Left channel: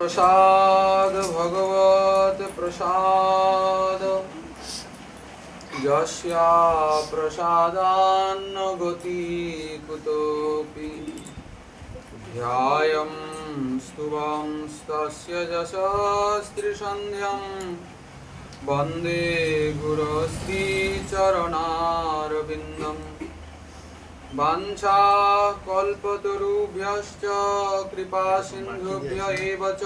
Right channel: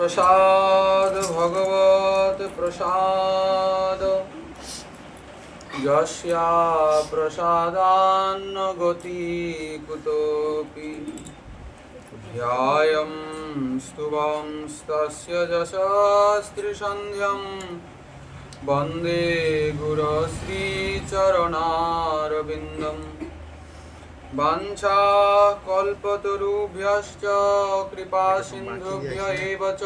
प्रसाद भगवत प्रसाद यस्या प्रसादान्न गति कुतोऽपि ध्यायं स्तुवंस्तस्य यशस्त्रिसन्ध्यं वन्दे गुरुश्रीचरणारविन्दं वाञ्छाकल्पतरुभ्यश्च कृपासिन्धुभ्य एव च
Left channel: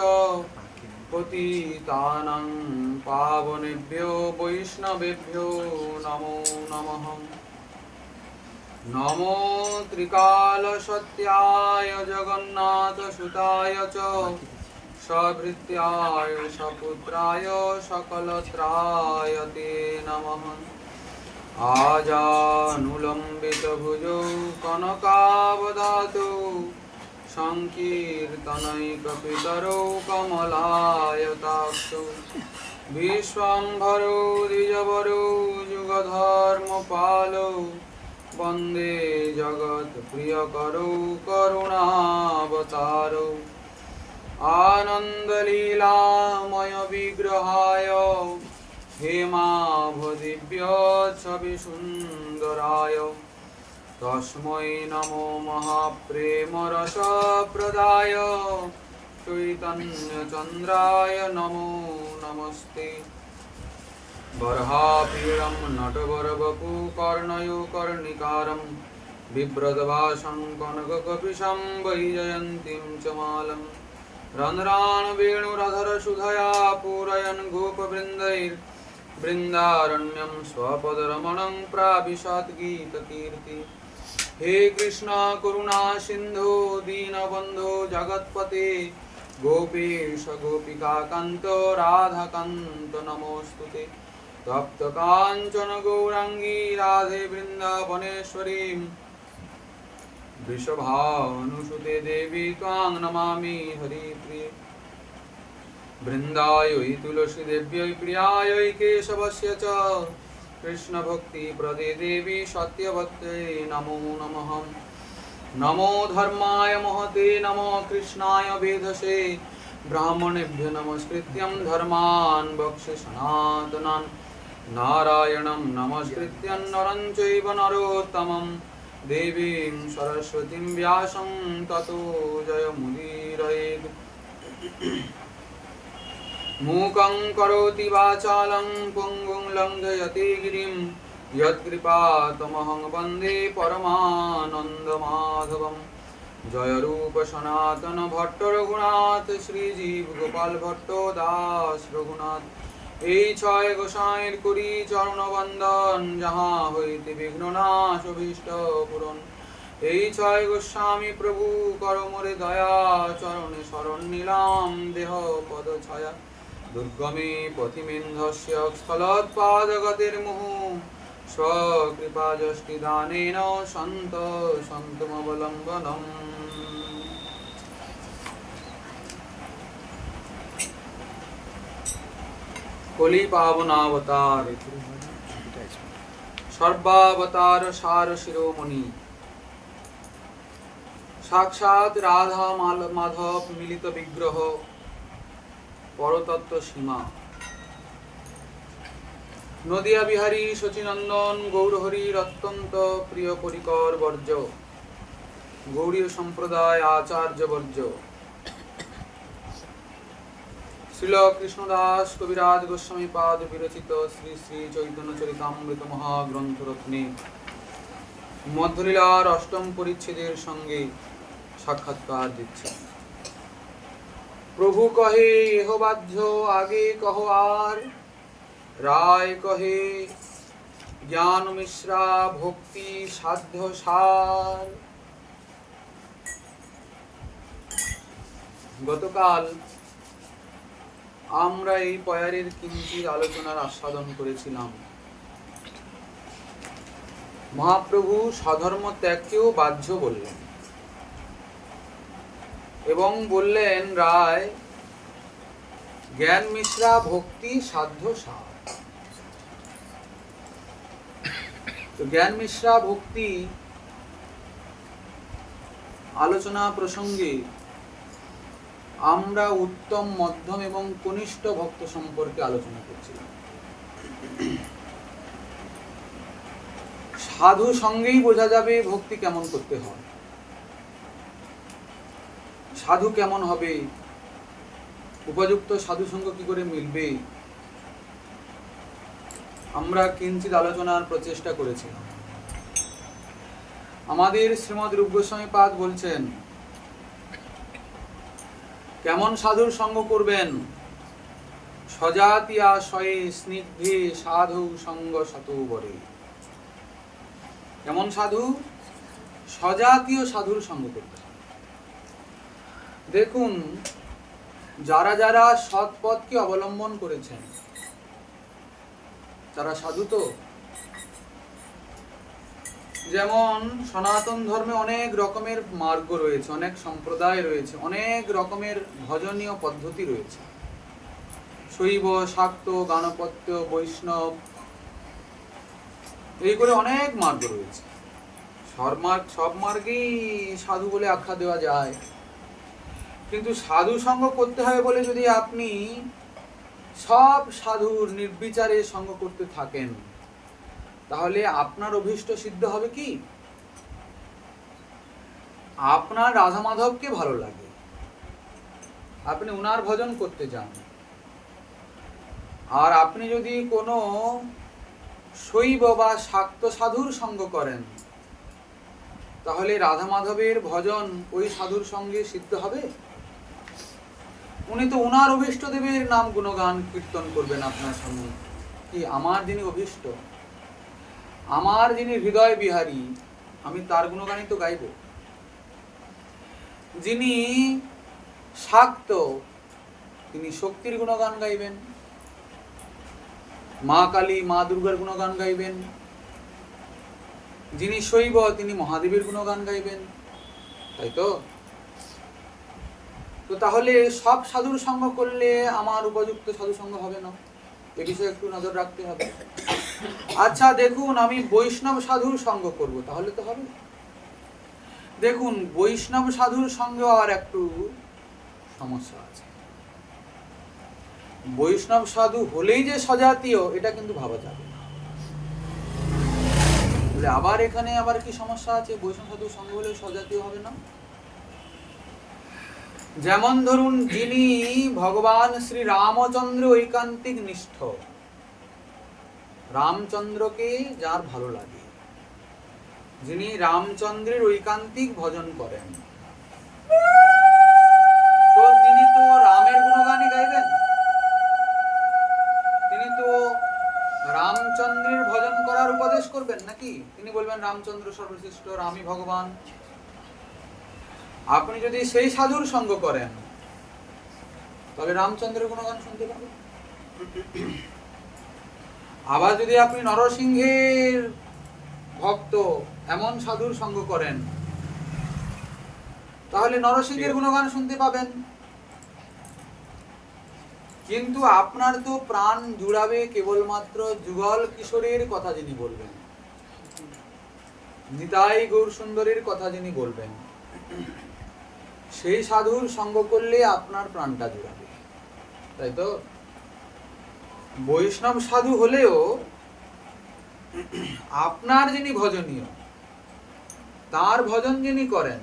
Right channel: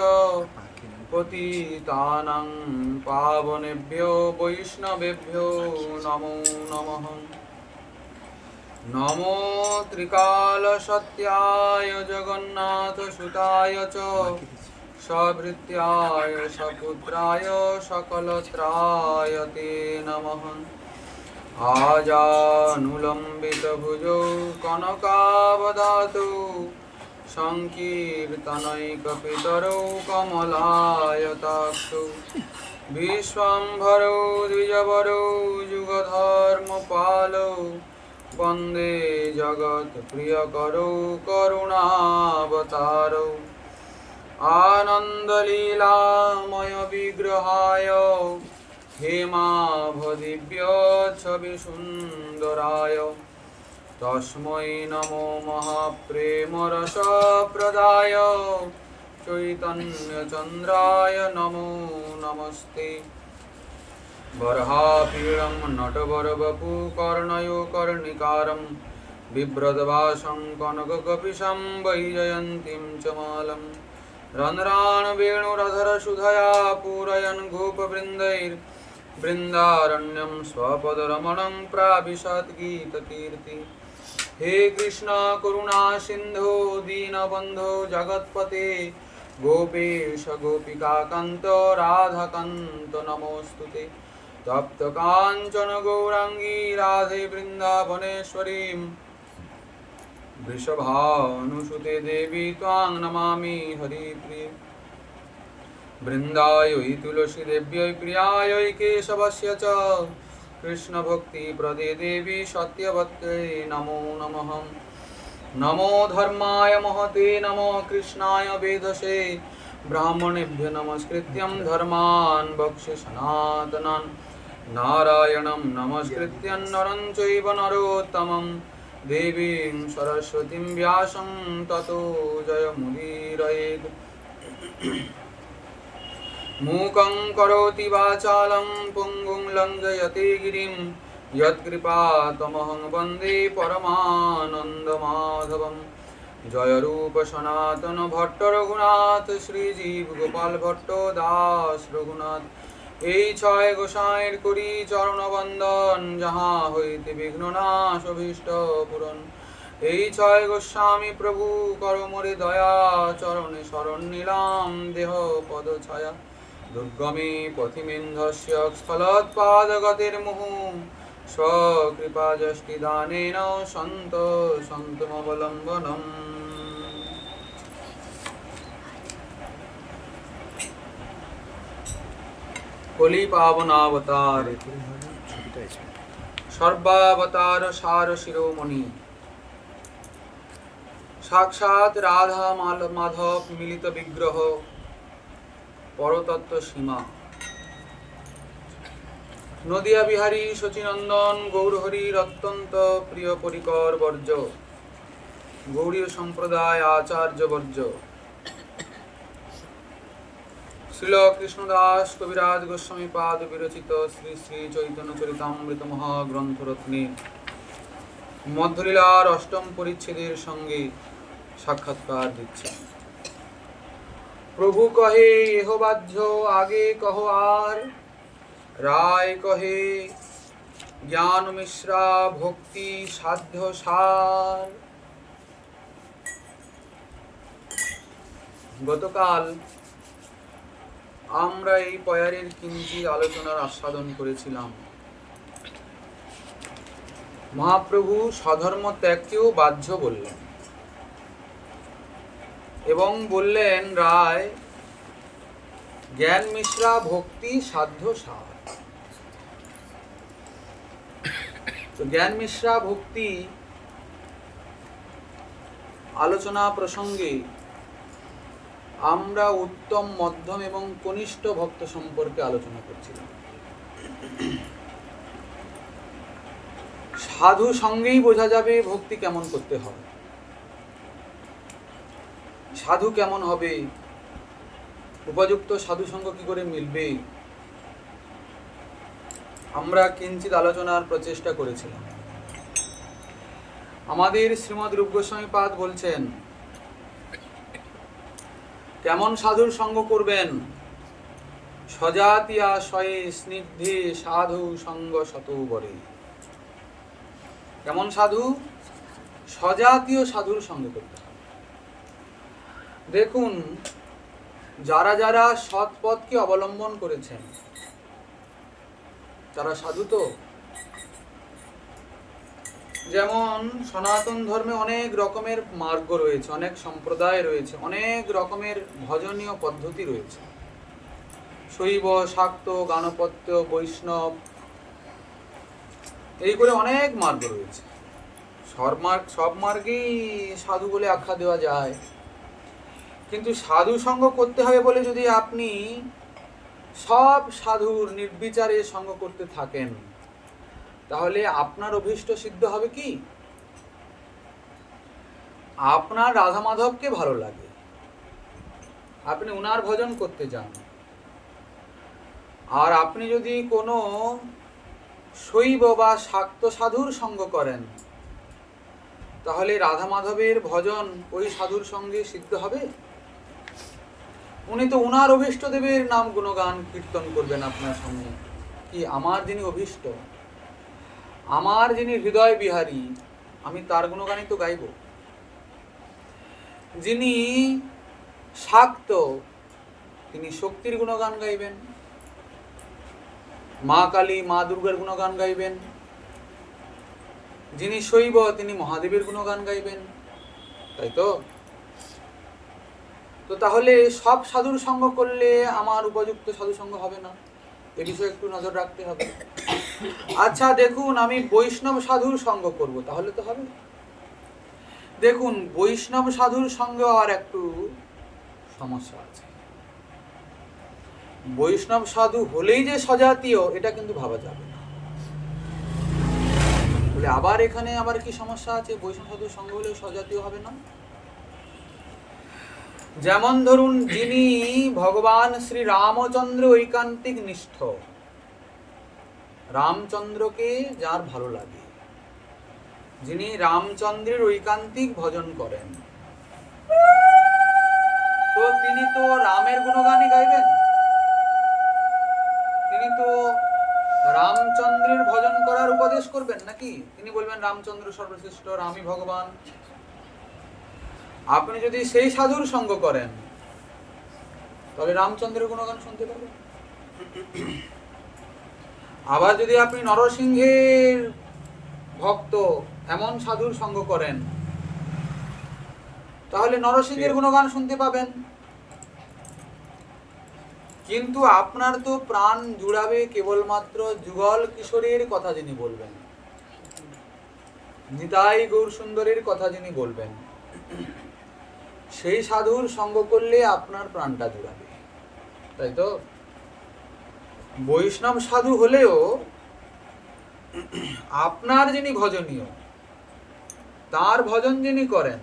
पतितानां पावनेभ्यो वैष्णवेभ्यो नमो नमः। नमो त्रिकालसत्याय जगन्नाथसुताय च सभृत्याय सपुत्राय सकलत्राय ते नमः। आजानुलम्बितभुजौ कनकावदातौ सङ्कीर्तनैकपितरौ कमलायताक्षौ विश्वम्भरौ द्विजवरौ युगधर्मपालौ वन्दे जगत्प्रियकरौ करुणावतारौ आनन्दलीलामयविग्रहाय हेमाभदिव्यच्छविसुन्दराय तस्मै नमो महाप्रेमरसप्रदाय चैतन्यचन्द्राय नमो नमस्ते। बर्हापीडं नटवरवपु कर्णयो कर्णिकारं बिभ्रद्भासं कनककपिशं वैजयन्तीं च मालं रन्ध्रान् वेणुरधरसुधया पूरयन् गोपवृन्दैर्वृन्दारण्यं स्वपदरमणं प्राविशत् गीतकीर्ति। हे कृष्ण करुणा सिन्धो दीनबन्धो जगत्पते गोपेश गोपिकान्त राधाकान्त नमोऽस्तुते। तप्तकाञ्चन गौराङ्गी राधे वृन्दावनेश्वरीं वृषभानुसुते देवी त्वां नमामि हरिप्रिये। वृन्दायै तुलसीदेव्यै प्रियायै केशवस्य च कृष्णभक्तिप्रदे देवी सत्यवत्यै नमो नमः। नमो धर्माय महते नमो कृष्णाय वेधसे ब्राह्मणेभ्यो नमस्कृत्यं धर्मान् वक्ष्ये सनातनान् नारायणं नमस्कृत्यं नरं चैव नरोत्तमं देवीं सरस्वतीं व्यासं ततो जयमुदीरयेत्। मूकं करोति वाचालं पुङ्गुं लङ्घयते गिरिं यत्कृपातमहं वन्दे परमानन्दमाधवं। जय रूप सनातन भट्ट रघुनाथ श्रीजीव गोपाल भट्ट दास रघुनाथ এই ছয় গোসাইয়ের করি চরণ বন্দন যাহা হইতে বিঘ্ননাশ অভীষ্ট পূরণ। এই ছয় গোস্বামী প্রভু করো মোরে দয়া চরণে শরণ নিলাম দেহ পদ ছায়া। দুর্গমে পথিমেন্ধস্য স্থলোৎপাদগতির্মুহু स्वकृपाजष्टिदानेन सन्तमवलम्बनम्। कलि पावनावतार सर्वावतार सार शिरोमणि साक्षात् राधा माधव मिलित विग्रह परतत्व सीमा नदिया बिहारी शचीनंदन गौरहरिर अत्यंत प्रिय परिकर वर्ज गौड़ीय सम्प्रदाय आचार्य वर्ज श्रील कृष्णदास कविराज गोस्वामी पाद विरचित श्री श्री चैतन्य चरितामृत महाग्रंथ रत्ने मध्यलीलार अष्टम परिच्छेदेर संगे साक्षात्कार दिच्छे। प्रभु कहे एह बाध्य आगे कहो आर राय कहे ज्ञान मिश्रा भक्ति साध्य सार। गतकाल আমরা এই পয়ারের কিঞ্চিত আলোচনার আস্বাদন করেছিলাম। মহাপ্রভু স্বধর্ম ত্যাগকেও বাহ্য বললেন এবং বললেন রায় জ্ঞান মিশ্রা ভক্তি সাধ্য সার। তো জ্ঞান মিশ্রা ভক্তি আলোচনা প্রসঙ্গে আমরা উত্তম, মধ্যম এবং কনিষ্ঠ ভক্ত সম্পর্কে আলোচনা করছিলাম। সাধু সঙ্গেই বোঝা যাবে ভক্তি কেমন করতে হয়, সাধু কেমন হবে, উপযুক্ত সাধু সঙ্গ কি করে মিলবে। আমরা কিঞ্চিত আলোচনার প্রচেষ্টা করেছিলাম। আমাদের শ্রীমদ রূপ গোস্বামী পাদ বলছেন কেমন সাধুর সঙ্গ করবেন। সজাতিয়া শয়ে স্নিগ্ধে সাধু সঙ্গ শতবরে। কেমন সাধু? সজাতীয় সাধুর সঙ্গ করতে হবে। দেখুন, যারা যারা সৎ পথকে অবলম্বন করেছেন তারা সাধু তো। যেমন সনাতন ধর্মে অনেক রকমের মার্গ রয়েছে, অনেক সম্প্রদায় রয়েছে, অনেক রকমের ভজনীয় পদ্ধতি রয়েছে। শৈব, শাক্ত, গাণপত্য, বৈষ্ণব, এই করে অনেক মার্গ রয়েছে। সব মার্গেই সাধু বলে আখ্যা দেওয়া যায়। কিন্তু সাধু সঙ্গ করতে হবে বলে যদি আপনি সব সাধুর নির্বিচারে সঙ্গ করতে থাকেন, তাহলে আপনার অভীষ্ট সিদ্ধ হবে কি? আপনার রাধা মাধবকে ভালো লাগে, আপনি উনার ভজন করতে যান, আর আপনি যদি কোনো শৈব বা শাক্ত সাধুর সঙ্গ করেন, তাহলে রাধা মাধবের ভজন ওই সাধুর সঙ্গে সিদ্ধ হবে? উনি তো উনার অভীষ্ট দেবের নাম গুণগান কীর্তন করবেন আপনার সামনে। কি আমার যিনি অভীষ্ট, আমার যিনি হৃদয় বিহারী, আমি তার গুণগানই তো গাইব। যিনি শাক্ত, তিনি শক্তির গুণগান গাইবেন, মা কালী, মা দুর্গার গুণগান গাইবেন। যিনি শৈব, তিনি মহাদেবের গুণগান গাইবেন, তাই তো? তো তাহলে সব সাধুর সঙ্গ করলে আমার উপযুক্ত সাধু সঙ্গ হবে না, এ বিষয়ে একটু নজর রাখতে হবে। আচ্ছা দেখুন, আমি বৈষ্ণব সাধুর সঙ্গ করব, তাহলে তো হবে। দেখুন, বৈষ্ণব সাধুর সঙ্গে আর একটু সমস্যা আছে। বৈষ্ণব সাধু হলেই যে সজাতীয়, এটা কিন্তু ভাবা যাবে না। বলে আবার এখানে আবার কি সমস্যা আছে? বৈষ্ণব সাধুর সঙ্গে হলেও সজাতীয় হবে না। যেমন ধরুন, যিনি ভগবান শ্রী রামচন্দ্র ঐকান্তিক নিষ্ঠ, রামচন্দ্রকে যার ভালো লাগে, যিনি রামচন্দ্রের ঐকান্তিক ভজন করেন, তো তিনি তো রামের গুণগানই গাইবেন। তিনি তো রামচন্দ্রের ভজন করার উপদেশ করবেন নাকি? তিনি বলবেন রামচন্দ্র সর্বশ্রেষ্ঠ, রামই ভগবান। আপনি যদি সেই সাধুর সঙ্গ করেন, তবে রামচন্দ্রের গুণগান শুনতে পাবেন। আবার যদি আপনি নরসিংহের ভক্ত এমন সাধুর সঙ্গ করেন, তাহলে নরসিংহের গুণগান শুনতে পাবেন। কিন্তু আপনার তো প্রাণ জুড়াবে কেবলমাত্র যুগল কিশোরের কথা যিনি বলবেন, নিতাই গৌর সুন্দরের কথা যিনি বলবেন, সেই সাধুর সঙ্গ করলে আপনার প্রাণটা জুড়াবে, তাই তো? বৈষ্ণব সাধু হলেও আপনার যিনি ভজনীয়, তার ভজন যিনি করেন,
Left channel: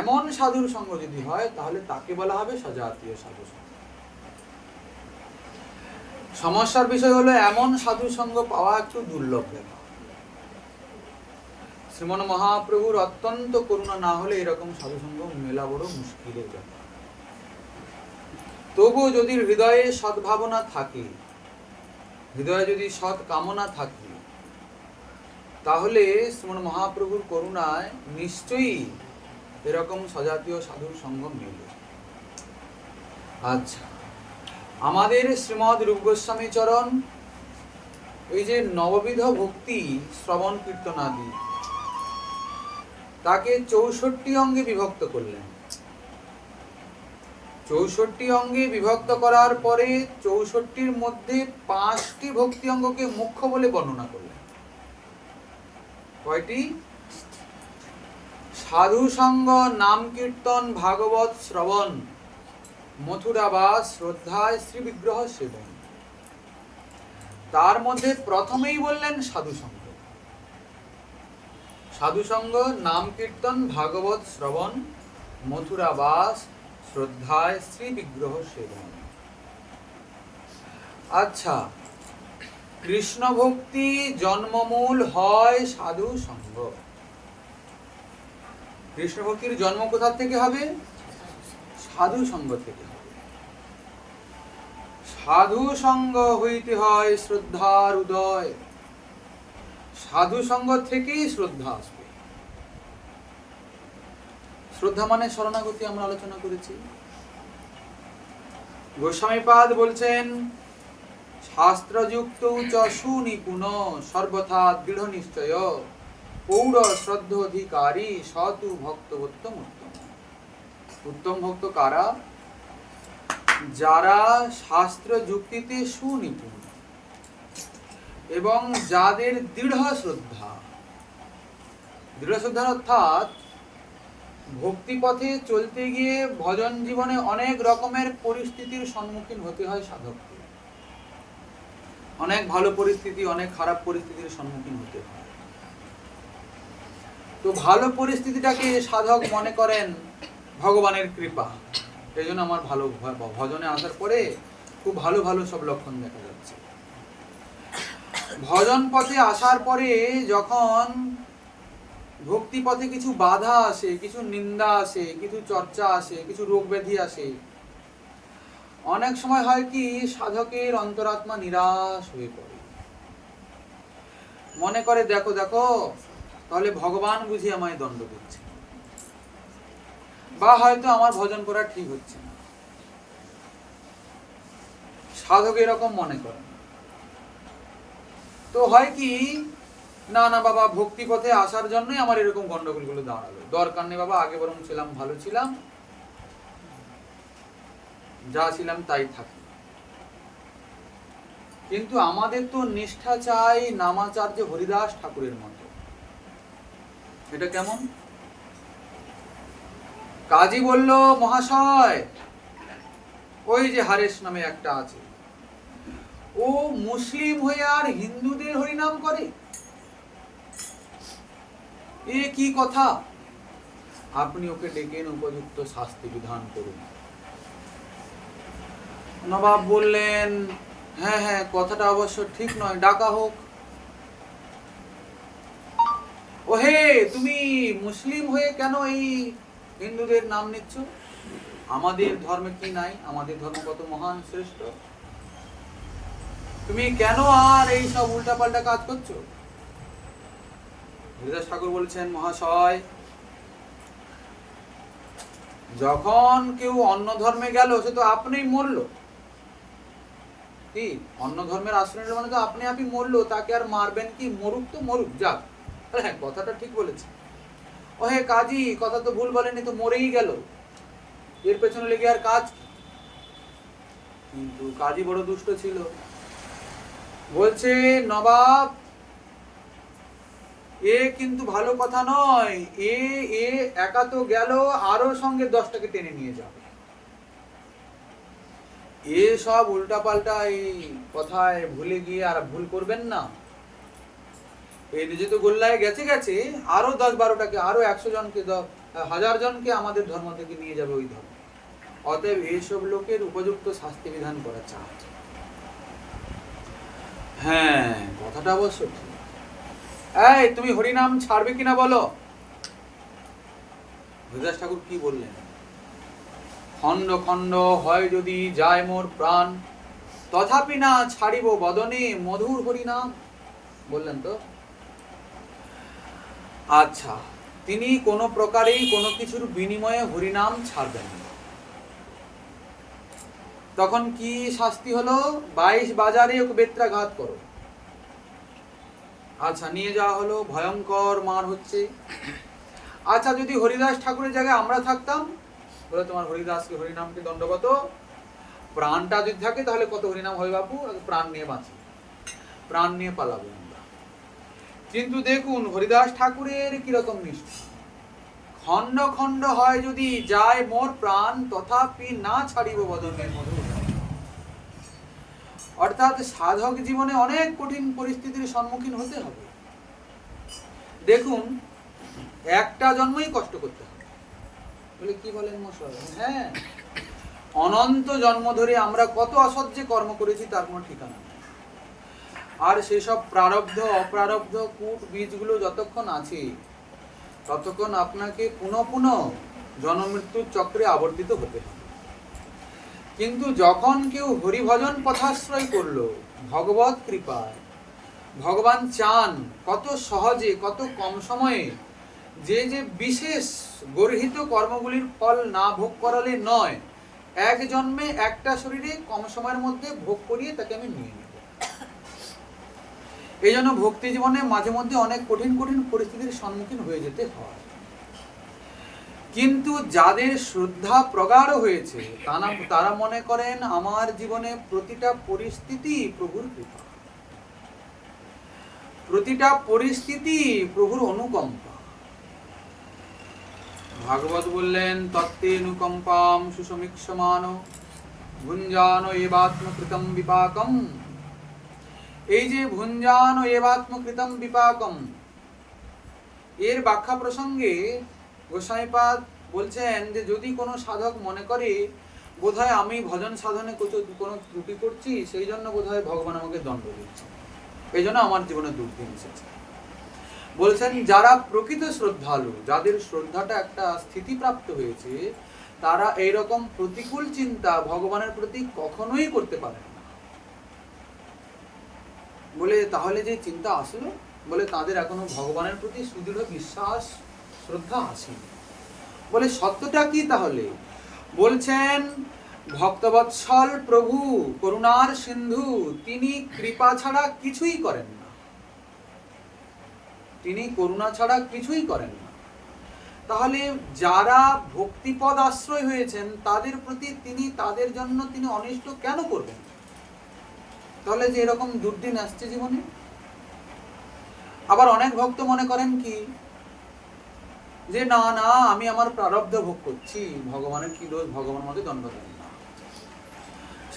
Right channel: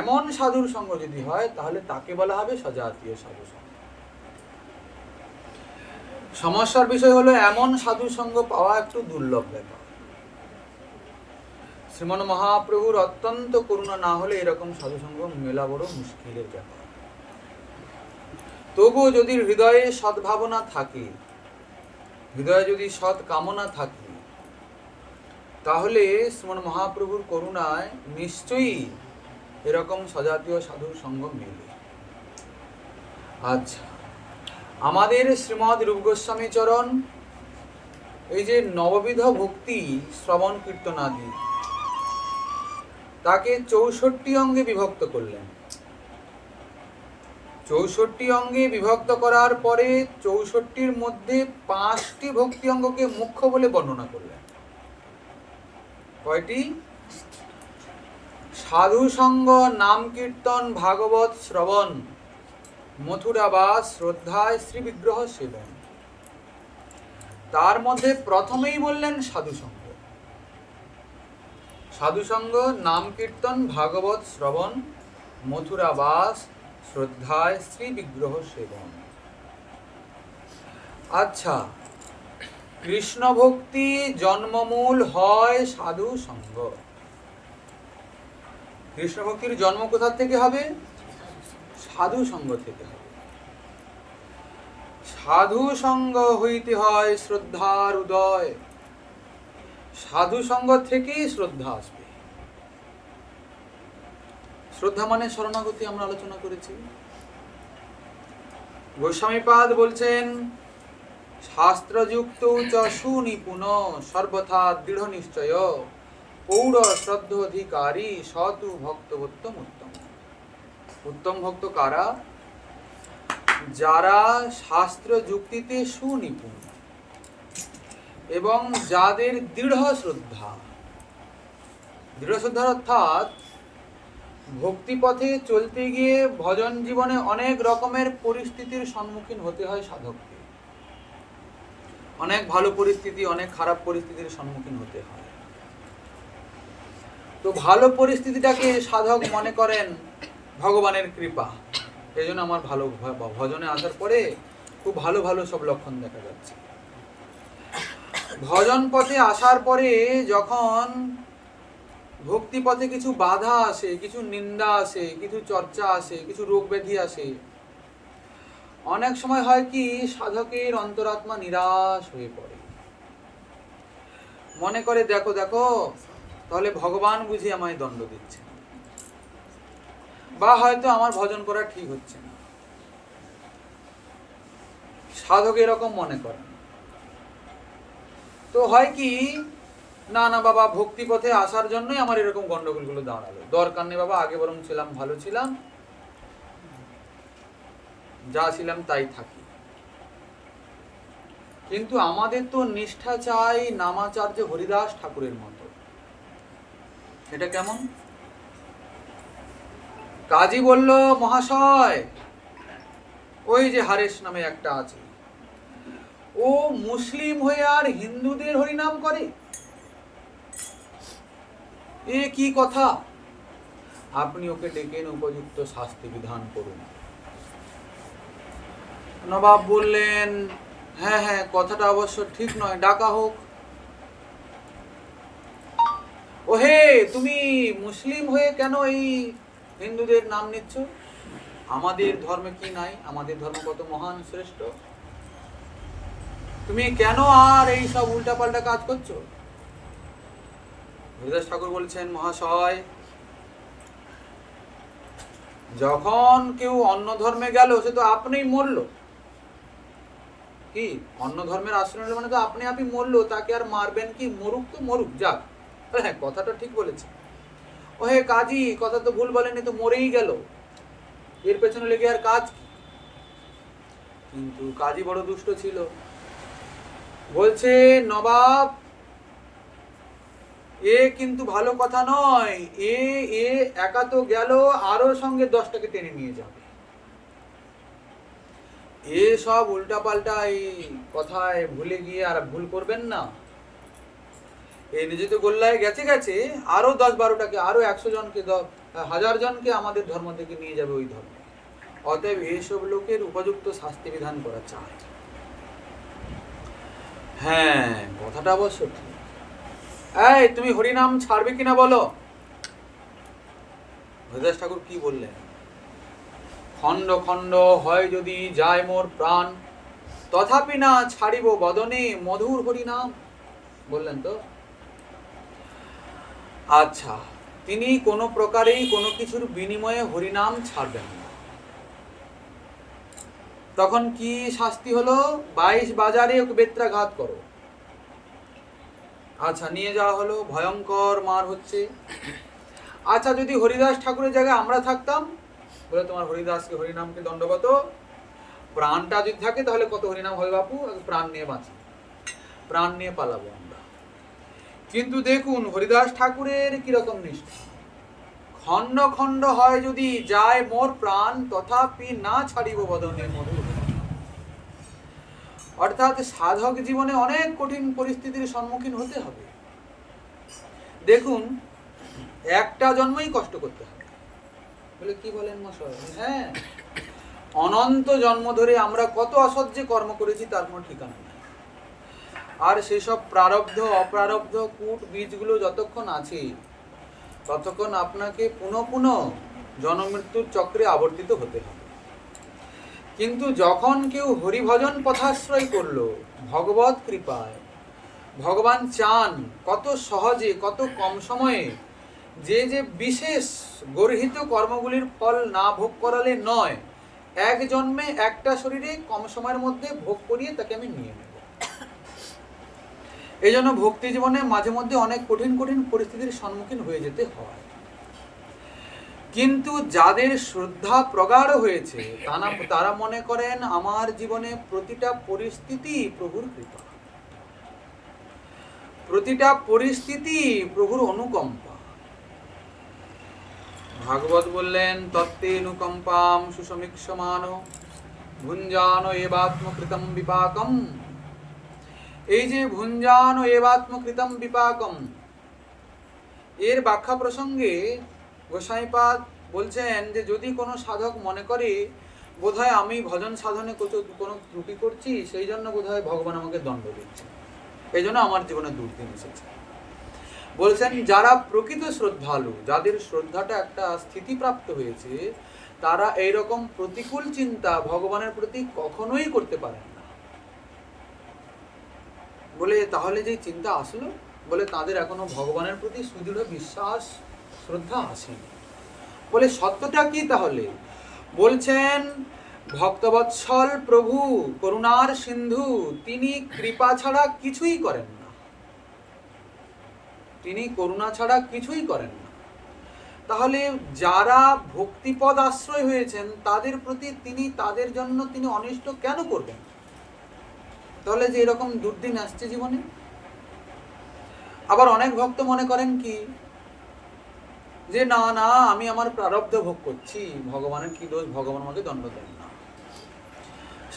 এমন সাধুর সঙ্গ যদি হয়, তাহলে তাকে বলা হবে সজাতীয় সাধু সঙ্গ। সমস্যার বিষয় হলো এমন সাধু সঙ্গ পাওয়া একটু দুর্লভ ব্যাপার। শ্রীমন মহাপ্রভুর অত্যন্ত করুণা না হলে এরকম সাধু সঙ্গ মেলা বড় মুশকিলের ব্যাপার। তবুও যদি হৃদয়ে সদ্ভাবনা থাকে, হৃদয়ে যদি সৎ কামনা থাকে, তাহলে শ্রীমন মহাপ্রভুর করুণায় নিশ্চয়ই এরকম সজাতীয় সাধুর সঙ্গ মেলে। আচ্ছা, আমাদের শ্রীমদ রূপ গোস্বামী চরণ এই যে নববিধ ভক্তি শ্রবণ কীর্তনাদি, তাকে 64 অঙ্গে বিভক্ত করলেন। 64 অঙ্গে বিভক্ত করার পরে 64-র মধ্যে 5টি ভক্তি অঙ্গকে মুখ্য বলে বর্ণনা করলেন। কয়টি? সাধু সঙ্গ, নাম কীর্তন, ভাগবত শ্রবণ, মথুরাবাস, শ্রদ্ধায় শ্রী বিগ্রহ সেবন। তার মধ্যে প্রথমেই বললেন সাধু সঙ্গ। সাধু সঙ্গ, নাম কীর্তন, ভাগবত শ্রবণ, মথুরাবাস, শ্রদ্ধায় শ্রী বিগ্রহ সেবন। আচ্ছা, কৃষ্ণ ভক্তি জন্মমূল হয় সাধু সঙ্গ। কৃষ্ণ ভক্তির জন্ম কোথা থেকে হবে? সাধু সঙ্গ থেকে হবে। সাধু সঙ্গ হইতে হয় শ্রদ্ধার উদয়। সাধু সঙ্গ থেকেই শ্রদ্ধা আসবে। শ্রদ্ধা মানে শরণাগতি, আমরা আলোচনা করেছি। গোস্বামীপাদ বলছেন, শাস্ত্রযুক্ত চ সুনিপুণ সর্বথা দৃঢ় নিশ্চয় পৌর শ্রদ্ধোধিকারী সতু ভক্তবোত্তম উত্তম। উত্তম ভক্ত কারা? যারা শাস্ত্র যুক্তিতে সুনিপুণ এবং যাদের দৃঢ় শ্রদ্ধা। দৃঢ় শ্রদ্ধা অর্থাৎ ভক্তি পথে চলতে গিয়ে ভজন জীবনে অনেক রকমের পরিস্থিতির সম্মুখীন হতে হয় সাধককে। অনেক ভালো পরিস্থিতি, অনেক খারাপ পরিস্থিতির সম্মুখীন হতে হয়। তো ভালো পরিস্থিতিটাকে সাধক মনে করেন ভগবানের কৃপা। এই জন্য আমার ভালো ভজনে আসার পরে খুব ভালো ভালো সব লক্ষণ দেখা যাচ্ছে। ভজন পথে আসার পরে যখন ভক্তি পথে কিছু বাধা আসে, কিছু নিন্দা আসে, কিছু চর্চা আসে, কিছু রোগ ব্যাধি আসে, অনেক সময় হয় কি সাধকের অন্তরাত্মা নিরাশ হয়ে পড়ে। মনে করে দেখো দেখো তাহলে ভগবান বুঝি আমায় দণ্ড দিচ্ছে, বা হয়তো আমার ভজন করা ঠিক হচ্ছে না। সাধক এরকম মনে করে। তো হয় কি, না না বাবা, ভক্তি পথে আসার জন্যই আমার এরকম গন্ডগোলগুলো দাঁড়ালো। দরকার নেই বাবা, আগে বরং ছিলাম, ভালো ছিলাম, যা ছিলাম তাই থাকি। কিন্তু আমাদের তো নিষ্ঠা চাই নামাচার্য হরিদাস ঠাকুরের মতো। এটা কেমন? কাজী বলল, মহাশয়, ওই যে হারেশ নামে একটা আছে, ও মুসলিম হয়ে আর হিন্দুদের হরিনাম করে, এ কি কথা? আপনি ওকে ডেকে উপযুক্ত শাস্তি বিধান করুন। নবাব বললেন, হ্যাঁ হ্যাঁ, কথাটা অবশ্য ঠিক নয়, ডাকা হোক। ও হে, তুমি মুসলিম হয়ে কেন এই হিন্দুদের নাম নিচ্ছ? আমাদের ধর্মে কি নাই? আমাদের ধর্ম কত মহান শ্রেষ্ঠ। তুমি কেন আর এই সব উল্টাপাল্টা কাজ করছো? হরিদাস ঠাকুর বলছেন, মহাশয়, যখন কেউ অন্য ধর্মে গেল সে তো আপনিই মরলো। কি অন্য ধর্মের আশ্রয় মানে তো আপনি আপনি মরলো, তাকে আর মারবেন কি? মরুক তো মরুক, যাক। হ্যাঁ, কথাটা ঠিক বলেছে। ও হে কাজী, কথা তো ভুল বলেনি, তো মরেই গেল, এর পেছনে লেগে আর কাজ কি? কিন্তু কাজী বড় দুষ্ট ছিল। বলছে, নবাব, এ কিন্তু ভালো কথা নয়। এ এ একা তো গেল, আরো সঙ্গে 10টাকে টেনে নিয়ে যাবে। এ সব উল্টাপাল্টা এই কথায় ভুলে গিয়ে আর ভুল করবেন না। এই নিজে তো গোল্লায় গেছে গেছে, আরো 10-12টাকে, আরো 100 জনকে, 1000 জনকে আমাদের ধর্ম থেকে নিয়ে যাবে ওই ধর্মে। অতএব এইসব লোকের উপযুক্ত শাস্তি বিধান করা চাই। হ্যাঁ, কথাটা অবশ্য ঠিক। এই, তুমি হরিনাম ছাড়বে কিনা বলো? হরিদাস ঠাকুর কি বললেন? খণ্ড খণ্ড হয় যদি যায় মোর প্রাণ, তথাপি না ছাড়িব বদনে মধুর হরিনাম। বললেন তো। আচ্ছা, তিনি কোনো প্রকারেই কোনো কিছুর বিনিময়ে হরিনাম ছাড়বেন না। তখন কি শাস্তি হলো? 22 বাজারে ওকে বেত্রাঘাত করো। আচ্ছা, নিয়ে যাওয়া হলো, ভয়ঙ্কর মার হচ্ছে। আচ্ছা, যদি হরিদাস ঠাকুরের জায়গায় আমরা থাকতাম, বলে তোমার হরিদাসকে হরিনামকে দণ্ডগত, প্রাণটা যদি থাকে তাহলে কত হরিনাম হবে বাপু, প্রাণ নিয়ে বাঁচি, প্রাণ নিয়ে পালাবো আমরা। কিন্তু দেখুন হরিদাস ঠাকুরের কিরকম নিষ্ঠা। খণ্ড খণ্ড হয় যদি যায় মোর প্রাণ, তথাপি না ছাড়িব বদনে মধুর। অর্থাৎ সাধক জীবনে অনেক কঠিন পরিস্থিতির সম্মুখীন হতে হবে। দেখুন, একটা জন্মই কষ্ট করতে হবে। বলে কি বলেন মশাই? হ্যাঁ, অনন্ত জন্ম ধরে আমরা কত অসহ্যে কর্ম করেছি তার কোনো ঠিকানা নেই। আর সেসব প্রারব্ধ অপ্রারব্ধ কূট বীজগুলো যতক্ষণ আছে ততক্ষণ আপনাকে পুনঃ পুনঃ জন্মমৃত্যুর চক্রে আবর্তিত হতে হবে। কিন্তু যখন কেউ হরিভজন পথাশ্রয় করলো, ভগবত কৃপায় ভগবান চান কত সহজে কত কম সময়ে যে যে বিশেষ গর্হিত কর্মগুলির ফল না ভোগ করালে নয়, এক জন্মে একটা শরীরে কম সময়ের মধ্যে ভোগ করিয়ে তাকে আমি নিয়ে নেব। এই জন্য ভক্তি জীবনে মাঝে মধ্যে অনেক কঠিন কঠিন পরিস্থিতির সম্মুখীন হয়ে যেতে হয়। কিন্তু যাদের শ্রদ্ধা প্রগাঢ় হয়েছে তারা মনে করেন আমার জীবনে প্রতিটা পরিস্থিতি প্রভুর কৃপা, প্রতিটা পরিস্থিতি প্রভুর অনুকম্পা। ভাগবত বললেন, তত্তেনুকম্পাম সুসমীক্ষমান ভুঞ্জান এবাত্মকৃতম বিপাকম। এই যে ভুঞ্জান এবাত্মকৃতম বিপাকম, এর ব্যাখ্যা প্রসঙ্গে গোসাইপাদ বলছেন যে যদি কোনো সাধক মনে করে বোধহয় আমি ভজন সাধনে কোনো ত্রুটি করছি, সেই জন্য বোধহয় ভগবান আমাকে দণ্ড দিচ্ছে, এই জন্য আমার জীবনে দুর্দিন এসেছে। বলছেন যারা প্রকৃত শ্রদ্ধালু, যাদের শ্রদ্ধাটা একটা স্থিতিপ্রাপ্ত হয়েছে, তারা এইরকম প্রতিকূল চিন্তা ভগবানের প্রতি কখনোই করতে পারেন না। বলে তাহলে যে চিন্তা আসলো, বলে তাদের এখনো ভগবানের প্রতি সুদৃঢ় বিশ্বাস শ্রদ্ধা আসেনি। বলে সত্যটা কি তাহলে? বলছেন ভক্তবৎসল প্রভু করুণার সিন্ধু, তিনি কৃপা ছাড়া কিছুই করেন না, তিনি করুণা ছাড়া কিছুই করেন না। তাহলে যারা ভক্তিপদ আশ্রয় হয়েছেন তাদের প্রতি তিনি, তাদের জন্য তিনি অনিষ্ট কেন করবেন? তাহলে যে এরকম দুর্দিন আসছে জীবনে। আবার অনেক ভক্ত মনে করেন কি যে না না, আমি আমার প্রারব্ধ ভোগ করছি, ভগবানের কি দোষ, ভগবান আমাকে দণ্ড দেন না।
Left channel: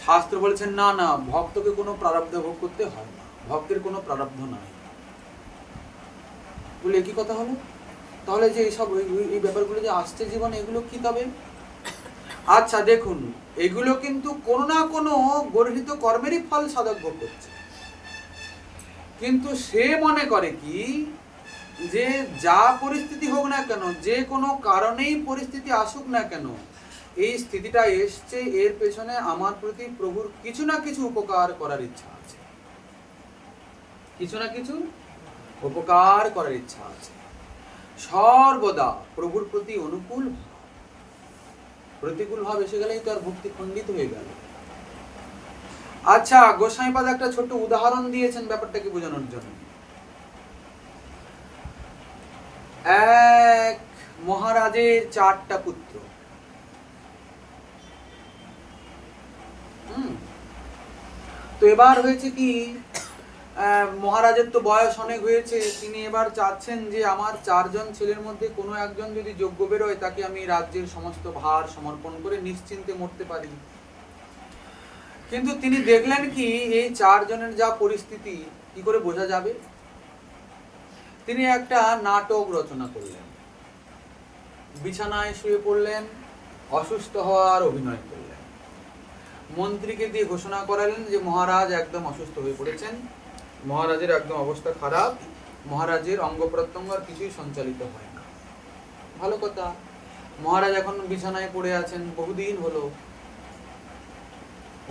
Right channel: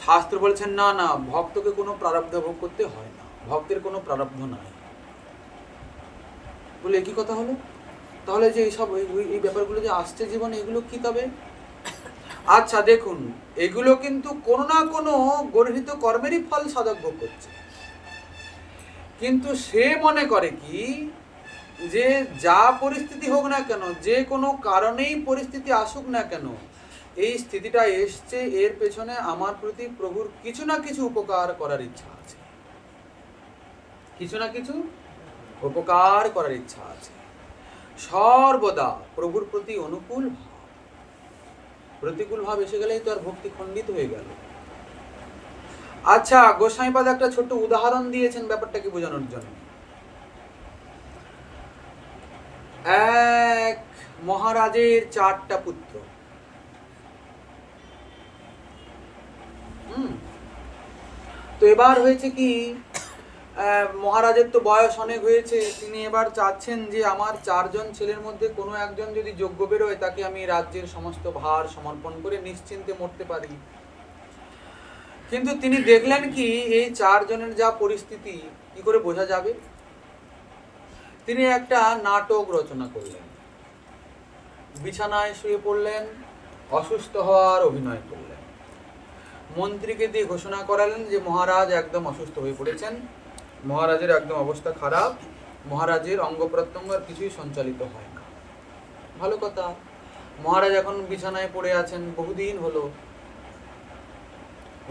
শাস্ত্র বলছেন না না, ভক্তকে কোনো প্রারব্ধ ভোগ করতে হয় না, ভক্তের কোনো প্রারব্ধ নাই। বলে একই কথা হলো। তাহলে যে এইসব এই ব্যাপারগুলো যে আসছে জীবনে, এগুলো কি তবে? আচ্ছা দেখুন, এগুলো কিন্তু কোনো না কোনো গর্হিত কর্মেরই ফল সাধক ভোগ করছে। কিন্তু সে মনে করে কি যে যা পরিস্থিতি হোক না কেন, যে কোনো কারণেই পরিস্থিতি আসুক না কেন, এই স্থিতিটা এসছে, এর পেছনে আমার প্রতি প্রভুর কিছু না কিছু উপকার করার ইচ্ছা আছে, কিছু না কিছু উপকার করার ইচ্ছা আছে। সর্বদা প্রভুর প্রতি অনুকূল ভাব, প্রতিকূল ভাব এসে গেলেই তো আর ভক্তি খণ্ডিত হয়ে গেল। আচ্ছা, গোসাইপাদ একটা ছোট্ট উদাহরণ দিয়েছেন ব্যাপারটাকে বোঝানোর জন্য। এক মহারাজের 4টা পুত্র। তো এবার হয়েছে কি, মহারাজের তো বয়স অনেক হয়েছে, তিনি এবার চাচ্ছেন যে আমার 4 জন ছেলের মধ্যে কোনো একজন যদি যোগ্য বেরোয় তাকে আমি রাজ্যের সমস্ত ভার সমর্পণ করে নিশ্চিন্তে মরতে পারি। কিন্তু তিনি দেখলেন কি এই 4 জনের যা পরিস্থিতি, কি করে বোঝা যাবে? তিনি একটা নাটক রচনা করলেন, বিছানায় শুয়ে পড়লেন, অসুস্থ হওয়ার অভিনয় করলেন, মন্ত্রীকে দিয়ে ঘোষণা করালেন যে মহারাজ একদম অসুস্থ হয়ে পড়েছেন, মহারাজের একদম অবস্থা খারাপ, মহারাজের অঙ্গ প্রত্যঙ্গ আর কিছুই সঞ্চালিত হয় না। ভালো কথা, মহারাজ এখন বিছানায় পড়ে আছেন, বহুদিন হলো,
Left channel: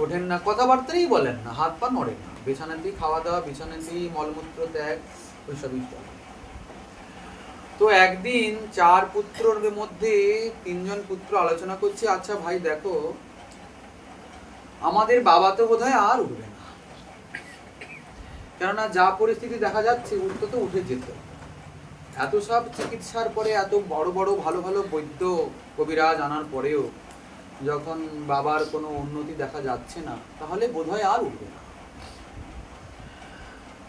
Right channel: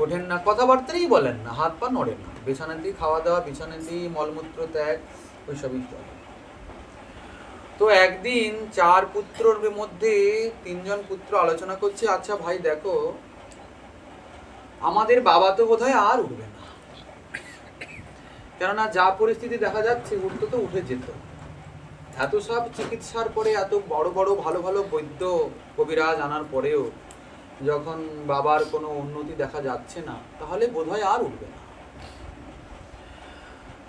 ওঠেন না, কথাবার্তাই বলেন না, হাত পা নড়ে না, বিছানাতেই খাওয়া দাওয়া, বিছানাতেই মলমূত্র ত্যাগ, ওইসবই চলে। তো একদিন 4 পুত্রর মধ্যে 3 জন পুত্র আলোচনা করছে, আচ্ছা ভাই দেখো, আমাদের বাবা তো বোধহয় আর উঠবে না, কেননা যা পরিস্থিতি দেখা যাচ্ছে উঠতে তো উঠে যেত, এত সব চিকিৎসার পরে, এত বড় বড় ভালো ভালো বৈদ্য কবিরাজ আনার পরেও যখন বাবার কোনো উন্নতি দেখা যাচ্ছে না, তাহলে বোধহয় আর উঠবে না।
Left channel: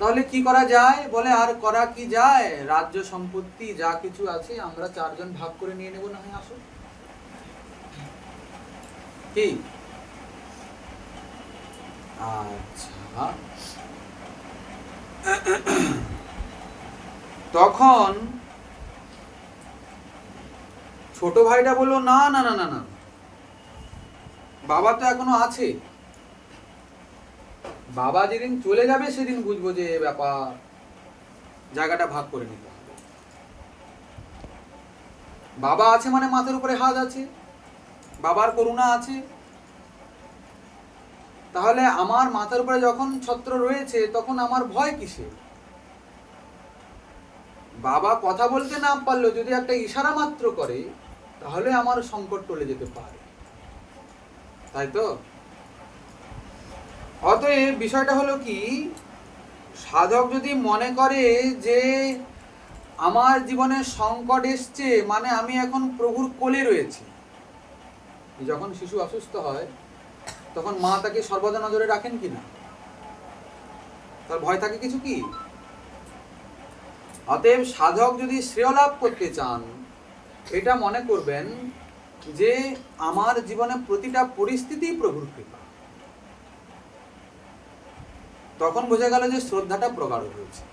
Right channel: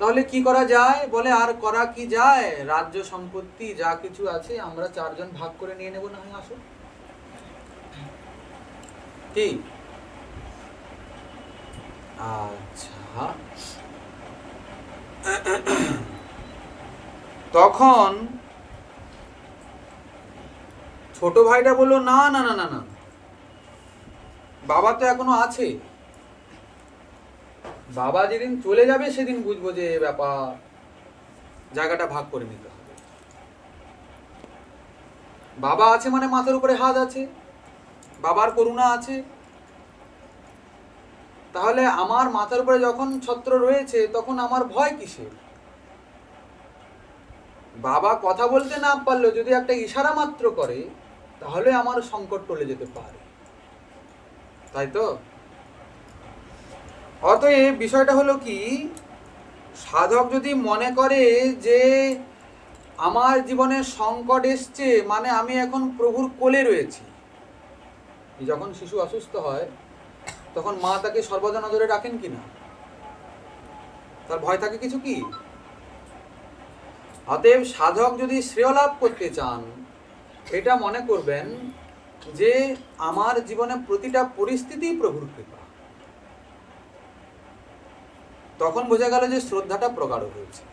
তাহলে কি করা যায়? বলে আর করা কি যায়, রাজ্য সম্পত্তি যা কিছু আছে আমরা 4 জন ভাগ করে নিয়ে নেব, না হয় আসো। কি? আচ্ছা, তখন ছোট ভাইটা বললো না না না না না, বাবা তো এখনো আছে, বাবা যেদিন চলে যাবে সেদিন বুঝবো যে ব্যাপার, জায়গাটা ভাগ করে নিতে হবে। বাবা আছে মানে মাথার উপরে হাত আছে, বাবার করুণা আছে, তাহলে আমার মাথার উপরে যখন ছত্র রয়েছে তখন আমার ভয় কিসের? বাবা কথা বলতে না পারলেও যদি একটা ইশারা মাত্র করে তাহলে আমার সংকট টলে যেতে পারে, তাই তো? অতএব বিষয়টা হলো কি, সাধক যদি মনে করে যে আমার জীবনে সংকট এসছে মানে আমি এখন প্রভুর কোলে রয়েছি, যখন শিশু অসুস্থ হয় তখন মা তাকে সর্বদা নজরে রাখেন কিনা? তার ভয় থাকে কিছু কি? অতএব সাধক যদি শ্রেয় লাভ করতে চান, এটা মনে করবেন যে আমার জীবনে প্রতিটা পরিস্থিতি প্রভুর কৃপা। তখন বোঝা গেল যে শ্রদ্ধাটা প্রগাঢ় হয়েছে।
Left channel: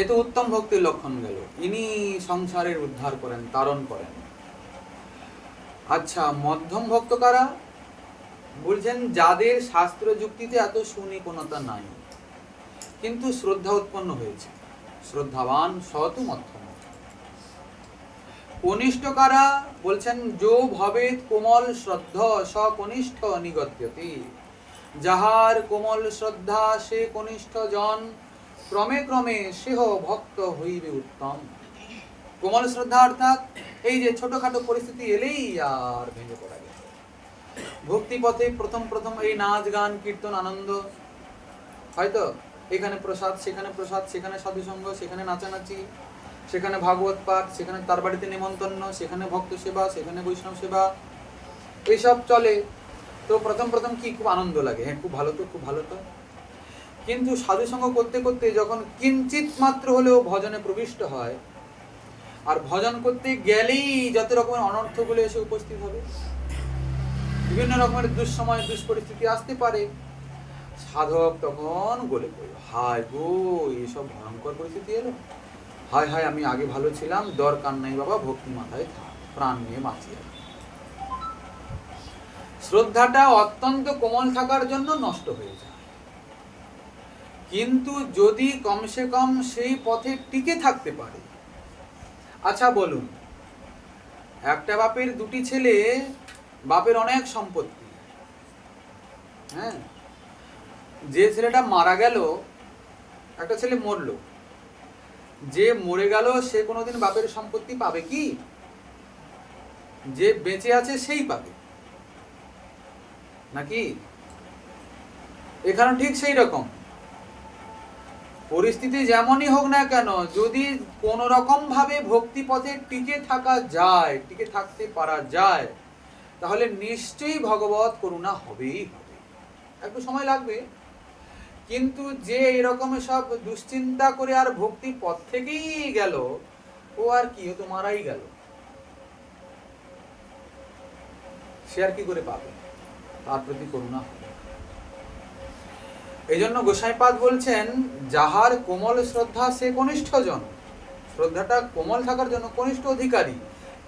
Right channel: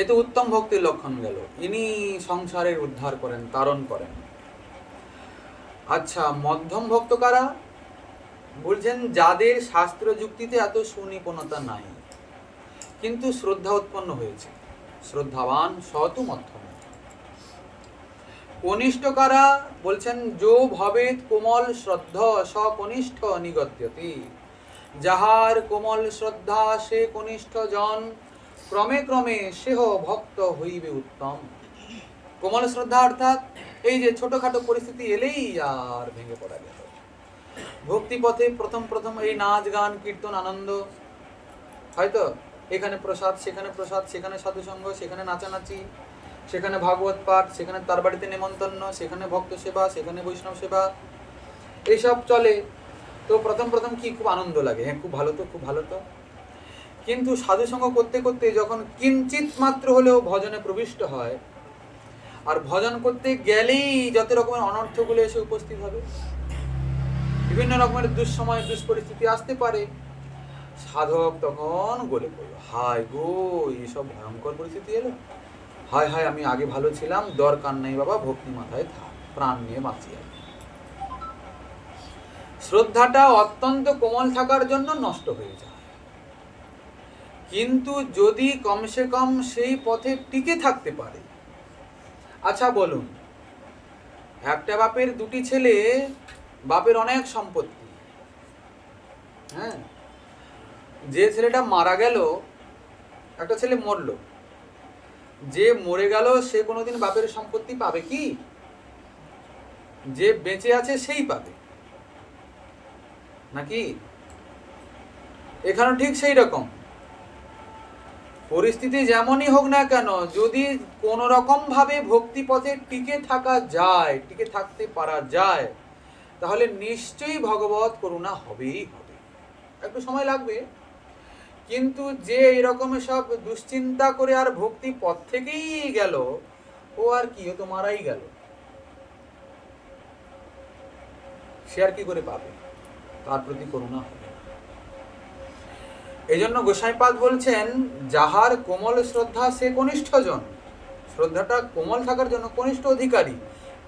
এ তো উত্তম ভক্তির লক্ষণ গেল, ইনি সংসারের উদ্ধার করেন, তারণ করেন। আচ্ছা, মধ্যম ভক্ত কারা? বলছেন যাদের শাস্ত্র যুক্তিতে এত সুনিপুণতা নাই কিন্তু শ্রদ্ধা উৎপন্ন হয়েছে, শ্রদ্ধাবান সতু মধ্যম। কনিষ্ঠ কারা? বলছেন যো ভবেত কোমল শ্রদ্ধা স কনিষ্ঠ নিগত্যতি, যাহার কোমল শ্রদ্ধা সে কনিষ্ঠ জন, ক্রমে ক্রমে সেহ ভক্ত হইবে উত্তম। কোমল শ্রদ্ধা অর্থাৎ এই যে ছোটখাটো পরিস্থিতি এলেই আর ভেঙে পড়া গেল। ভক্তি পথে প্রথম প্রথম এই নাচ গান কীর্তন আনন্দ, হয়তো এখানে প্রসাদ সেখানে প্রসাদ, সেখানে সাধুসঙ্গ, সেখানে নাচানাচি, সেখানে ভাগবত পাঠ, সেখানে তার বাড়িতে নেমন্তন্ন, সেখানে ভক্ত সেবা, সেখানে বৈষ্ণব সেবা, এইসব চলে। তো প্রথম প্রথম কি খুব আনন্দ লাগে, হ্যাঁ খুব ভালো তো, খুব ভালো তো। কিন্তু সাধুসঙ্গ করতে করতে যখন কিঞ্চিত মাত্র হলেও ভজনে প্রবিষ্ট হয়, আর ভজন করতে গেলেই যত রকমের অনর্থগুলো এসে উপস্থিত হবে, বিভিন্ন রকমের দুঃসময় দুষ্পরিস্থিতি আসতে পারে, সাধক তখন গলে পড়ল, হায় গো এইসব ভয়ঙ্কর পরিস্থিতি এলো, হায় হায় আমি আগে ভালো ছিলাম, দরকার নাই বাবা, ভক্তি মাথায় থাক, প্রাণ নিয়ে বাঁচি। শ্রদ্ধাটা অত্যন্ত কোমল থাকার জন্য নষ্ট হয়ে যায়, কিন্তু যদি কমসে কম সেই পথে টিকে থাকতে পারে। আচ্ছা বলুন, একটা বাপের দুটি ছেলে, বাপের অনেক সম্পত্তি, হ্যাঁ, যে ছেলেটা মারা গেল, একটা ছেলে মরল, যে মরে গেল সে কোনোদিন বাপের সম্পত্তি পাবে কি? যে বেঁচে আছে সেই পাবে নাকি? এখানে ঠিক সেই রকম পরিস্থিতি যেমনই হোক না কেন, যদি কোন রকম ভাবে ভক্তি পথে টিকে থাকা যায়, টিকে থাকতে পারা যায়, তাহলে নিশ্চয়ই ভগবত করুণা হবেই হবে। একটু সময় লাগবে, কিন্তু যে এরকম সব দুশ্চিন্তা করে আর ভক্তি পথ থেকেই গেল, ও আর কি, ও তো মারাই গেল, সে আর কি করে পাবে? তার প্রতি করুণা হবে। এই জন্য গোসাইপাদ বলছেন যাহার কোমল শ্রদ্ধা সে কনিষ্ঠ জন, শ্রদ্ধাটা কোমল থাকার জন্য কনিষ্ঠ অধিকারী,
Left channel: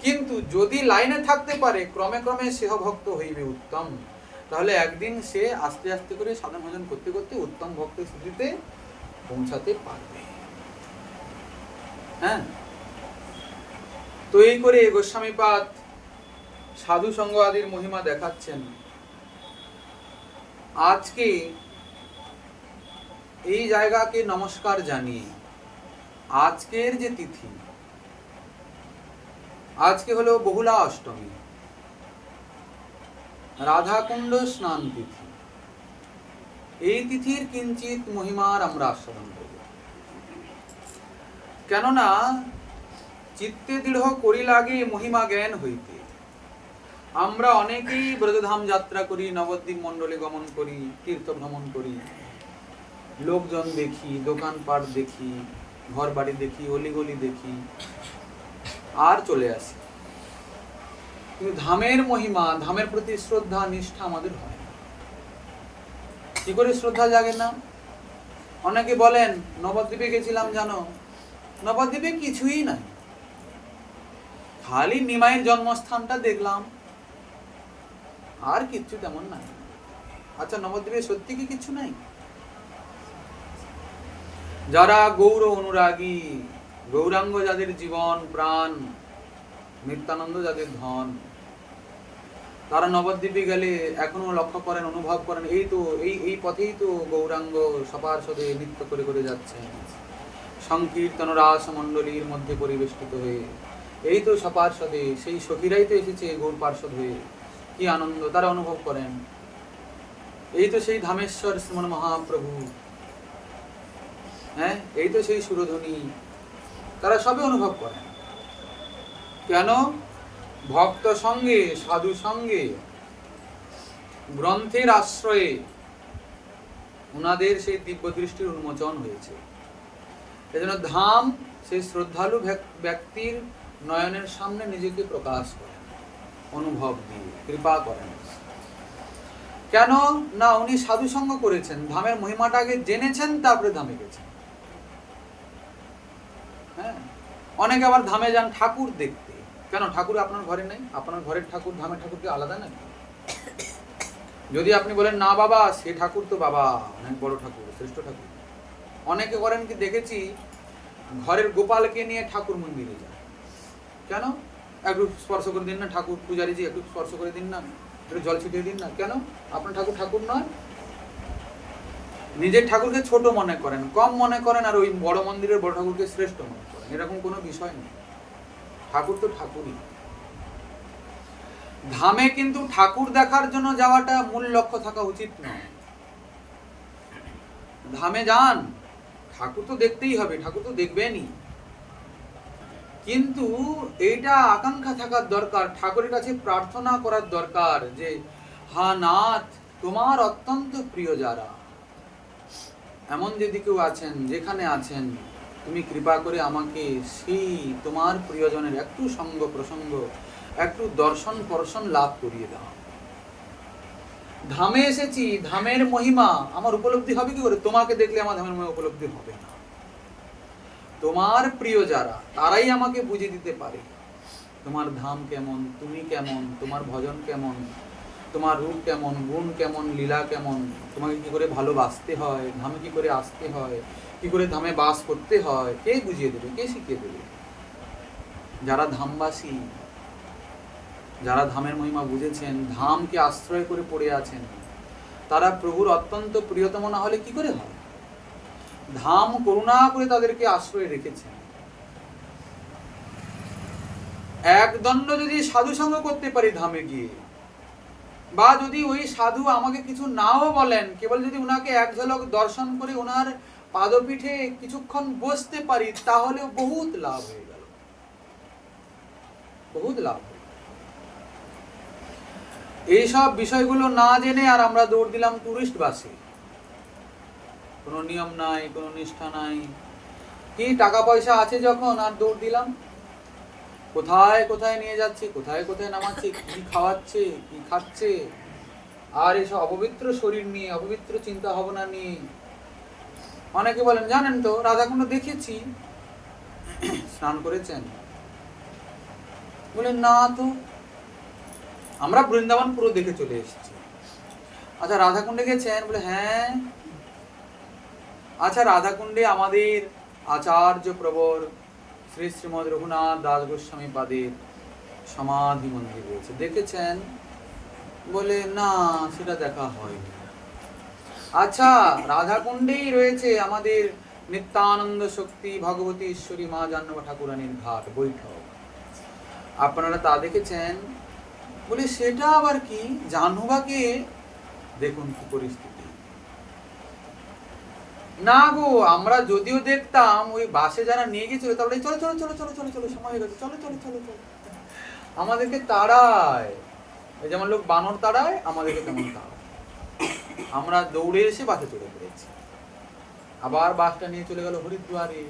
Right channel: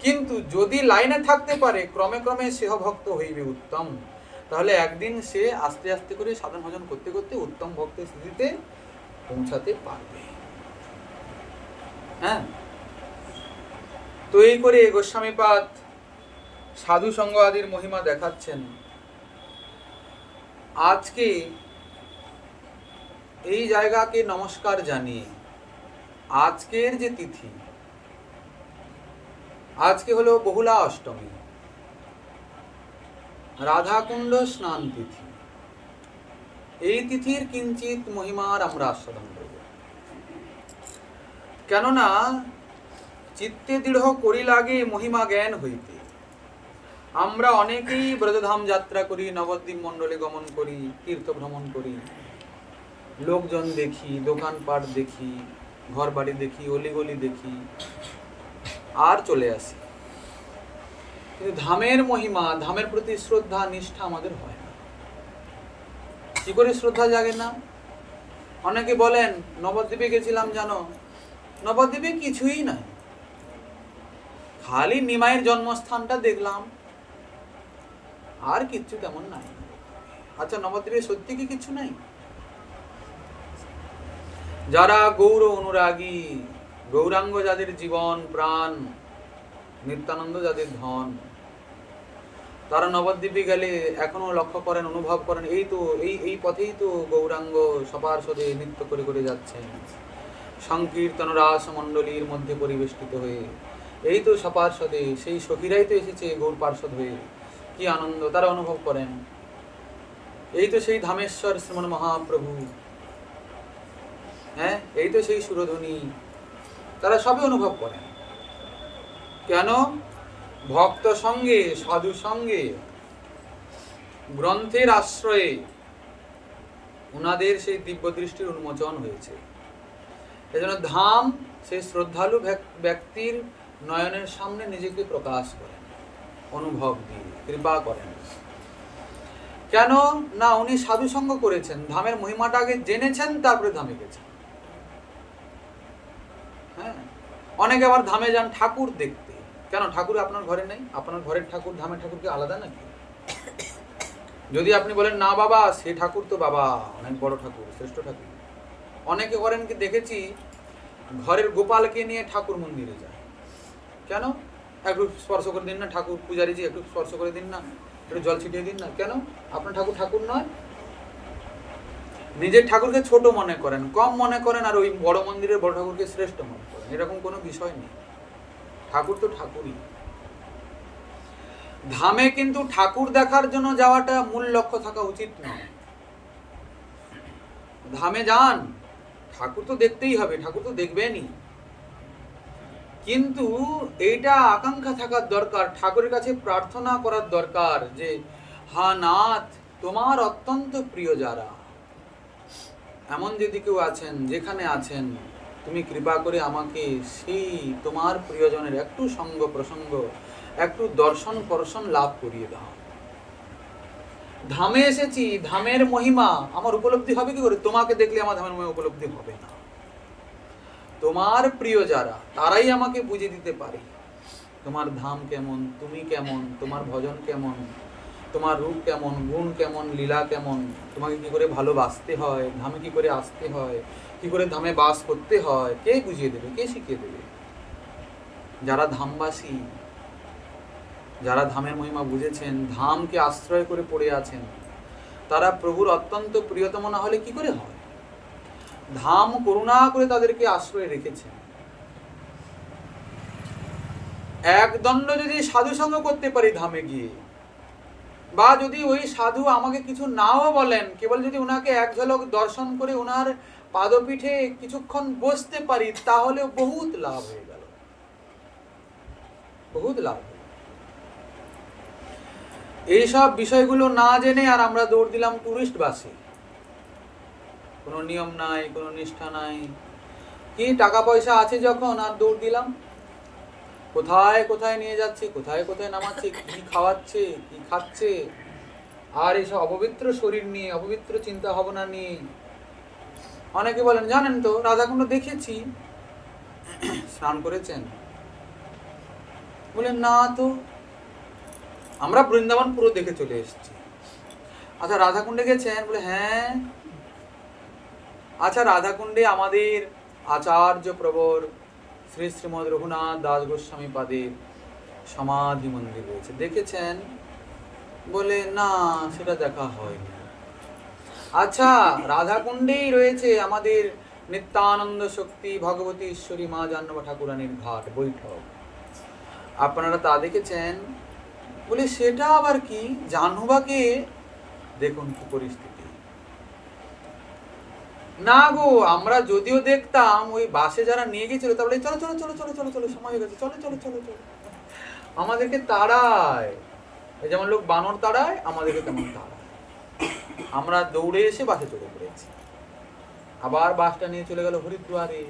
কিন্তু যদি লাইনে থাকতে পারে ক্রমে ক্রমে সেহ ভক্ত হইবে উত্তম, তাহলে একদিন সে আস্তে আস্তে করে সাধন ভজন করতে করতে উত্তম ভক্তের স্থিতিতে পৌঁছাতে পারবে। হ্যাঁ, তো এই করে গোস্বামীপাদ সাধু সঙ্গ আদির মহিমা দেখাচ্ছেন। আজকে এই জায়গাকে নমস্কার জানিয়ে আজকের যে তিথি, আজকে হলো বহুলা অষ্টমী, রাধাকুণ্ড স্নান তিথি। এই তিথির কিঞ্চিত মহিমার আমরা আস্বাদন করব, কেননা চিত্তে দৃঢ় করি লাগে মহিমা জ্ঞান হইতে। আমরা অনেকেই ব্রজধাম যাত্রা করি, নবদ্বীপ মণ্ডলে গমন করি, তীর্থ ভ্রমণ করি, লোকজন দেখি, দোকানপাট দেখি, ঘর বাড়ি দেখি, অলিগলি দেখি, আর চলে আসি। কিন্তু ধামের মহিমা, ধামের প্রতি শ্রদ্ধা নিষ্ঠা আমাদের হয় না। কি করে শ্রদ্ধা জাগে না? অনেকে বলেন নবদ্বীপে গেছিলাম, জানো নবদ্বীপে কিছুই নাই, খালি নিমাইয়ের জন্মস্থানটা দেখলাম, আর কিচ্ছু তেমন নাই। আচ্ছা, নবদ্বীপে সত্যি কি কিছু নাই? যারা গৌর অনুরাগী, গৌরাঙ্গ যাদের জীবন প্রাণ, নিত্যানন্দ যাদের ধন, তারা নবদ্বীপে গেলে এখনো লক্ষ্য করেন, অনুভব করেন, এই তো এই পথেই তো গৌরাঙ্গ সপার্ষদে নৃত্য করে করে যাচ্ছেন, সংকীর্তন রাস মণ্ডলীর মধ্যে পরিবেষ্টিত হয়ে। এই তো সপার্ষদে সেই সখীরাই তো এসেছে গৌর পার্ষদ হয়ে, কি আনন্দ তারা অনুভব করেন। এই তো সেই ধামেশ্বর শ্রীমন মহাপ্রভু, হ্যাঁ, এই তো সেই সুরধ্বনি, তারা সবে অনুভব করেন। কেন? ভক্ত সঙ্গে, সাধু সঙ্গে, গ্রন্থের আশ্রয়ে উনাদের সেই দিব্য দৃষ্টির উন্মোচন হয়েছে। এজন্য ধাম সেই শ্রদ্ধালু ব্যক্তির নয়নের সামনে নিজেকে প্রকাশ করেন, অনুভব দিয়ে কৃপা করেন। কেন না? উনি সাধু সঙ্গ করেছেন, ধামের মহিমাটা আগে জেনেছেন, তারপরে ধামে গেছেন। হ্যাঁ, অনেকে আবার ধামে যান ঠাকুর দেখতে। কেন? ঠাকুর আপনার ঘরে নেই? আপনার ঘরের ঠাকুর ধামের ঠাকুর কি আলাদা নাকি? যদি আপনি বলেন না বাবা, সে ঠাকুর তো বাবা অনেক বড় ঠাকুর, শ্রেষ্ঠ ঠাকুর। অনেকে করেন কি, দেখেছি ঘরের গোপালকে নিয়ে ঠাকুর মন্দিরে যায়। কেন? একটু স্পর্শ করে দিন না, ঠাকুর পূজারীজি একটু স্পর্শ করে দিন না, একটু জল ছিটিয়ে দিন না। কেন? আপনার ঠাকুর ঠাকুর নয়? নিজের ঠাকুরকে ছোট মনে করেন, কম মনে করেন, আর ওই বড় মন্দিরের বড় ঠাকুরকে শ্রেষ্ঠ মনে করেন। এরকম কোনো বিষয় নেই, ঠাকুর তো ঠাকুরই। ধামে কিন্তু ঠাকুর দেখার জন্য যাওয়াটা মূল লক্ষ্য থাকা উচিত নয়। ধামে যান, ঠাকুর তো দেখতেই হবে, ঠাকুর তো দেখবেনই, কিন্তু এইটা আকাঙ্ক্ষা থাকার দরকার, ঠাকুরের কাছে প্রার্থনা করার দরকার যে হা নাথ, তোমার অত্যন্ত প্রিয় যারা, এমন যদি কেউ আছেন, যেখানে আছেন, তুমি কৃপা করে আমাকে সেই তোমার প্রিয়জনের একটু সঙ্গ প্রসঙ্গ, একটু দর্শন পরশন লাভ করিয়ে দাও। ধামে এসেছি, ধামের মহিমা আমার উপলব্ধি হবে কি করে? তোমাকে দেখলে আমার ধামের মহিমা উপলব্ধি হবে না। তোমার প্রিয় যারা, তারাই আমাকে বুঝিয়ে দিতে পারে তোমার ধাম কেমন, তুমি কেমন, তোমার ভজন কেমন, তোমার রূপ কেমন, গুণ কেমন, লীলা কেমন, তোমাকে কি করে ভালোবাসতে হয়, ধামে কি করে আসতে হয়, কি করে ধামে বাস করতে হয়, কে বুঝিয়ে দেবে, কে শিখিয়ে দেবে? যারা ধামবাসী, যারা ধামের মহিমা বুঝেছেন, ধামকে আশ্রয় করে পড়ে আছেন, তারা প্রভুর অত্যন্ত প্রিয়তম না হলে কি করে হয়? ধাম করুণা করে তাদেরকে আশ্রয় রেখেছেন। একদণ্ড যদি সাধু সঙ্গ করতে পারি ধামে গিয়ে, বা যদি ওই সাধু আমাকে কিছু নাও বলেন, কেবল যদি ওনাকে এক ঝলক দর্শন করে ওনার পাদপীঠে কিছুক্ষণ বসতে পারি, তাহলে বহুত লাভ হয়ে গেল, বহুত লাভ। এইসব বিষয়গুলো না জেনে আর আমরা দৌড় দিলাম টুরিস্ট বাসে, কোনো নিয়ম নাই, কোনো নিষ্ঠা নাই, কি টাকা পয়সা আছে যখন, আর দৌড় দিলাম। কোথায় কোথায় নিয়ে যাচ্ছে, কোথায় কোথায় নামাচ্ছে, কি খাওয়াচ্ছে, কি খাচ্ছে, আর এইসব অপবিত্র শরীর নিয়ে, অপবিত্র চিন্তা ভাবনা নিয়ে। অনেকে বলেন জানেন তো রাধাকুণ্ড দেখেছি, স্নান করেছেন? বলেন না তো, আমরা বৃন্দাবন পুরো দেখে চলে এসেছি। আচ্ছা রাধাকুণ্ডে গেছেন? বলে হ্যাঁ। আচ্ছা রাধাকুণ্ডে আমাদের আচার্য প্রবর শ্রী শ্রীমদ রঘুনাথ দাস গোস্বামী পাদের সমাধি মন্দির রয়েছে, দেখেছেন? বলে না, সেটা দেখা হয়নি। আচ্ছা রাধাকুণ্ডেই রয়েছে আমাদের নিত্যানন্দ শক্তি ভগবতী ঈশ্বরী মা জাহ্নবী ঠাকুরানীর ঘাট বৈঠক, আপনারা তা দেখেছেন? বলে সেটা আবার কি? জাহ্নবাকে দেখুন কি পরিস্থিতি। না গো, আমরা যদিও দেখতাম, ওই বাসে যারা নিয়ে গেছিল তারপরে চলো চলো চলো চলো চলো চলো, সময় হয়ে গেছে, চলো চলো চলো চলো, আমাদেরকে তাড়ায়। ওই যেমন লোক বানর তাড়ায়, আমাদেরকে তেমন তাড়ায়। আমরা দৌড়ে এসে বাসে চড়ে পড়েছি। আবার বাসটা নিয়ে চলে গেল হরিদ্বারে,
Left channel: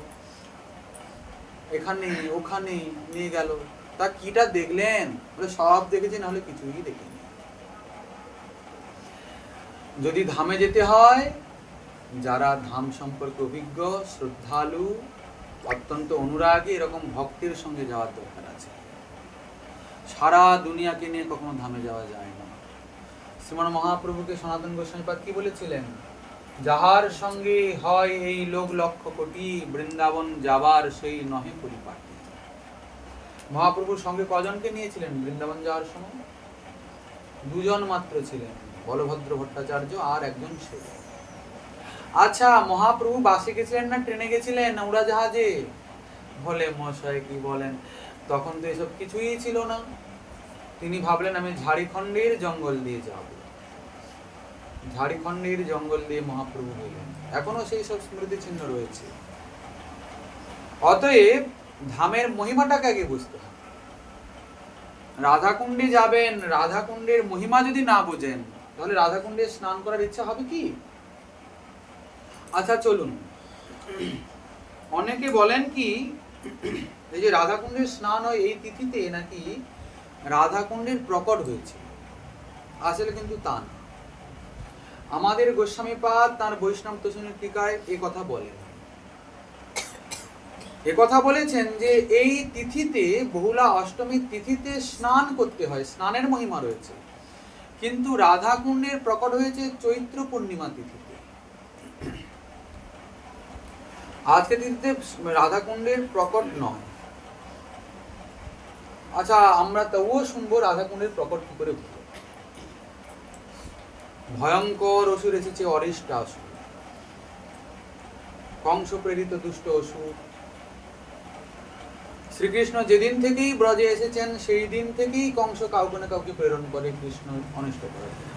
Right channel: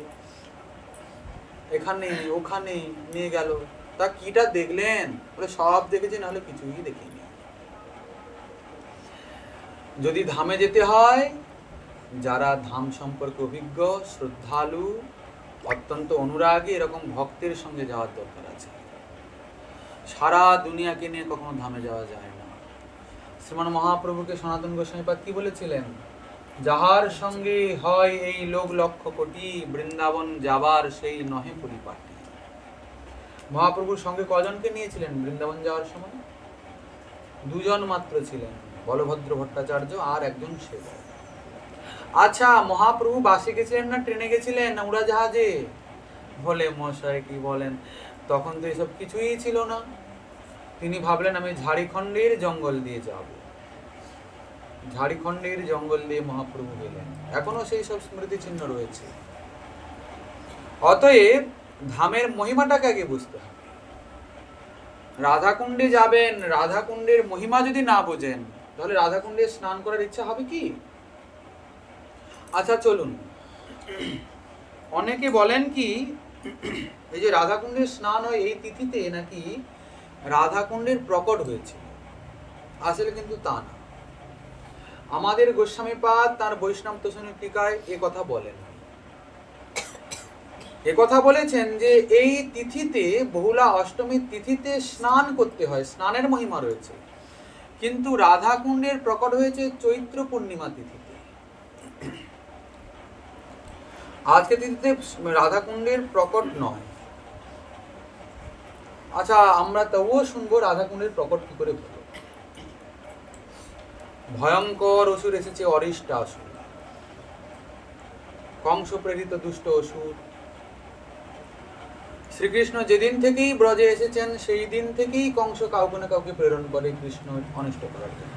এখানে ওখানে নিয়ে গেল। তা কিটা দেখলেন? বলে সব দেখেছি, নাহলে কিছুই দেখিনি। যদি ধামে যেতে হয়, যারা ধাম সম্পর্কে অভিজ্ঞ, শ্রদ্ধালু, অত্যন্ত অনুরাগী, এরকম ভক্তের সঙ্গে যাওয়ার দরকার আছে। সারা দুনিয়াকে নিয়ে কখনো ধামে যাওয়া যায় না। শ্রীমান মহাপ্রভুকে সনাতন গোস্বামীপাদ কি বলেছিলেন? যাহার সঙ্গে হয় এই লোক লক্ষ কোটি, বৃন্দাবন যাবার সেই নহে পরিপাটি। মহাপ্রভুর সঙ্গে কজনকে নিয়েছিলেন বৃন্দাবন যাওয়ার সময়? দুজন মাত্র ছিলেন, বলভদ্র ভট্টাচার্য আর একজন সেবক। আচ্ছা, মহাপ্রভু বাসে গেছিলেন না ট্রেনে গেছিলেন না উড়াজাহাজে? বলে মশাই কি বলেন, তখন তো এসব কিছুই ছিল না। তিনি ভাবলেন আমি ঝাড়খণ্ডের জঙ্গল দিয়ে যাব। ঝাড়খণ্ডের জঙ্গল দিয়ে মহাপ্রভু গেলেন। এখনো সেই সব স্মৃতি চিহ্ন রয়েছে। অতএব ধামের মহিমাটাকে আগে বুঝতে হবে। রাধাকুণ্ডে যাবেন, রাধাকুণ্ডের মহিমা যদি না বোঝেন, তাহলে রাধাকুণ্ডে স্নান করার ইচ্ছা হবে কি? আচ্ছা চলুন, অনেকে বলেন কি এই যে রাধাকুণ্ডের স্নান হয় এই তিথিতে নাকি রাধাকুণ্ডের প্রকট হয়েছে। আসলে কিন্তু তা না। আমাদের গোস্বামীপাদ তার বৈষ্ণব তোষণের টিকায় এ কথা বলেন। এ কথা বলেছেন যে এই তিথিতে, বহুলা অষ্টমীর তিথিতে স্নান করতে হয়, স্নানের মহিমা রয়েছে। কিন্তু রাধাকুণ্ডের প্রকট হয়েছে চৈত্র পূর্ণিমা তিথিতে। আজকে তিথিতে রাধাকুণ্ডের প্রকট নয়। আচ্ছা, আমরা তবুও শুনবো রাধাকুণ্ডের প্রকট কি করে হলো। ভয়ঙ্কর অসুর এসেছে, অরিষ্টাসুর, কংস প্রেরিত দুষ্ট অসুর। শ্রীকৃষ্ণ যেদিন থেকেই ব্রজে এসেছেন, সেই দিন থেকেই কংস কাউকে না কাউকে প্রেরণ করে কৃষ্ণ অনিষ্ট করার জন্য।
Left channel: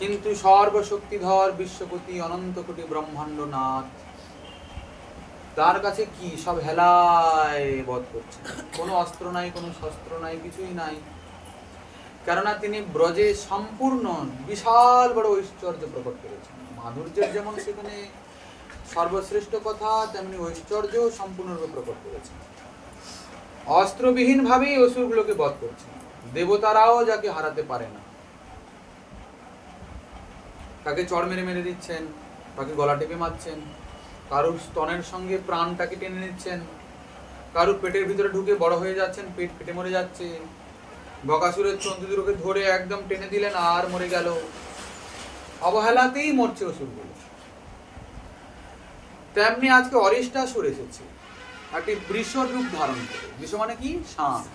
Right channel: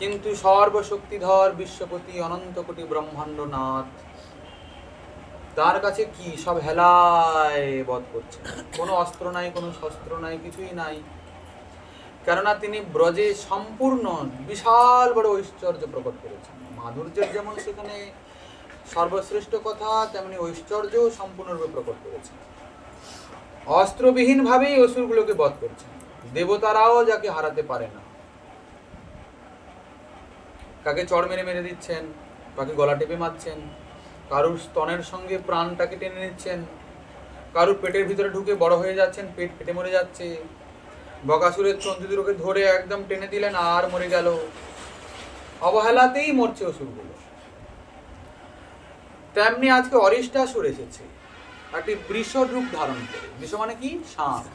কিন্তু সর্বশক্তিধর বিশ্বপতি অনন্ত কোটি ব্রহ্মাণ্ড নাথ, তার কাছে কি সব হেলায় বধ করছে। কোনো অস্ত্র নাই, কোনো শস্ত্র নাই, কিছুই নাই। কেননা তিনি ব্রজে সম্পূর্ণ বিশাল বড় ঐশ্বর্য প্রকট করেছেন। মাধুর্যের যেমন সেখানে সর্বশ্রেষ্ঠ কথা, তেমনি ঐশ্বর্যও সম্পূর্ণরূপে প্রকট করেছেন। অস্ত্রবিহীন ভাবেই অসুরগুলোকে বধ করছেন। দেবতারাও যাকে হারাতে পারে না, কাকে চড় মেরে মেরে দিচ্ছেন, কাকে গলা টেপে মারছেন, কারুর স্তনের সঙ্গে প্রাণটাকে টেনে নিচ্ছেন, কারুর পেটের ভিতরে ঢুকে বড় হয়ে যাচ্ছেন, পেট ফেটে মরে যাচ্ছে। বকাসুরের চন্দ্রদুরকে ধরে একদম টেনে দিলেন আর মরে গেল। অবহেলাতেই মরছে অসুরগুলো। তেমনি আজকে অরিষ্টাসুর এসেছে একটি বৃষ রূপ ধারণ করে। বৃষ মানে কি? ষাঁড়।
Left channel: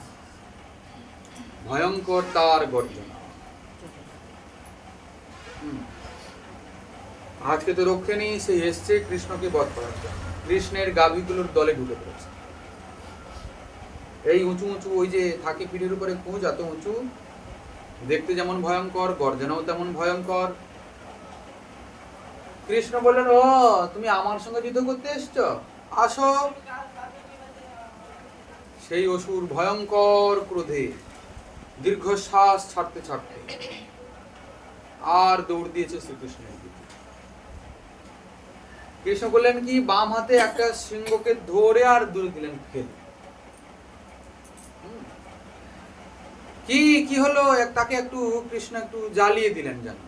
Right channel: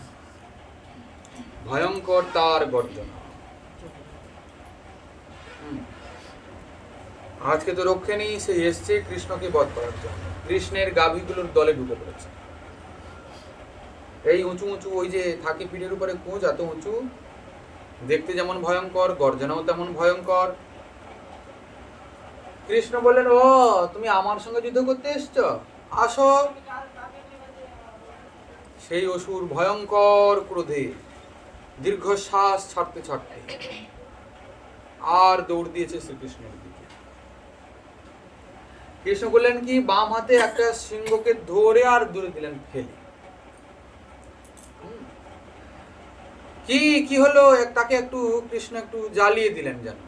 ভয়ঙ্কর তার গর্জনা। আজকে তো রক্ষে নেই, সে এসছে কৃষ্ণকে বধ করার জন্য। কৃষ্ণের গাভীগুলোর দলে ঢুকে পড়েছে। এই উঁচু উঁচু, ওই যে থাকে পিঠের উপরে কুঁজ, এত উঁচু, দেখতে যেমন ভয়ঙ্কর, গর্জনাও তেমন ভয়ঙ্কর। কৃষ্ণ বললেন, ও তুমি আমার সঙ্গে যুদ্ধ করতে এসছো, আসো। সেই অসুর ভয়ঙ্কর ক্রোধে দীর্ঘশ্বাস ছাড়তে ছাড়তে আর দৌড় দিয়েছে শ্রীকৃষ্ণের দিকে। কৃষ্ণ বললেন কি, বাম হাতে একটা সিংহকে ধরে আর দূরে দিলেন ফেলে। কি কি হলো, তাকে একটু কৃষ্ণ একটু জ্বালিয়ে দিলেন, যেন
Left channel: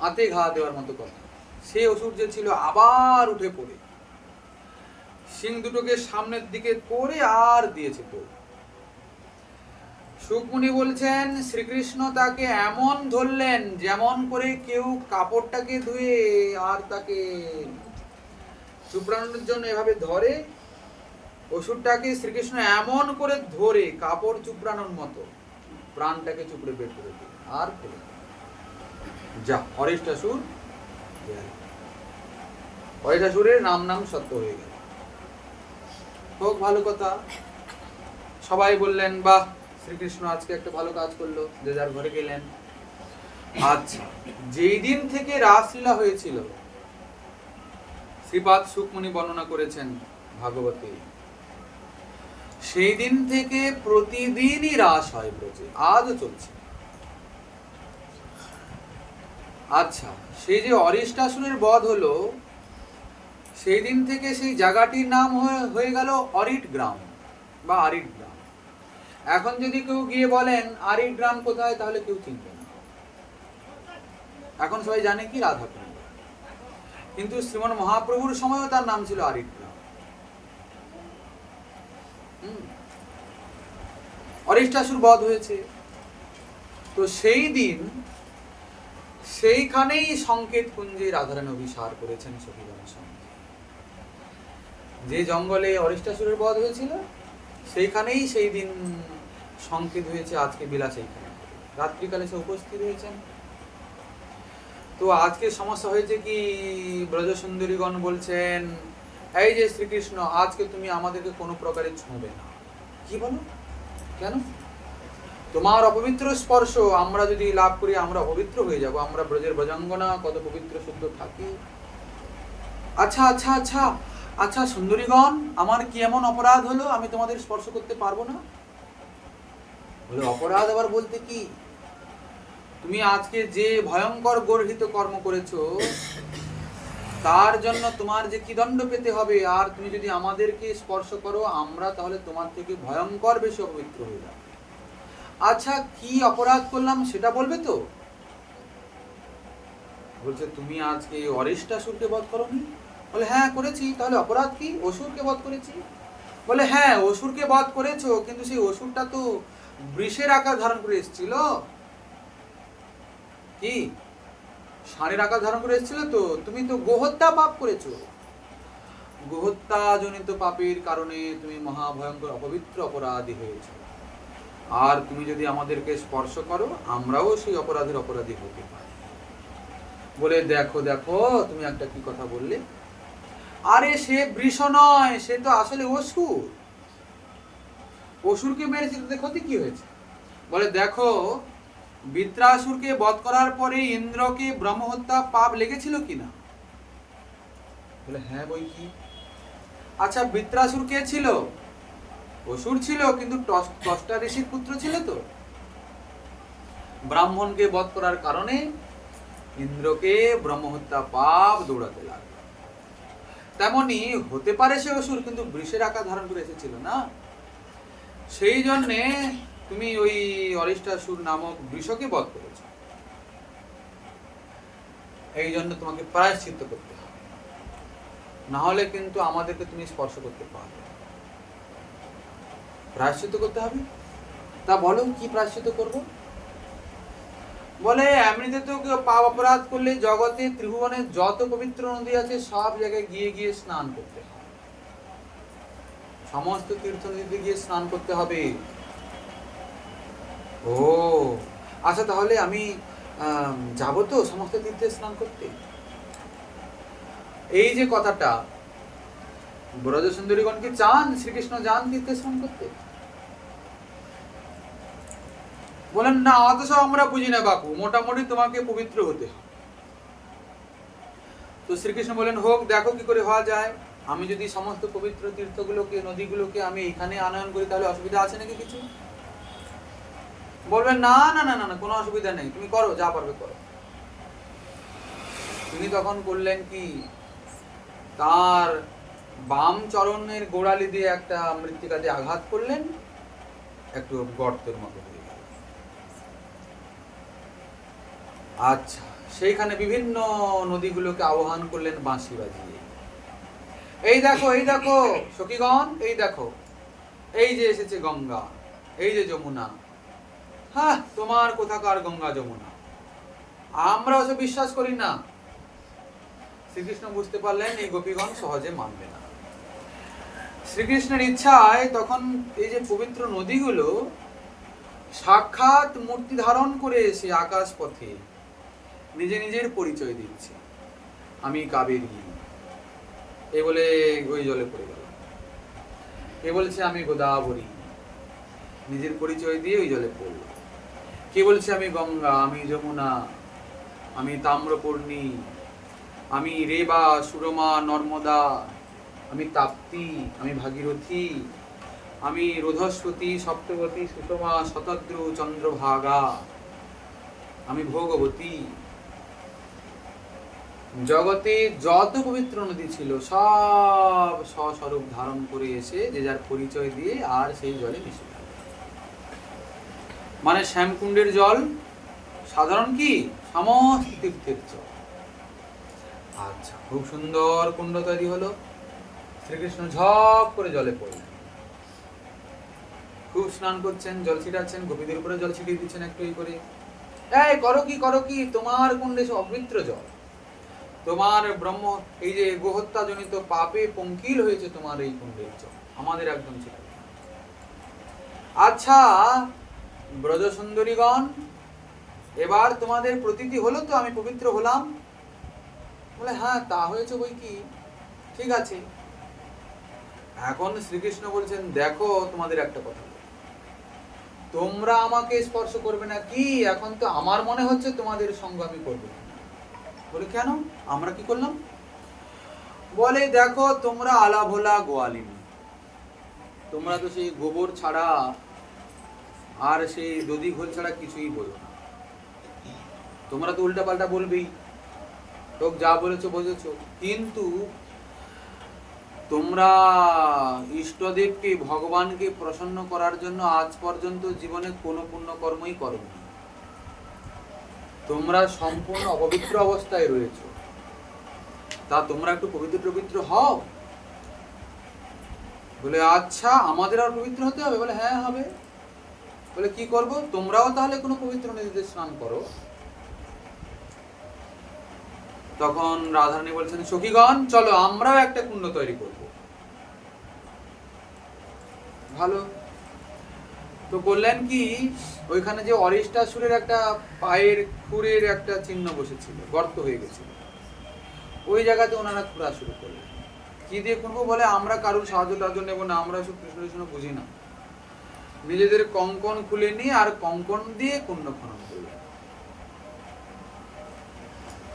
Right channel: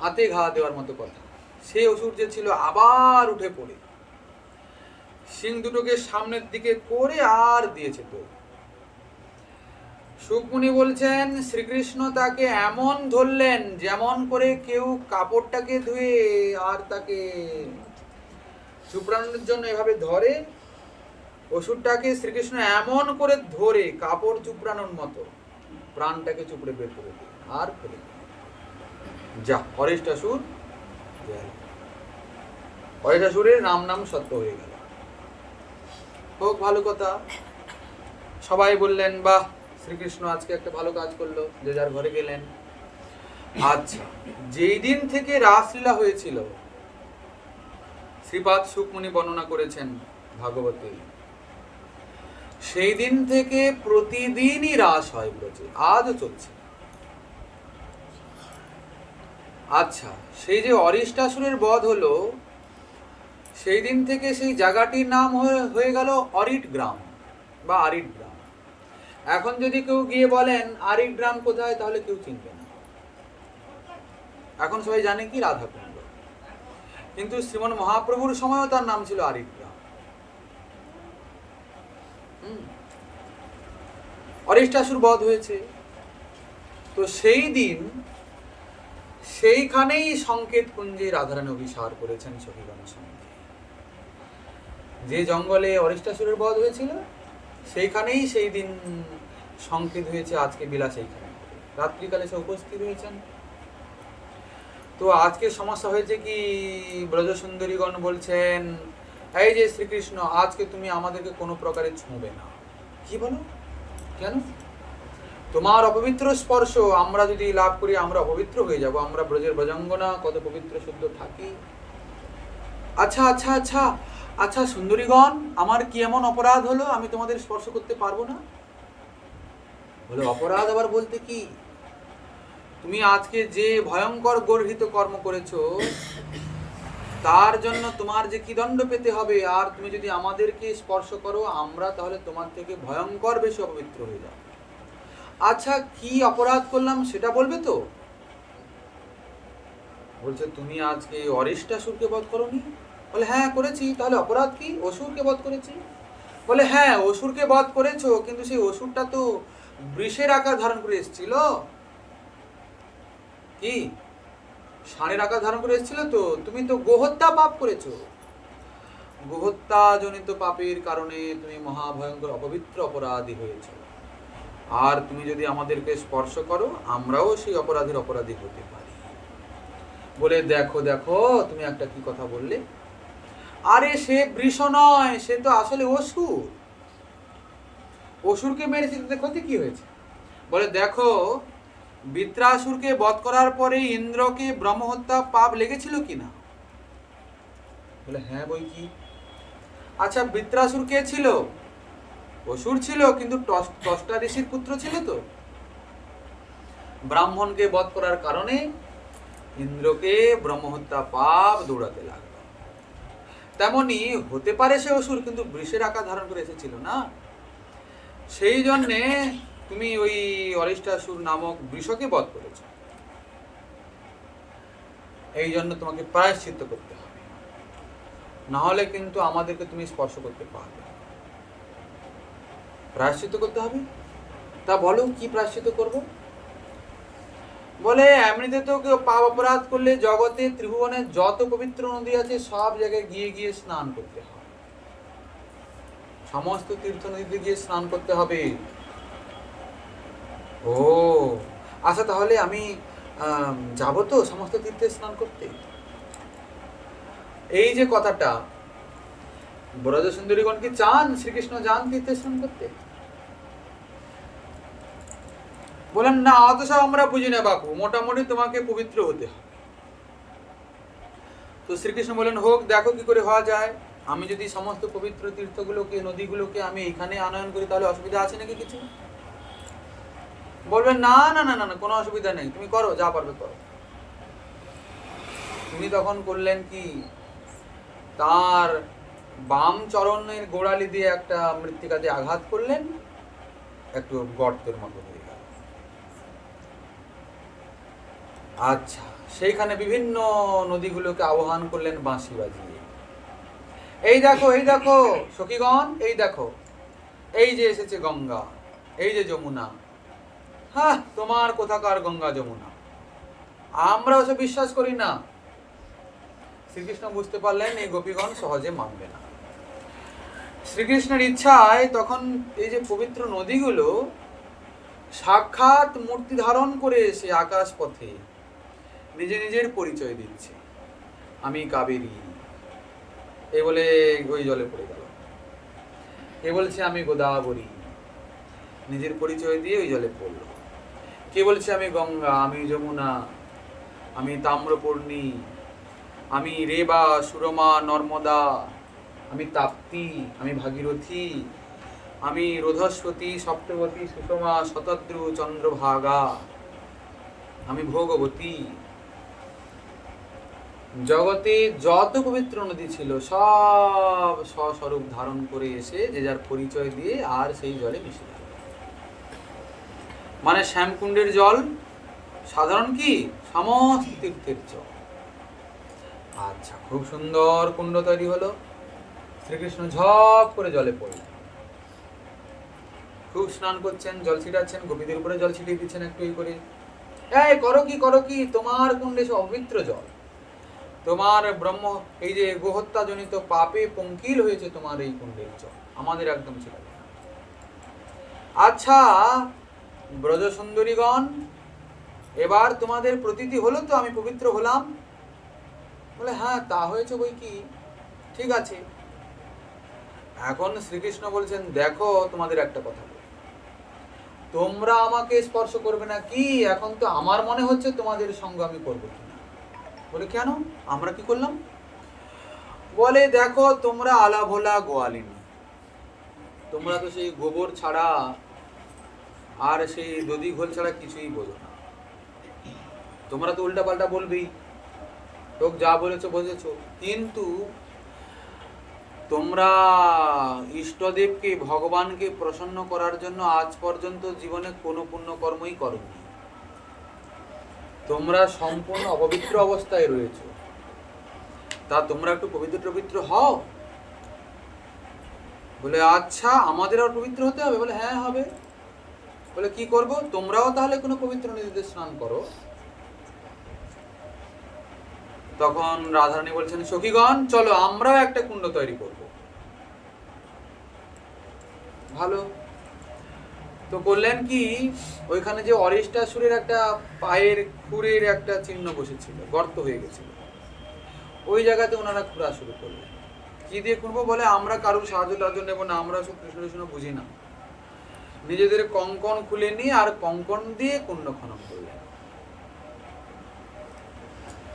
হাতে ঘা দেওয়ার মতো কথা। সে অসুর যে ছিল আবার উঠে পড়ে সিং দুটোকে সামনের দিকে করে আর দিয়েছে তো। সুকমুনি বলছেন শ্রীকৃষ্ণ তাকে এমন ধরলেন যেমন করে কেউ কাপড়টাকে ধুয়ে আর তাকে চুপড়ানোর জন্য এভাবে ধরে। অসুরটাকে শ্রীকৃষ্ণ এমন করে ধরে কাপড় চুপড়ানোর মতো প্রাণটাকে চুপড়ে বের করে দিলেন আর ফেলে দিলেন। যা, অরিষ্টাসুর, অরিষ্টাসুরের নাম নাম সত্য হয়ে গেল। হোক, ভালো কথা। সবাই বললেন, বাহ, শ্রীকৃষ্ণ আজকে একটা ভালো কাজ করলো, যে যার ঘরে গেলেন। আচ্ছা, যেই দিন থেকে রাসলীলা হয়েছিল, শ্রীপাদ সুকমুনি বর্ণনা করেছেন ভাগবতে, সেই দিন থেকে প্রতিদিনই রাস হয় ব্রজে, আজও চলছে। আচ্ছা, সেই যে অরিষ্টাসুরের বধ হলো, সেই দিন থেকে সেই জায়গাটির নাম হয়ে গেল অরিট গ্রাম বা আরিট গ্রাম। এখন যদি কেউ গিয়ে বলেন আরিট গ্রাম কোথায়, তাহলে কেউ চিনবে না। এখন সবাই জানে কি রাধাকুণ্ড, কিন্তু শ্রীমন মহাপ্রভুর সময়ও তার নাম ছিল আরিট গ্রাম। অরিষ্টাসুর বধ হয়েছে, তো সেই দিন সেইখানেই সংকেত কুঞ্জে রাধারানী অভিসার করেছেন সখীগণের সঙ্গে। যে জঙ্গলে অরিষ্টাসুরের বধ হয়েছিল, সেইখানেই সেই দিন সংকেত হয়েছে আজকে বিলাস এইখানে। রাত্রিকালে সে উপস্থিত হয়েছেন। তো আজকে সমস্যা হয়েছে কি, ব্রজসুন্দরীগণ বলছেন, এই যে শ্রীকৃষ্ণ, আজকে তুমি আমাদেরকে কোনো প্রকারে ছুঁবে না। কি বলো? কেন? তোমার অপবিত্র স্পর্শ আমরা যদি লাভ করি, আমরা অপবিত্র হয়ে যাব। আমরা ব্রজের ব্রজাঙ্গনা, কত পবিত্র শুদ্ধ থাকি। আচ্ছা আচ্ছা আচ্ছা আচ্ছা সুন্দরীগণ, আমার কি এমন অপরাধ হলো আমি তোমাদের স্পর্শ করতে পারবো না? বলে, অপরাধ আবার বলতে কি? তুমি আজকে যে ভয়ঙ্কর গর্হিত কর্ম করেছো, তার জন্য তোমার যে কি দণ্ড পেতে হবে। আর তুমি যদি আমাদেরকে স্পর্শ করো, আমরা তাহলে তোমার থেকে ভয়ঙ্কর বেশি অপবিত্র হয়ে যাব। আচ্ছা, কি অপরাধ করলাম সেটা বলবে তো? বলছে, তুমি আজকে অরিষ্টাসুরকে বধ করোনি? বলে, হ্যাঁ করেছি। তাহলে অপরাধ কি? অসুরকে বধ করেছি। বলে, হ্যাঁ অসুরকে বধ করেছো, কিন্তু সেই অসুরটা তো বৃষের আকার ধারণ করে এসেছিল। কি ষাঁড়ের আকার ধারণ করে এসেছিল? তো তুমি তো গোহত্যা পাপ করেছো। গোহত্যা জনিত পাপের কারণে তুমি মহাভয়ঙ্কর অপবিত্র অপরাধী হয়েছ। আর তুমি যদি আমাদেরকে স্পর্শ করো, আমরাও সেই অপরাধের অপরাধী হতে পারি। বলে, দেখো দেখো তুমি একটা কি কথা বললে। আরে সে বৃষ নয়, সে তো আসলে অসুর। অসুরকে মেরেছে, তাতে ক্ষতি কি হয়েছে? বলে, দেখো বৃত্রাসুরকে বধ করার পরে ইন্দ্রকে ব্রহ্মহত্যা পাপ লেগেছিল কিনা? বলে, হ্যাঁ বই কি। আচ্ছা, বৃত্রাসুর কে ছিল? অসুর ছিল, কিন্তু ত্বষ্টা ঋষির পুত্র ছিল। তো ব্রাহ্মণকে বধ করার কারণে ইন্দ্রকে ব্রহ্মহত্যা পাপ দৌড়াতে লাগলো। তেমনি হতে পারে সে অসুর, কিন্তু বৃষের আকার ধারণ করে এসেছিল না। সেই জন্যে তুমি ওই অরিষ্টাসুর নামক বৃষকে বধ করেছ। এই জন্য তোমাকে প্রায়শ্চিত্ত করতে হবে, না হলে কিন্তু আমাদেরকে তুমি স্পর্শ করতে পারবে। প্রায়শ্চিত্ত করতে হবে? তা বলো কি প্রায়শ্চিত্ত করব? বলে, এমনিতে তো কেউ পাপ অপরাধ করলে জগতে ত্রিভুবনে যত পবিত্র নদী আছে সব জায়গায় গিয়ে গিয়ে স্নান করতে হয়। সমস্ত তীর্থ নদীতে গিয়ে স্নান করতে হবে। ও আচ্ছা, তাহলে আমি যাব তো সমস্ত তীর্থে স্নান করতে? এই যে কথাটা, ব্রজসুন্দরীগণ কি চান শ্রীকৃষ্ণ যান তীর্থে স্নান করতে? বলেন, না অত সব আমরা বুঝি না বাপু, মোটামুটি তোমাকে পবিত্র হতে হবে। তো শ্রীকৃষ্ণ বলেন, হোক, দেখো কি করে হওয়া যায়। আমি যদি সমস্ত পবিত্র তীর্থগুলোকে, নদীগুলোকে আমি এখানে আনয়ন করি, তাহলে অসুবিধা আছে নাকি কিছু? বলবেন, না না না না, কোনো অসুবিধা নেই, তুমি করো, যা পারবে করো। তিনি তখন করলেন কি, তার বাম চরণের গোড়ালি দিয়ে একটা মৃত্তিকা দিয়ে আঘাত করলেন, একটু গর্তের মতো হয়ে গেল। আচ্ছা, সেইখানে বিভিন্ন নদীগুলোকে আহ্বান করলেন বাঁশি বাজিয়ে। এই দেখো, এই দেখো সখীগণ, এই দেখো, এই যে এসেছে গঙ্গা, এই যে যমুনা। হ্যাঁ, তোমার কোথাকার গঙ্গা যমুনা, আমরা ওসব বিশ্বাস করি না। শ্রীকৃষ্ণ বুঝতে পারলেন এই গোপীগণ সহজে মানবে না। শ্রীকৃষ্ণের ইচ্ছায় তখন এই যে পবিত্র নদীগুলো সাক্ষাৎ মূর্তি ধারণ করে এসে আকাশ পথে নিজে নিজের পরিচয় দিচ্ছে, আমি কাবেরী। এ বলে ওই জলে পড়ে গেল। কে বলছে আমি গোদাবরী, নিজের পরিচয় দিয়ে ওই জলে পড়ল। কে বলছে আমি গঙ্গা, আমি যমুনা, আমি তাম্রপর্ণী, আমি রেবা, সুরমা, নর্মদা, আমি তাপ্তি, আমি ভাগীরথী, আমি রোধস্বতী, সপ্তবতী, সুষমা, শতদ্রু, চন্দ্রভাগা, আমি ভোগবতী। জগতে যত পবিত্র নদী ছিল সব স্বস্বরূপ ধারণ করে এসে যে যার পরিচয় দিয়ে আর সেই জলে মিশে গেল। মানে শ্যামকুণ্ডের জল সাধারণ কি সমস্ত তীর্থের জল। আচ্ছা, খুব সুন্দর কুণ্ড তৈরি হলো। শ্রীকৃষ্ণ ঝপ করে জলে পড়লেন, খুব স্নান করছেন, জল ছিটাচ্ছেন, গোপীদের উপরে জল ছিটিয়ে দিচ্ছেন একটু এই করে। এই করো কি তোমার কুণ্ডে অপবিত্র জল, তোমার ব্রহ্ম এই যে গোহত্যা জনিত পাপে পঙ্কিল হয়েছে তোমার এই কুণ্ডের জল, আমাদের একদম ছিটাবে না। আচ্ছা ব্রজ সুন্দরীগণ, এবার তোমাদের প্রতীতি হলো তো আমি পবিত্র হলাম? বলে হ্যাঁ তা হয়েছে বই কি, ঠিক আছে। এখন শ্রীকৃষ্ণ বলছেন দেখো তোমাদের একটা কথা, তোমরা আমাকে স্পর্শ করবে না কি, এখন তো আমার মনে হচ্ছে তোমাদের সঙ্গ আমি করবো না। বলে কেন, আমরা কি করলাম? বলে দেখো তোমরা আলা ভোলা গোয়ালিন, তোমরা তো সেই গোবর ছাড়া আর সেই দধি ঘোল ছাড়া কিছুই বোঝো না। তোমরা তো উল্টা পাল্টা বলবেই, লোক যা বলেছো বুঝেছো, কিন্তু তোমরা ইষ্টদেবকে ভগবানকে প্রসন্ন করার জন্য আজ পর্যন্ত জীবনে কোনো পুণ্যকর্মই করোনি। তোমরা সম্পূর্ণ অপবিত্র অবস্থায় রয়েছো, তা তোমরা একটু পবিত্র হও। বলে আচ্ছা আমাদের আর পবিত্র হতে হবে? বলে হ্যাঁ হবে। বলে কি করব? তোমরাও তাহলে কোনো পবিত্র নদীতে স্নান করো। তখন রাধারানী বলছেন সখীগণ চলো আমরাও একটা কুণ্ড তৈরি করব। ভালো, তো করলেন কি, ওইখানে যে অরিষ্টাসুরের একটা পায়ের খুঁড়ের একটা চিহ্ন বসেছিল, গর্ত হয়ে গেছিল, ওই জায়গাতে ওনারা খুঁড়া শুরু করলেন। কি দিয়ে খুঁড়বো? বলে আমরা কারোর সাহায্য টাহায্য নেবো না, আমরা সব কৃষ্ণ বুঝি না। নিজেদের কঙ্কন খুলে নিয়ে আর কঙ্কন দিয়ে কুণ্ড খনন করলেন।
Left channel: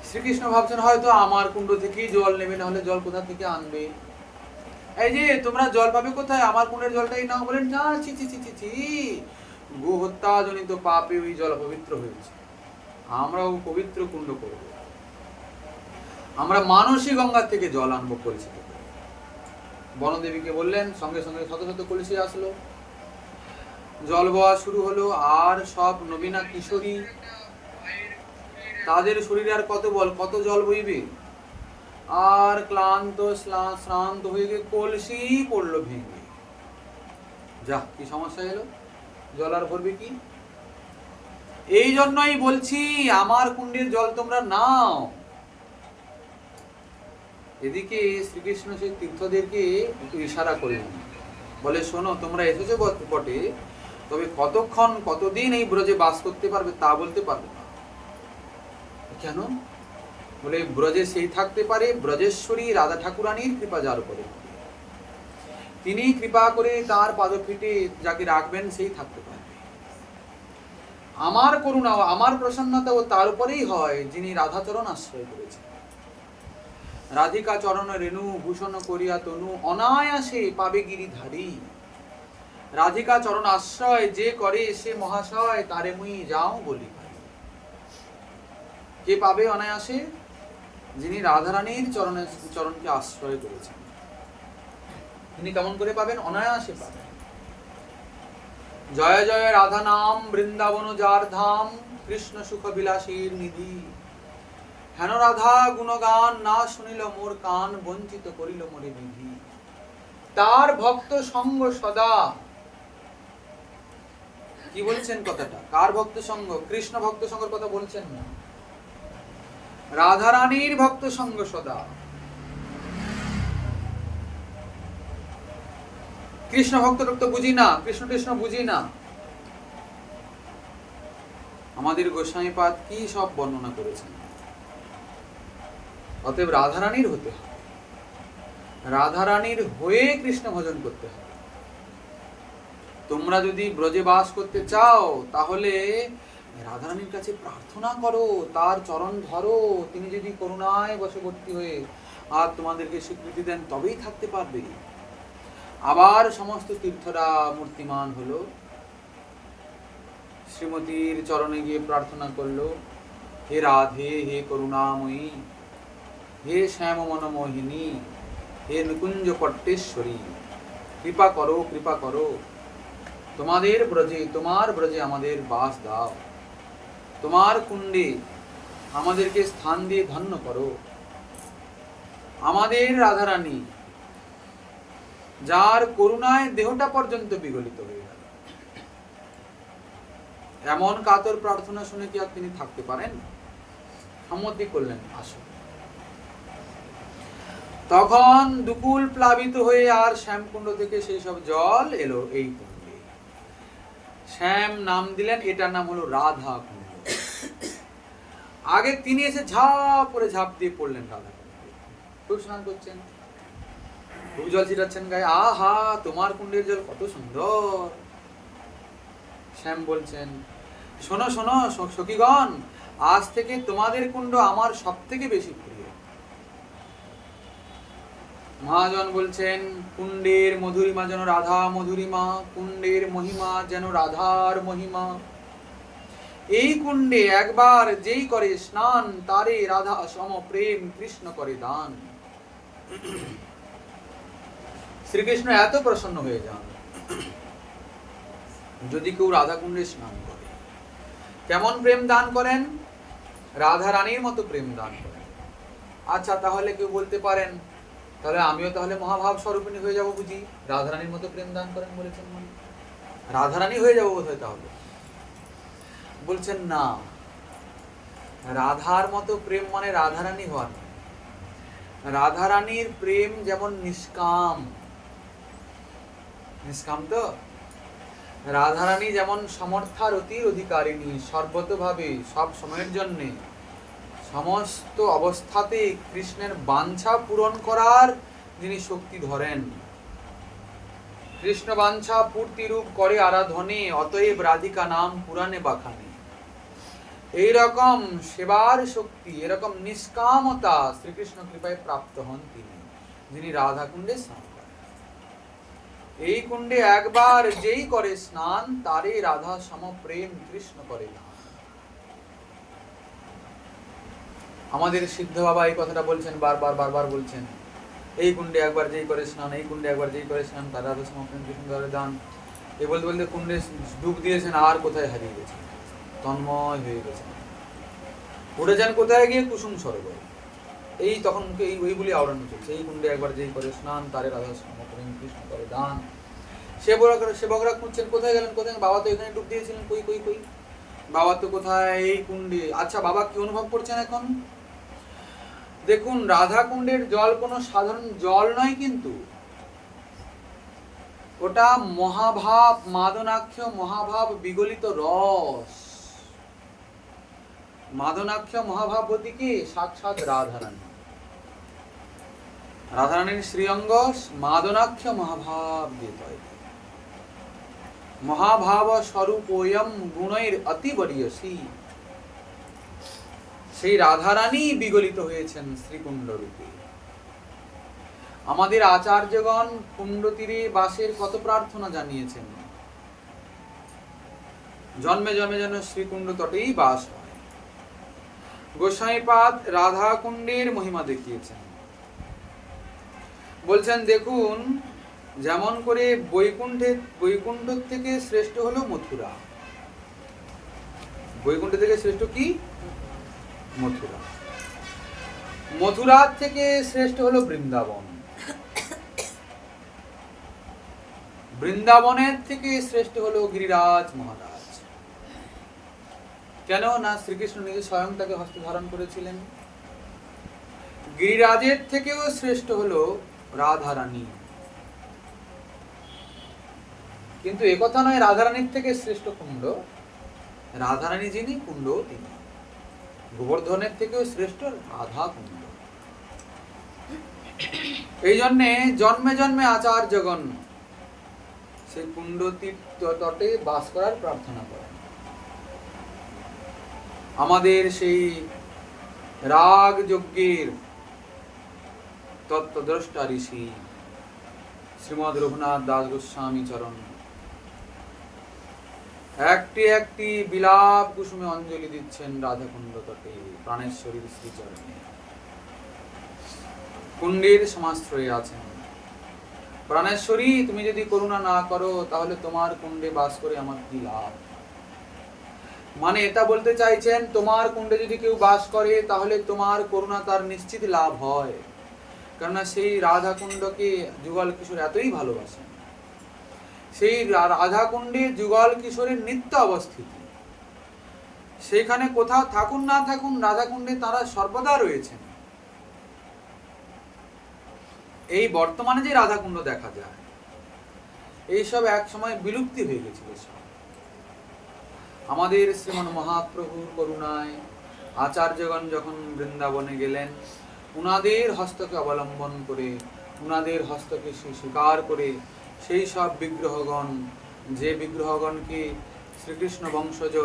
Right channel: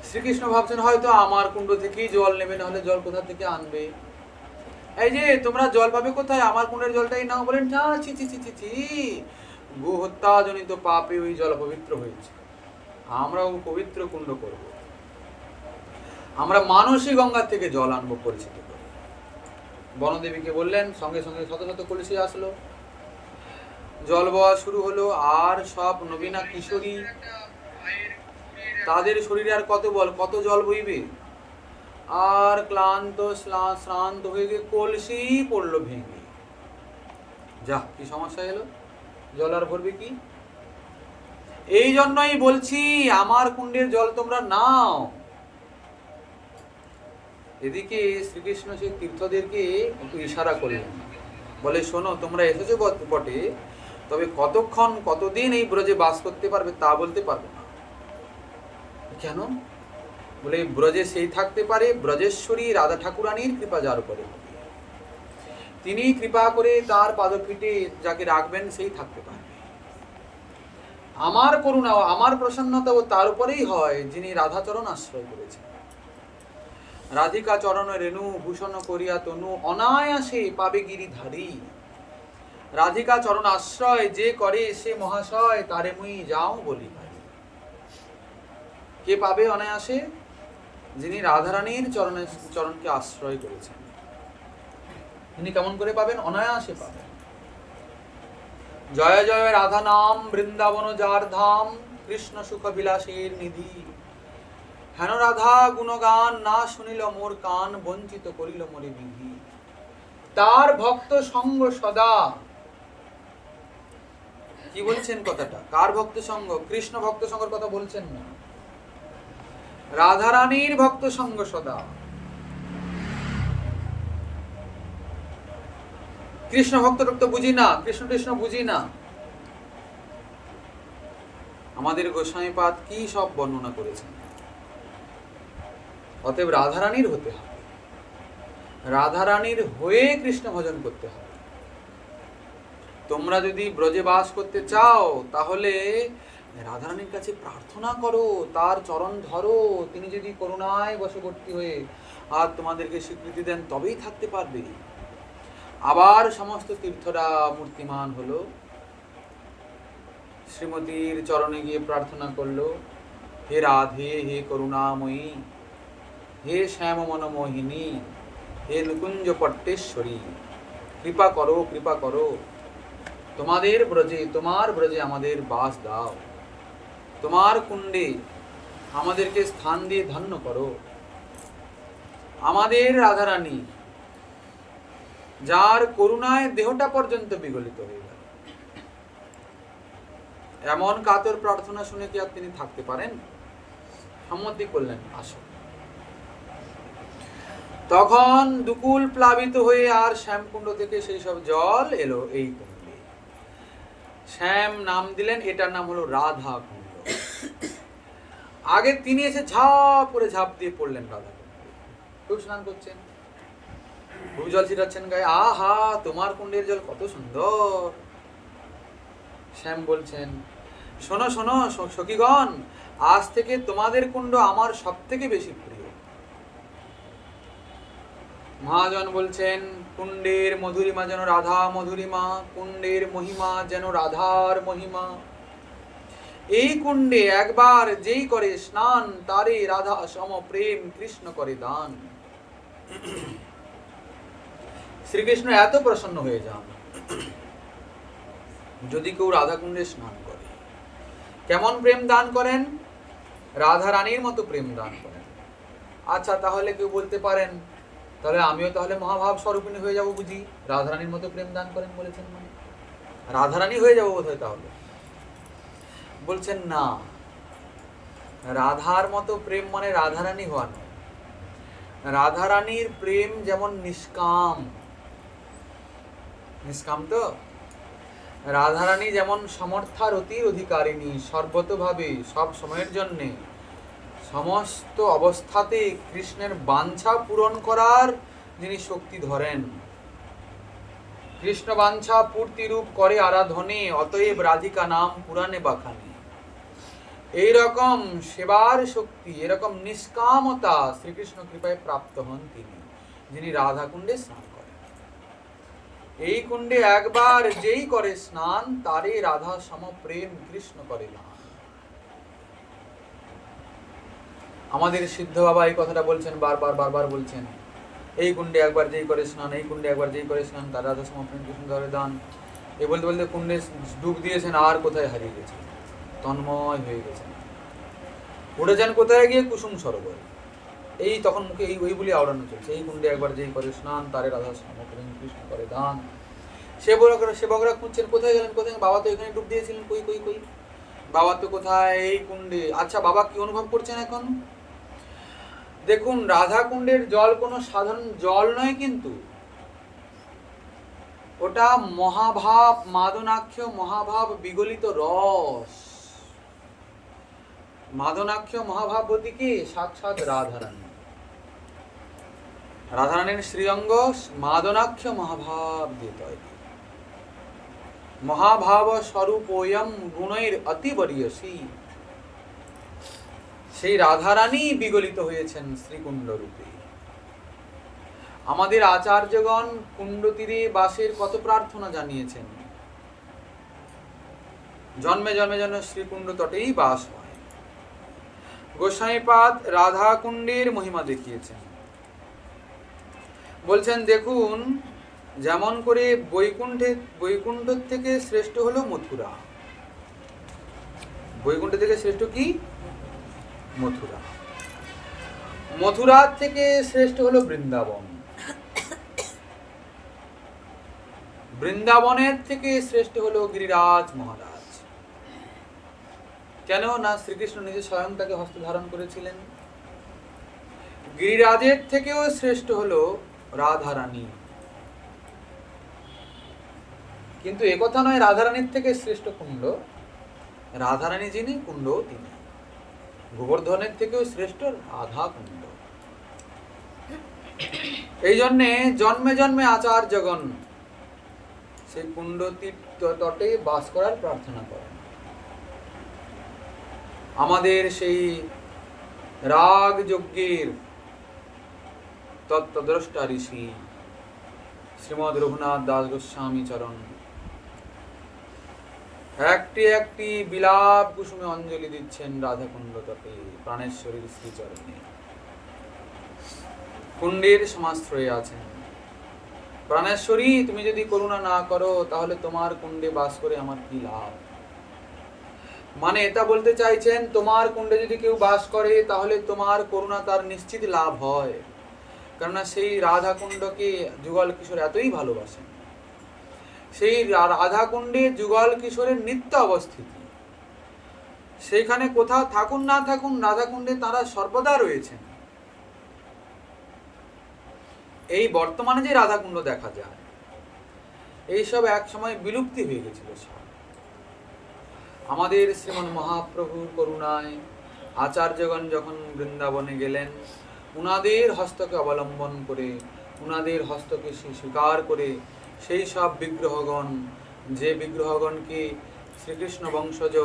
শ্রীকৃষ্ণ ভাবছেন হয়তো আমার কুণ্ড থেকেই জল নেবে, না হলে জল কোথা থেকে আনবে? এই যে তোমরা জল পাবে কোথায়, আমার কুণ্ডের জলটাই নাও। বলেন না, ছি ছি ছি ছি ছি, গো হত্যা জনিত পাপে ওই জল পবিত্র হয়েছে, আমরাও পবিত্র কুণ্ড করব, আমরা মানসী গঙ্গার থেকে জল আনবো পরিচিত করে। বনদেবীকে বললেন, সঙ্গে সঙ্গে শত শত কলসি আসলো, জল বওয়া শুরু হলো। আর সব নবীনা কিশোরী, তাদের শরীরে আর কত বল, কত জল বইবে, আর ক্লান্ত শ্রান্ত হয়ে গিয়ে কলসি পড়লো ভেঙে। যা কি সমস্যা এলো, জল আর ভরবে কি? এই জন্যই বলছি আমার কুণ্ডের জল তোমরা নাও। এদিকে শ্রীকৃষ্ণ সেই তীর্থদেরকে একটু ইশারা করলেন, বলে শোনো তোমরা এসেছো বটে, তবে কতক্ষণ কতদিন এই ব্রজে বাস করতে পারবে তা বলতে পারবো না। কেন? বলে ব্রজে সেই থাকতে পারে ব্রজেশ্বরী রাধা ঠাকুরানীর কৃপা যার উপরে, তিনি কৃপা করে তার পাদপীঠে যাকে রাখবেন সেই থাকতে পারবে। আমার করুণা আমার প্রসন্নতা ও তার উপরেই হয় যিনি রাধাচরণ আশ্রয় করেছেন। রাধিকা চরণ রেণু ভূষণ করিয়া তনু অনায়াসে পাবে গিরিধারী। রাধিকা চরণ আশ্রয় যে করে সে মহাশয়, তারে মুই যাও বলি ভাই। কে পাবে অনায়াসে? যিনি রাধারানীর চরণকে আশ্রয় করেছেন, তিনি কেমন করে পাবেন? অনায়াসে পাবেন। জয় জয় রাধা নাম বৃন্দাবন যার ধাম, কৃষ্ণ সুখ বিলাসীর নিধি। হেন রাধা গুণগান না শুনিল মোর কান, বঞ্চিত করিল মোরে বিধি। তার ভক্ত সঙ্গ সদা, কি বলছেন কথাটা? কার ভক্ত সঙ্গ? কৃষ্ণ ভক্ত সঙ্গের কথা বলছেন না, রাধারানীর ভক্ত সঙ্গ সদা। কৃষ্ণ ভক্ত তো বুঝি না, কৃষ্ণ বুঝি না। আমাদের গোস্বামীপাদ কি সব বর্ণনা করেছেন। অতএব রাধারানীর হতে হবে, রাধারানীর হয়ে কৃষ্ণ ভজন করতে হবে। তোমরা যদি ব্রজে বাস করতে চাও তাহলে রাধারানীর কাছে প্রার্থনা করো, তার চরণ ধরো, তিনি যদি করুণায় বশবর্তী হয়ে আর তোমাদেরকে স্বীকৃতি দেন তবেই থাকতে পারবে। আবার সমস্ত তীর্থরা মূর্তিমান হলো, শ্রীমতীর চরণে গিয়ে প্রার্থনা করলো, হে রাধে হে করুণাময়ী, হে শ্যাম মনমোহিনী, হে নিকুঞ্জ পট্টেশ্বরী, কৃপা করো, কৃপা করো, তোমাদের ব্রজে, তোমার ব্রজে আমাদের বাস দাও, তোমার কুণ্ডে আমাদেরকে স্থান দিয়ে ধন্য করো। আমাদের রাধারানী, যার করুণায় দেহটা পর্যন্ত বিগলিত হয়ে গেল, এমন কাতর প্রার্থনা শুনে কি আর তিনি থাকতে পারেন? সম্মতি করলেন, আসো। তখন দুকুল প্লাবিত হয়ে আর শ্যামকুণ্ড থেকে সেই সব জল এলো এই কুণ্ডে। শ্যাম নাম দিলেন, এটার নাম হলো রাধা কুণ্ড। আগে তিনি এসে ঝাঁপ করে ঝাঁপ দিয়ে পড়লেন রাধা কুণ্ডে, খুব স্নান করছেন, খুব জল ছিটাচ্ছেন গায়ে। আহা, তোমার কুণ্ডের জল কত সুন্দর। শ্যাম বলছেন, শোনো শোনো সখীগণ, আজ থেকে তোমাদের কুণ্ড আমার সব থেকে বেশি প্রিয়। মহাজন বলছেন, কুণ্ডের মধুরিমা যেন রাধা মধুরিমা, কুণ্ডের মহিমা যেন রাধার মহিমা। এই কুণ্ডে একবার যেই করে স্নান, তারে রাধা সম প্রেম কৃষ্ণ করে দান। শ্রীকৃষ্ণ এত প্রসন্ন হয়ে যান যদি কেউ রাধা কুণ্ডে স্নান করে। কেমন প্রেম দান করেন? রাধা রানীর মতো প্রেম দান করেন। আচ্ছা, তাহলে কেউ বলতে পারেন, তাহলে আমিও তাহলে মহাভাব স্বরূপিণী হয়ে যাব বুঝি? রাধারানীর মতো প্রেম দান করেন বলেছেন মানে রাধারানী হয়ে যাবো বোধ হয়। তাহলে বলছেন না, রাধার মতো প্রেম মানে রাধারানী হওয়া নয়। রাধারানীর প্রেম যেমন নিষ্কাম, নিষ্কাম তো, রাধারানী যেমন সমর্থারতির অধিকারিণী, সর্বতভাবে সব সময়ের জন্যে সমস্ত অবস্থাতে কৃষ্ণের বাঞ্ছা পূরণ করার যিনি শক্তি ধরেন, কৃষ্ণ বাঞ্ছা পূর্তি রূপ করে আরাধনে, অতএব রাধিকা নাম পুরাণে বাখানে। এইরকম সেবার শক্তি, এরকম নিষ্কামতা শ্রীকৃষ্ণ কৃপায় প্রাপ্ত হন তিনি, যিনি রাধা কুণ্ডে স্নান করেন। এই কুণ্ডে একবার যেই করে স্নান, তারে রাধা সম প্রেম কৃষ্ণ করে না। আমাদের সিদ্ধ বাবা এই কথাটা বলছেন, বারবার বলছেন, এই কুণ্ডে একবার যেই করে স্নান, এই কুণ্ডে একবার যেই করে স্নান, তার রাধা সম প্রেম কৃষ্ণ করে দান। এই বলতে বলতে কুণ্ডে ডুব দিয়েছেন, আর কোথায় হারিয়ে গেছেন, তন্ময় হয়ে গেছেন, উঠেছেন কোথায় গিয়ে? কুসুম সরোবরে। এই তখন মুখে এই ওই বলি আওড়ানো চলছে, এই কুণ্ডে একবার যেই করে স্নান, তারে রাধা সম প্রেম কৃষ্ণ করে দান। সেবকরা খুঁজছেন, কোথায় গেলেন, কোথায়? বাবা তো এখানে ডুব দিয়েছিলেন, কই কই কই বাবা তো কোথায়? এই কুণ্ডে। আচ্ছা, বাবা কি অনুভব করছেন এখন? দেখুন, রাধা কুণ্ডের জল কোনো সাধারণ জল নয়, কিন্তু ওটা মহাভাব, মাদনাক্ষ মহাভাব বিগলিত রস। মাদনাক্ষ মহাভাবতী কি? সাক্ষাৎ রাধারানী। রাধারানীর শ্রীঅঙ্গ মাদনাক্ষ মহাভাব দিয়ে তৈরি। মহাভাব স্বরূপোয়ম গুণের অতিবরীয়সী। সেই রাধারানী বিগলিত হয়েছেন শ্রীকুণ্ড রূপে। আমাদের আচার্যগণ কুণ্ড তীরে বাসের কত প্রার্থনা জানিয়েছেন, জন্মে জন্মে যেন শ্রীকুণ্ড তটেই বাস হয়। গোস্বামীপাদ রাধা কুণ্ডের মহিমা দেখিয়েছেন, বলছেন, দেখুন, যেমন করে বৈকুণ্ঠ থেকে শ্রেষ্ঠ হলো মথুরা। বৈকুণ্ঠ থেকে শ্রেষ্ঠ কি? মথুরা। মথুরার থেকে শ্রেষ্ঠ হলো বৃন্দাবন। বৃন্দাবনের থেকে শ্রেষ্ঠ হলো গিরিরাজ মহারাজ। কেন না, শ্রীকৃষ্ণ নিজে স্বয়ং তাকে হস্তে ধারণ করেছিলেন। গিরিরাজের থেকেও শ্রেষ্ঠ হলো রাধারানী। কিন্তু একথা নয় রাধারানীর থেকে শ্রেষ্ঠ কুণ্ড, রাধারানী যিনি, কুণ্ড তিনি। গোবর্ধনের থেকেও শ্রেষ্ঠ রাধা কুণ্ড। এই জন্যে জন্মে জন্মে আচার্যগণ সেই কুণ্ড তটে বাস করার প্রার্থনা করেন। আমাদের সেই রাগ যজ্ঞের তত্ত্বদ্রষ্টা ঋষি শ্রীমদ রঘুনাথ দাস গোস্বামী চরণ একটি একটি বিলাপ কুসুমে অঞ্জলি দিচ্ছেন রাধাকুণ্ড তটে প্রাণেশ্বরীর শ্রীচরণে। কুণ্ডের সমাশ্রয়ে আছেন। প্রাণেশ্বরী, তুমি যদি করুণা না করো তাহলে তোমার কুণ্ডে বাস করে আমার কি লাভ? মানে এটা বলতে চাইছেন, তোমার কুণ্ডে যদি কেউ বাস করে তাহলে তোমার করুণা তার নিশ্চিত লাভ হয়। কেননা সেই রাধা কুণ্ডকে যুগল কিশোর এতই ভালোবাসেন। সেই রাধা কুণ্ডে যুগল কিশোরের নিত্য অবস্থিতি। সেইখানে কোথাও থাকুন না থাকুন, রাধা কুণ্ডে তারা সর্বদা রয়েছেন। এই বর্তমানে যে রাধাকুণ্ড দেখা যায়, এইসব এক সময় বিলুপ্তি হয়ে গেছিল সব। আমাদের শ্রীমন মহাপ্রভুর করুণায় আচার্যগণ যখন বৃন্দাবনে গেলেন, উনাদের হস্তকে অবলম্বন করে, উনাদের হস্তকে স্বীকার করে সেই সব বিগ্রহগণ, যে বিগ্রহগণকে শ্রীকৃষ্ণ বংশজ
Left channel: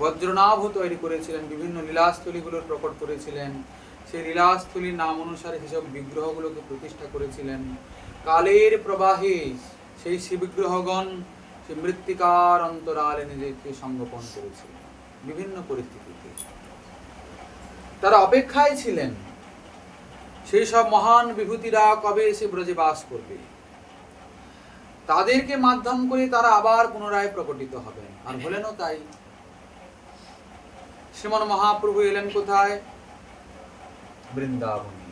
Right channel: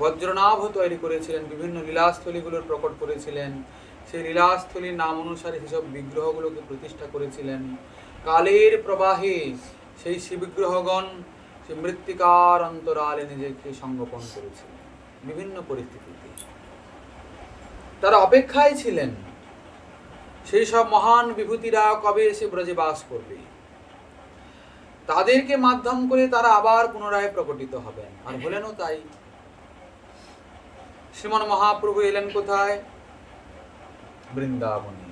বজ্রনাভ তৈরি করেছিলেন, বিভিন্ন লীলাস্থলীগুলোর প্রকট করেছিলেন, সেই লীলাস্থলীর নাম অনুসারে সেসব বিগ্রহগুলোকে প্রতিষ্ঠা করেছিলেন। কালের প্রবাহে সেই শিববিগ্রহগণ সে মৃত্তিকার অন্তরালে নিজেকে সংগোপন করেছিলেন। বিভিন্ন পরিস্থিতিতে তারা অপেক্ষায় ছিলেন সেই সব মহান বিভূতিরা কবে এসে ব্রজে বাস করবে, তাদেরকে মাধ্যম করে তারা আবার পুনরায় প্রকটিত হবেন। আর হলেনও তাই। শ্রীমন মহাপ্রভু এলেন কোথায়? বৃন্দাবনে।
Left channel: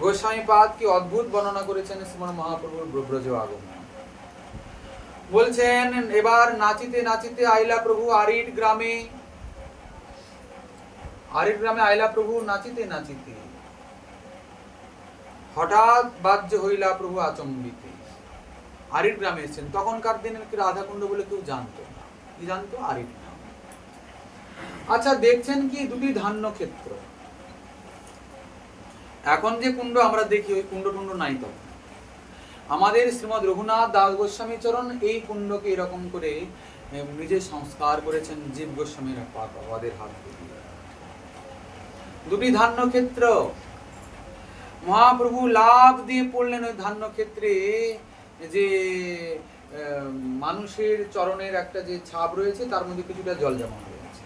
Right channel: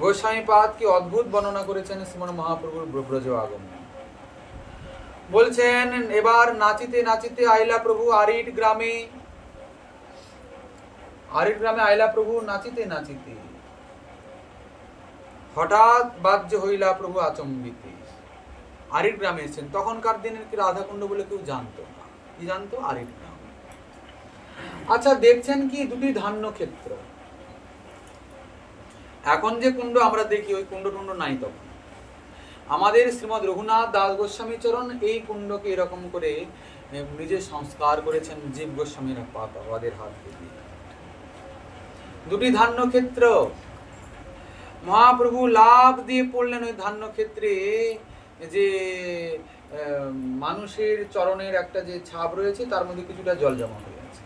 গোস্বামীপাদ কি অদ্ভুত বর্ণনা করেছেন শ্রীমন মহাপ্রভুর ব্রজ আগমন। বলছেন, এবার নাচিতে নাচিতে আইলা প্রভু আরিট গ্রামে। আরিট গ্রামে আইলা প্রভু নাচিতে নাচিতে, হঠাৎ বাহ্য হইলা প্রভু আচম্বিতে। আরিট গ্রামে এসেছেন। তখনকার দিনের কি রাধাকুণ্ড বলে কেউ জানতো না। কি জানতো? আরিট গ্রাম। আচ্ছা, দেখছেন কি দুটি ধান্য ক্ষেত্র। এখন যে কুণ্ড আমরা দেখি, ওই কুণ্ড টুণ্ড নাই তখন। আমাদের শ্রীমদ রঘুনাথ দাস গোস্বামী চরণ এই কুণ্ডকে এরকম করে নিজে সংস্কার করেছেন জীব গোস্বামীর পাদের হাত দিয়ে। দুটি ধান্য ক্ষেত্র। মহাপ্রভু লাভ দিয়ে পড়লেন ওই ধান্য ক্ষেত্রে। যে মানুষের চরণের একটা যে ছাপ রয়েছে, তার মধ্যে কিছুটা জল জমা হয়ে আছে।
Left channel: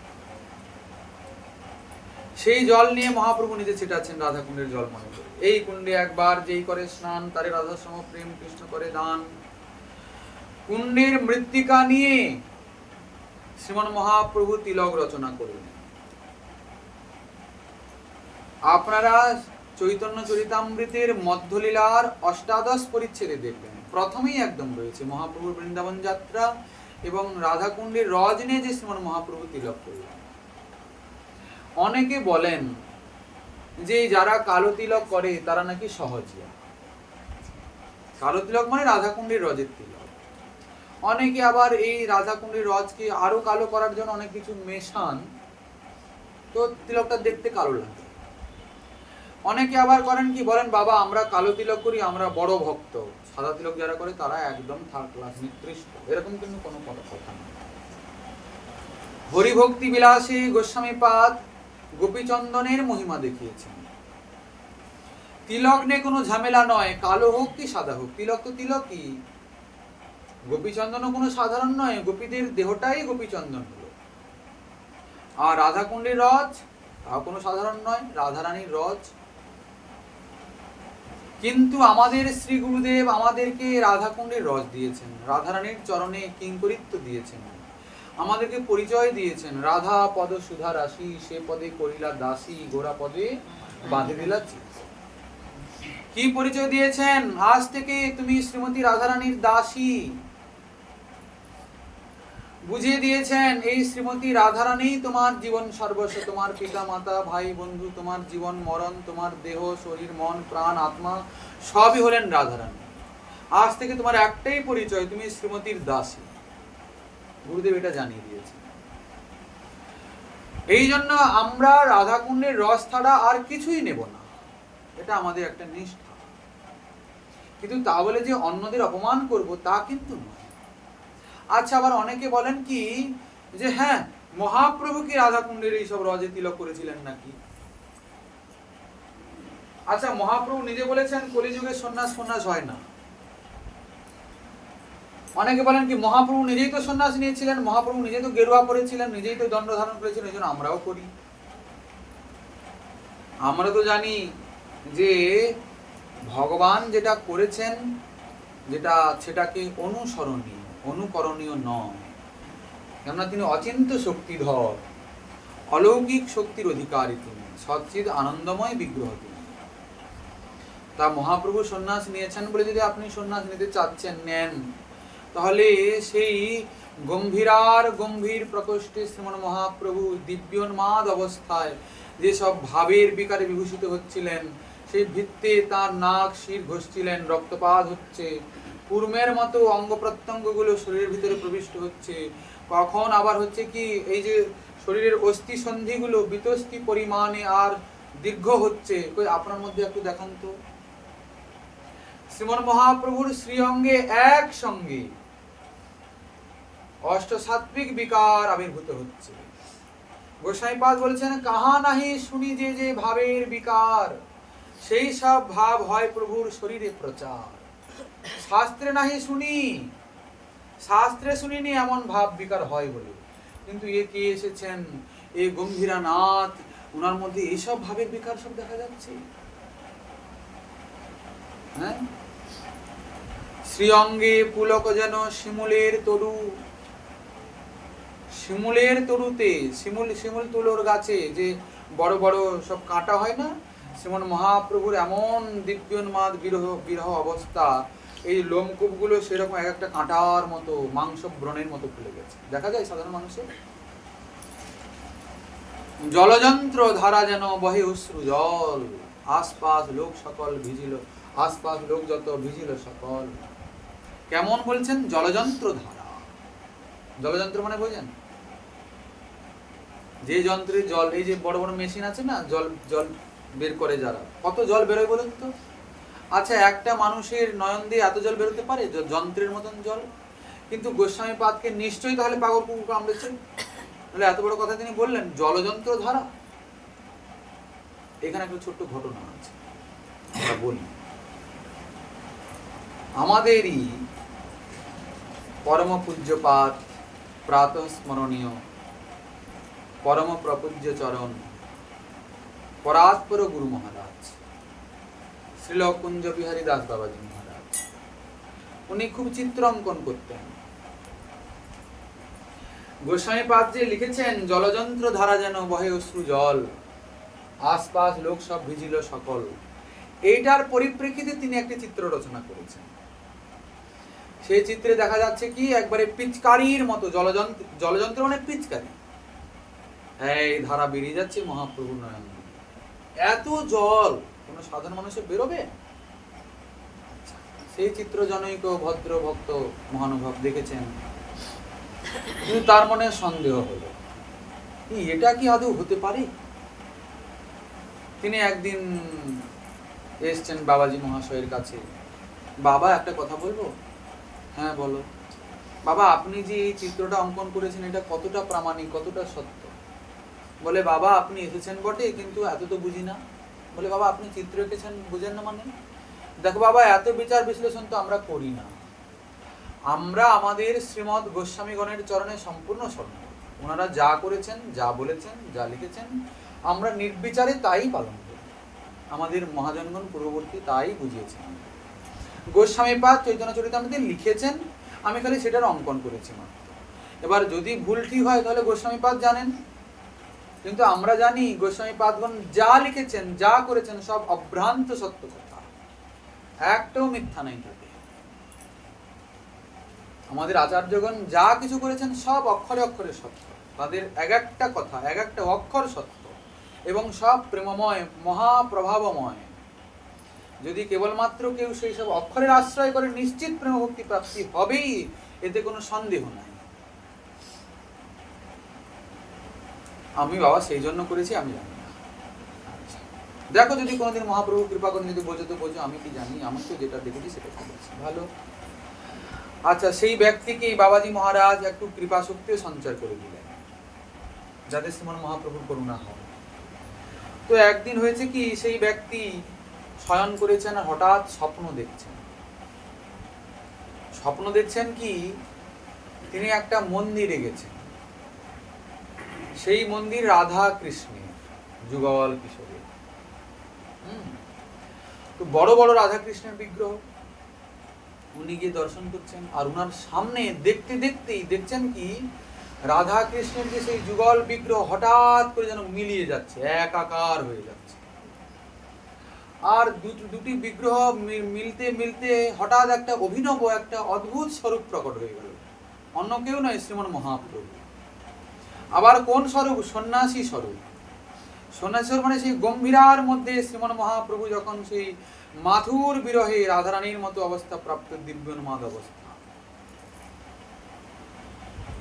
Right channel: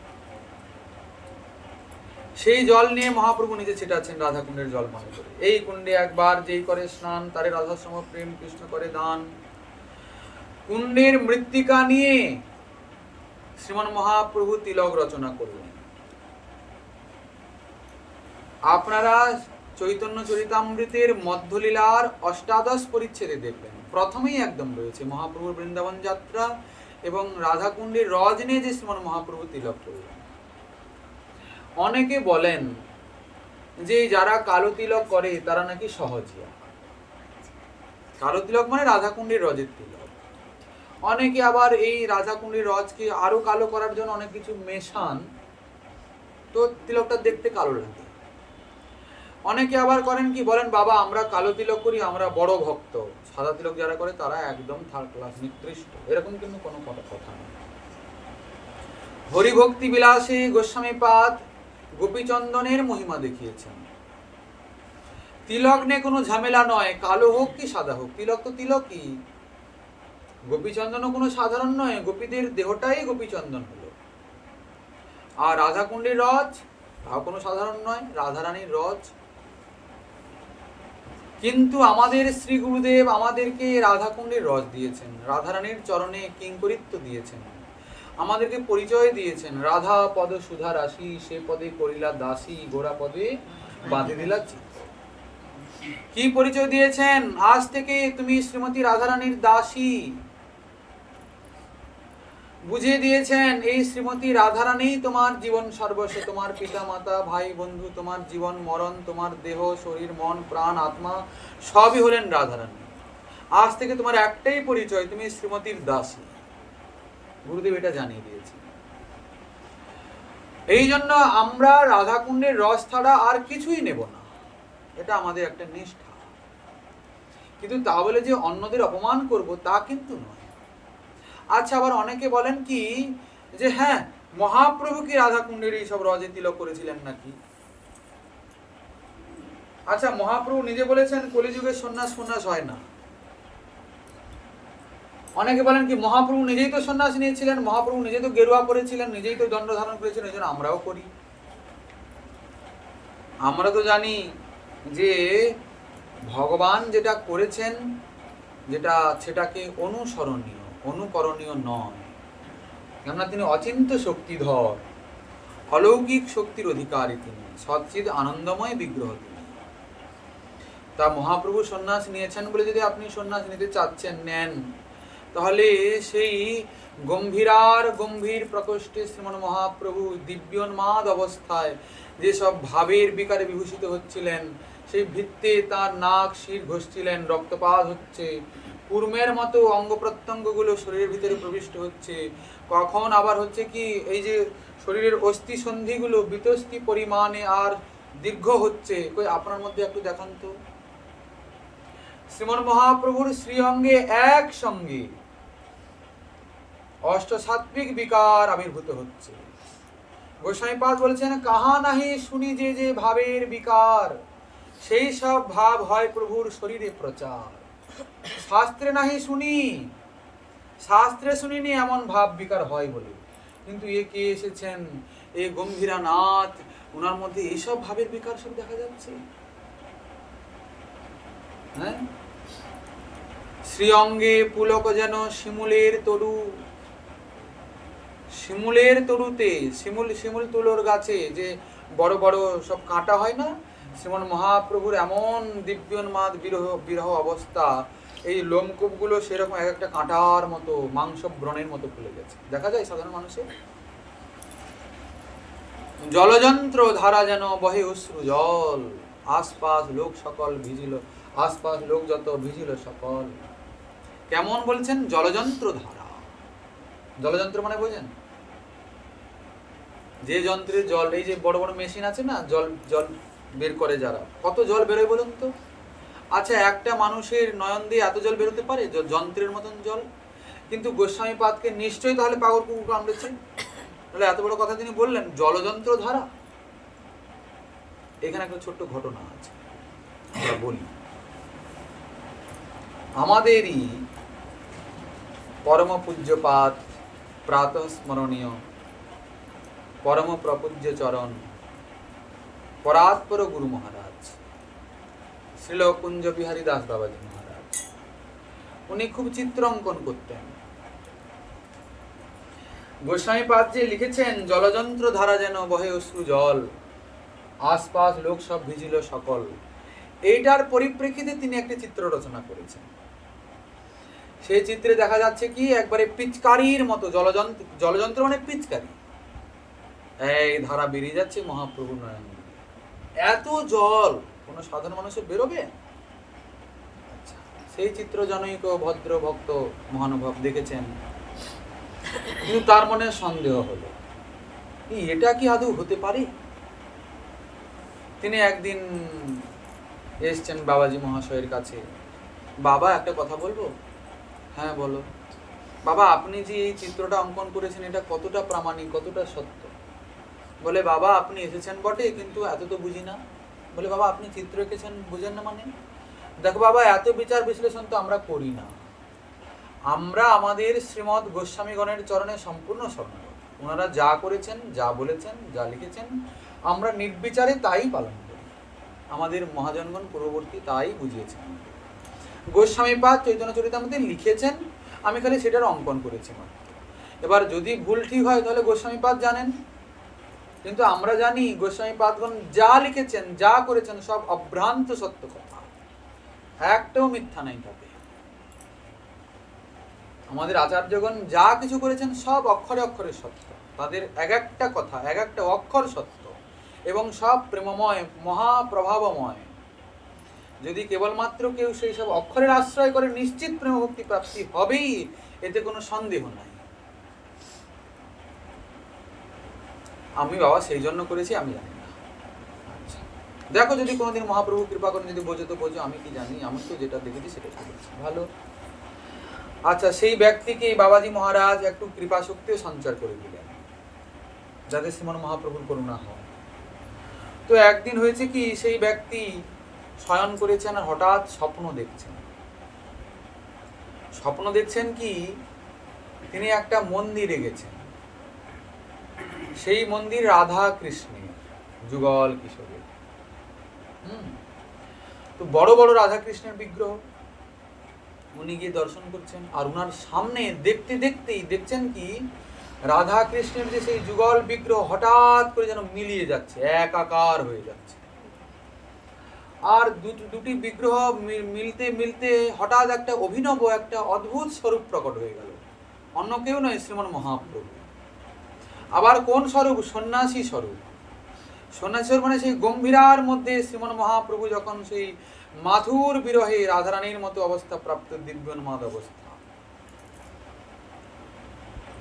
সেই জল নিয়ে মহাপ্রভু নিজে ছিটাচ্ছেন রাধাকুণ্ডের জল মনে করে। এই কুণ্ডে একবার যেই করে স্নান, তারে রাধাসম প্রেম কৃষ্ণ করে দান। কুণ্ডের মৃত্তিকা নিয়ে শ্রীমন মহাপ্রভু তিলক রচনা করলেন। আপনারা চৈতন্য চরিতামৃতের মধ্যলীলার অষ্টাদশ পরিচ্ছেদে দেখবেন, প্রথমেই একদম রয়েছে মহাপ্রভুর বৃন্দাবন যাত্রা এবং রাধাকুণ্ডের রজ নিয়ে যে শ্রীমন মহাপ্রভু তিলক করলেন। অনেকে বলেন যে যারা কালো তিলক করে তারা নাকি সহজিয়া। কালো তিলক মানে রাধাকুণ্ডের রজের তিলক। অনেকে আবার এই রাধাকুণ্ডের রজকে আরো কালো করার জন্য অনেক কিছু মেশান, তো তিলকটা দেখতে কালো লাগে। অনেকে আবার করেন কি, বলেন বাবা আমরা কালো তিলক করি, আমরা বড় ভক্ত। সাদা তিলক যারা করে তারা একদম থার্ড ক্লাস, নিকৃষ্ট। এরকম কিন্তু কোনো কথা নয়। হরিভক্তি বিলাসী গোস্বামীপাদ গোপীচন্দনের মহিমা দেখিয়েছেন। তিলক নিয়ে কোনো ঝামেলা নয়, কালো হোক কি সাদা হোক, তিলক তো তিলকই। গোপীচন্দনও কোনো সাধারণ নয়, গোপীদের দেহটাই গোপীচন্দন হলো। আর রাধাকুণ্ডের রজ তাও কোনো সাধারণ নয়, রাধারানীর রজ। কিন্তু আমাদের শ্রী গুরুদেব আমাদেরকে রাধাকুণ্ডের রজ দিয়েছেন, রাধারানীর চরণে কিঙ্করিত্ব দিয়েছেন, আমাদেরকে পরিচয় দিয়েছেন। রাধা পদ সুধা রাশি, সে পদে করিলা দাসী, গোড়া পদে বাঁধে দিলা চিত্ত। কি পরিচয় দিয়েছেন? আজ থেকে তুমি শ্রীমতী রাধারানীর দাসী। বুঝিয়ে দিয়েছেন এই শ্রীমতী রাধারানী তোমার জীবন সর্বস্ব, তোমার পিতা মাতা ভাই বন্ধু, তোমার জীবন মরণ, তোমার দেহ শরীর মন প্রাণ আত্মা সবই হলেন রাধারানী। আজ থেকে তোমার একটাই পরিচয়, তুমি শ্রীমতীর দাসী। গুরুদেব এটা জানিয়ে দিয়েছে। এই জন্য আমরা রাধাকুণ্ডের রস ছাড়া আর কিছুই নেব না, এটা আমাদের একটা নিষ্ঠা। কিন্তু তা বলে যে অন্যদের অপমান করব তা কিন্তু নয়। আচ্ছা, আবার অনেকে বলেন কি যে হ্যাঁ মহাপ্রভু কি রাধাকুণ্ডের এইসব রজে তিলক করেছিলেন নাকি? আচ্ছা, মহাপ্রভু নিজে বলেছেন কলিযুগে সন্ন্যাস ফন্যাস হয় না। অনেকে বলেন কি মহাপ্রভু নিজেই তো সন্ন্যাস নিয়েছিলেন, মহাপ্রভু নিজেই তো গেরুয়া পরেছিলেন, নিজেই তো দণ্ড ধারণ করেছিলেন, এই জন্য আমরাও করি। আমরা তো জানি যে ভগবান যেটা করেছেন সেটাকে অনুসরণীয়, অনুকরণীয় নয়। কেননা তিনি অচিন্ত শক্তিধর, অলৌকিক শক্তির অধিকারী, তিনি সচ্চিদ আনন্দময় বিগ্রহ। তিনি তা মহাপ্রভু সন্ন্যাস নিয়েছেন বলে যদি আপনি সন্ন্যাস নিতে চাচ্ছেন, নেন, তাহলে সেই গম্ভীর প্রকোষ্ঠে শ্রীমন মহাপ্রভু দিব্যোন্মাদ অবস্থায় যেসব ভাবের বিকারে বিভূষিত হচ্ছিলেন, সেই ভিত্তে তার নাক শির ঘষছিলেন, রক্তপাত হচ্ছে, কুর্মের মতো অঙ্গ প্রত্যঙ্গগুলো শরীরের ভিতরে প্রবিষ্ট হচ্ছে, কখন আবার হচ্ছে কি এই যে শরীরের অস্থি সন্ধিগুলো বিতস্তি পরিমাণে আর দীর্ঘ হচ্ছে। কই আপনার মধ্যে একটু দেখান তো শ্রীমন মহাপ্রভুর শ্রীঅঙ্গে একসঙ্গে অষ্টসাত্বিক বিকার আবির্ভূত হচ্ছে। গোসাইপাদ বলেছেন, কাহা নাহি শুনি যে ভাবের বিকার, সেই সব ভাব হয় প্রভুর শরীরে প্রচার। শাস্ত্রে নাহি শুনি, শাস্ত্রে শুনিনি এমন ভাব বিকার হয় বলে, কিন্তু এ কে এসেছেন, এই গম্ভীরানাথ, ওনার মধ্যে এইসব ভাবের বিকার সব দেখা যাচ্ছে। হ্যাঁ, শ্রীঅঙ্গে পুলক যেন শিমুলের তরু, শিমুলের তরুতে, শিমুল তুলোর গাছে যে বড় বড় সব কাঁটা হয় না, শ্রীমন মহাপ্রভুর এমন দিব্যোন্মাদ বিরহ অবস্থা, এই লোমকূপগুলো সেরকম এক একটা কাঁটার মতো, মাংস ব্রণের মতো ফুলে গেছে, দেখা যায় সাধারণ মানুষের। জলযন্ত্র ধারা যেন বহে অশ্রু জল, আশপাশ লোক সকল ভিজিল, আশপাশ লোক যত ভিজিল সকল। কেমন বলছেন? জলযন্ত্র ধারা। জলযন্ত্র মানে বোঝেন? যে যন্ত্রের জল, এই যে বড় বড় মেশিন আছে না, জল বের করে যারা, কত জল বেরোয় বলুন তো? আচ্ছা, একটা মানুষের নয়ন দিয়ে এত জল বেরোতে পারে? যন্ত্রের মতন জল। কিন্তু গোস্বামীপাদকে নিশ্চয়ই তাহলে পাগল কুকুর কামড়েছেন, তাহলে এত বড় কথা তিনি বললেন জলযন্ত্র ধারা। এখানে একটা ছোট্ট ঘটনা আছে, আমরা বলি। আমাদেরই পরম পূজ্যপাদ, প্রাতঃ স্মরণীয় পরম প্রপূজ্য চরণ পরাৎপর গুরু মহারাজ শ্রীল কুঞ্জ বিহারী দাস বাবাজি মহারাজ, উনি খুব চিত্র অঙ্কন করতেন। গোস্বামীপাদ যে লিখেছেন জলযন্ত্র ধারা যেন বহে অশ্রু জল, আশপাশ লোক সব ভিজিল সকল, এইটার পরিপ্রেক্ষিতে তিনি একটি চিত্র রচনা করেছেন। সেই চিত্রে দেখা যাচ্ছে কি একবারে পিচকারির মতো, জলযন্ত্র মানে পিচকারি, এই ধারা বেরিয়ে যাচ্ছে মহাপ্রভুর নয়ন। এত জল কোন সাধারণ মানুষের বেরোবে? আচ্ছা, সেই চিত্র জনৈক ভদ্র ভক্ত মহানুভব দেখেছেন, কিন্তু তার মনে সন্দেহ হলো, এটা কি আদৌ হতে পারে? তিনি একদিন এসছেন বাবাজি মহাশয়ের কাছে। বাবা, একটা কথা বলবো? হ্যাঁ বলো। বাবা, আপনি যে এই চিত্রটা অঙ্কন করেছেন, এটা কতটা প্রামাণিক, কতটা সত্য? বলে, বাবা আপনি এসেছেন বটে, কিন্তু এত তো বুঝি না। বলে, বাবা আপনি চিত্র এঁকেছেন, বুঝেন না মানে? দেখো বাবা, এত বিচার বিশ্লেষণ তো আমরা করি না, আমরা আমাদের শ্রীমৎ গোস্বামীগণের চরণে সম্পূর্ণ শরণাগত। ওনারা যা করেছেন, যা বলেছেন, যা লিখেছেন, আমরা নির্বিচারে তাই পালন করি। আমাদের মহাজনগণ পূর্ববর্তী তাই বুঝিয়েছেন। গোস্বামীপাদ চৈতন্য চরিতামৃতে লিখেছেন, আমি খালি সেটার অঙ্কন করেছি মাত্র। এবার যদি ভুল ঠিক হয় তাহলে গোস্বামীপাদ জানেন, কিন্তু আমরা জানি গোস্বামীপাদগণ যা লিখেছেন, যা করেছেন, সব অভ্রান্ত সত্য কথা, একটাও মিথ্যা নাই তাতে। আমাদের আচার্যগণ যা কিছু করেছেন সব অক্ষরে অক্ষরে সত্য, তাদের এক একটা কথা, এক একটা অক্ষর সত্য, এবং সব প্রেমময়, মহাপ্রভাবময়। যদি কেবলমাত্র কেউ সেই সব অক্ষরের আশ্রয় করে, নিশ্চিত প্রেম ভক্তি প্রাপ্তি হবেই, এতে কোনো সন্দেহ নাই। আমি বাবা সেই জন্য করেছি, আমি জানি না। আচ্ছা, দেখো যদি কোনোদিন মহাপ্রভু কৃপা করেন, যদি বোঝো তো বোঝো, আমি কি জানি, আমি তো যেটা দেখেছি সেটা করেছি, ভালো। আচ্ছা, সেই ব্যক্তিকে বাবাজি মহারাজ একটু কৃপা শক্তিও সঞ্চার করে দিলেন, যাতে শ্রীমন মহাপ্রভুর করুণা হয়। তো একদিন হয়েছে কি, সেই ব্যক্তি শয়ন করেছেন আর হঠাৎ স্বপ্ন দেখছেন। স্বপ্ন দেখছেন কি, তিনি একটা মন্দিরে গেছেন, সেই মন্দির রাধা কৃষ্ণের, যুগল কিশোরের। তো বড় বড় রাধা কৃষ্ণের বিগ্রহ উনি গিয়ে দর্শন করছেন, আর উনার সামনে দেখতে দেখতেই দেখছেন কি রাধা কৃষ্ণের যে সেই যুগল বিগ্রহ হঠাৎ করে যেন মিলিয়ে যাচ্ছে, একাকার হয়ে যাচ্ছে। আর দুটি বিগ্রহ মিলতে মিলতে হঠাৎ একটা অভিনব একটা অদ্ভুত স্বরূপ প্রকট হয়ে গেল। অন্য কেউ নয়, শ্রীমন মহাপ্রভু। আবার কোন স্বরূপ? সন্ন্যাসী স্বরূপ। সন্ন্যাসী স্বরূপ মানে সেই গম্ভীরার মধ্যে শ্রীমন মহাপ্রভু যখন সেই মাথুর বিরহে রাধারানীর মতো অবস্থা প্রাপ্ত দিব্যোন্মাদ অবস্থা,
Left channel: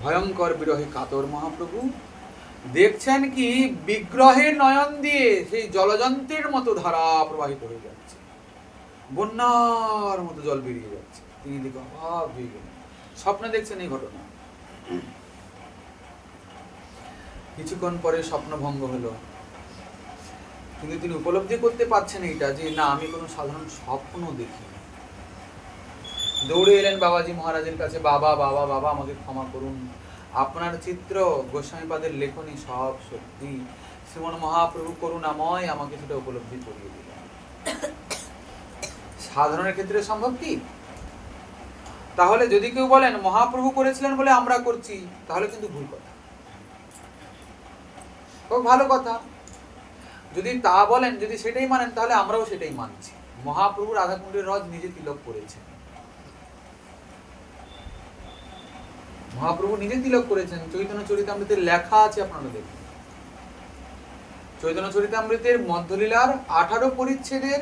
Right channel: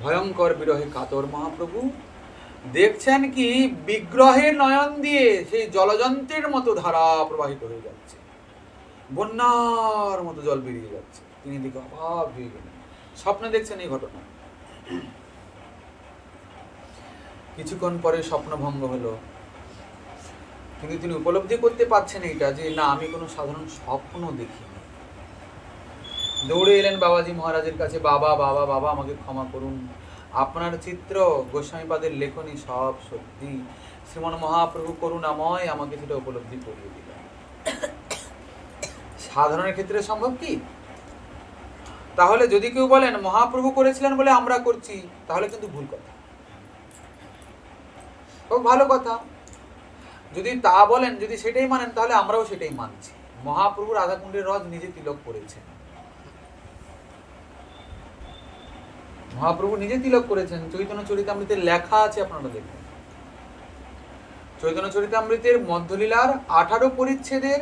ভয়ঙ্কর বিরহে কাতর মহাপ্রভু দেখছেন কি বিগ্রহের নয়ন দিয়ে সেই জলযন্ত্রের মতো ধারা প্রবাহিত হয়ে যাচ্ছে, বন্যার মতো জল বেরিয়ে যাচ্ছে। তিনি দিকে অভাব হয়ে গেলেন, স্বপ্নে দেখছেন এই ঘটনা। কিছুক্ষণ পরে স্বপ্ন ভঙ্গ হলো, কিন্তু তিনি উপলব্ধি করতে পারছেন এইটা যে না, আমি কোনো সাধারণ স্বপ্ন দেখি। দৌড়ে এলেন বাবাজি মহারাজের কাছে, বাবা বাবা বাবা আমাকে ক্ষমা করুন, আপনার চিত্র গোস্বামীপাদের লেখনী সব সত্যি, শ্রীমন মহাপ্রভু করুণাময় আমাকে সেটা উপলব্ধি করিয়ে দিলেন। সাধারণের ক্ষেত্রে সম্ভব কি? তাহলে যদি কেউ বলেন মহাপ্রভু করেছিলেন বলে আমরা করছি, তাহলে কিন্তু ভুল কথা। খুব ভালো কথা। যদি তা বলেন, যদি সেটাই মানেন, তাহলে আমরাও সেটাই মানছি। মহাপ্রভু রাধাকুণ্ডের রজ নিজে তিলক করেছেন, মহাপ্রভু নিজে তিলক করেছেন। চৈতন্য চরিতামৃতের লেখা আছে, আপনারা দেখবেন। চৈতন্য চরিতামৃতের মধ্যলীলার 18 পরিচ্ছেদের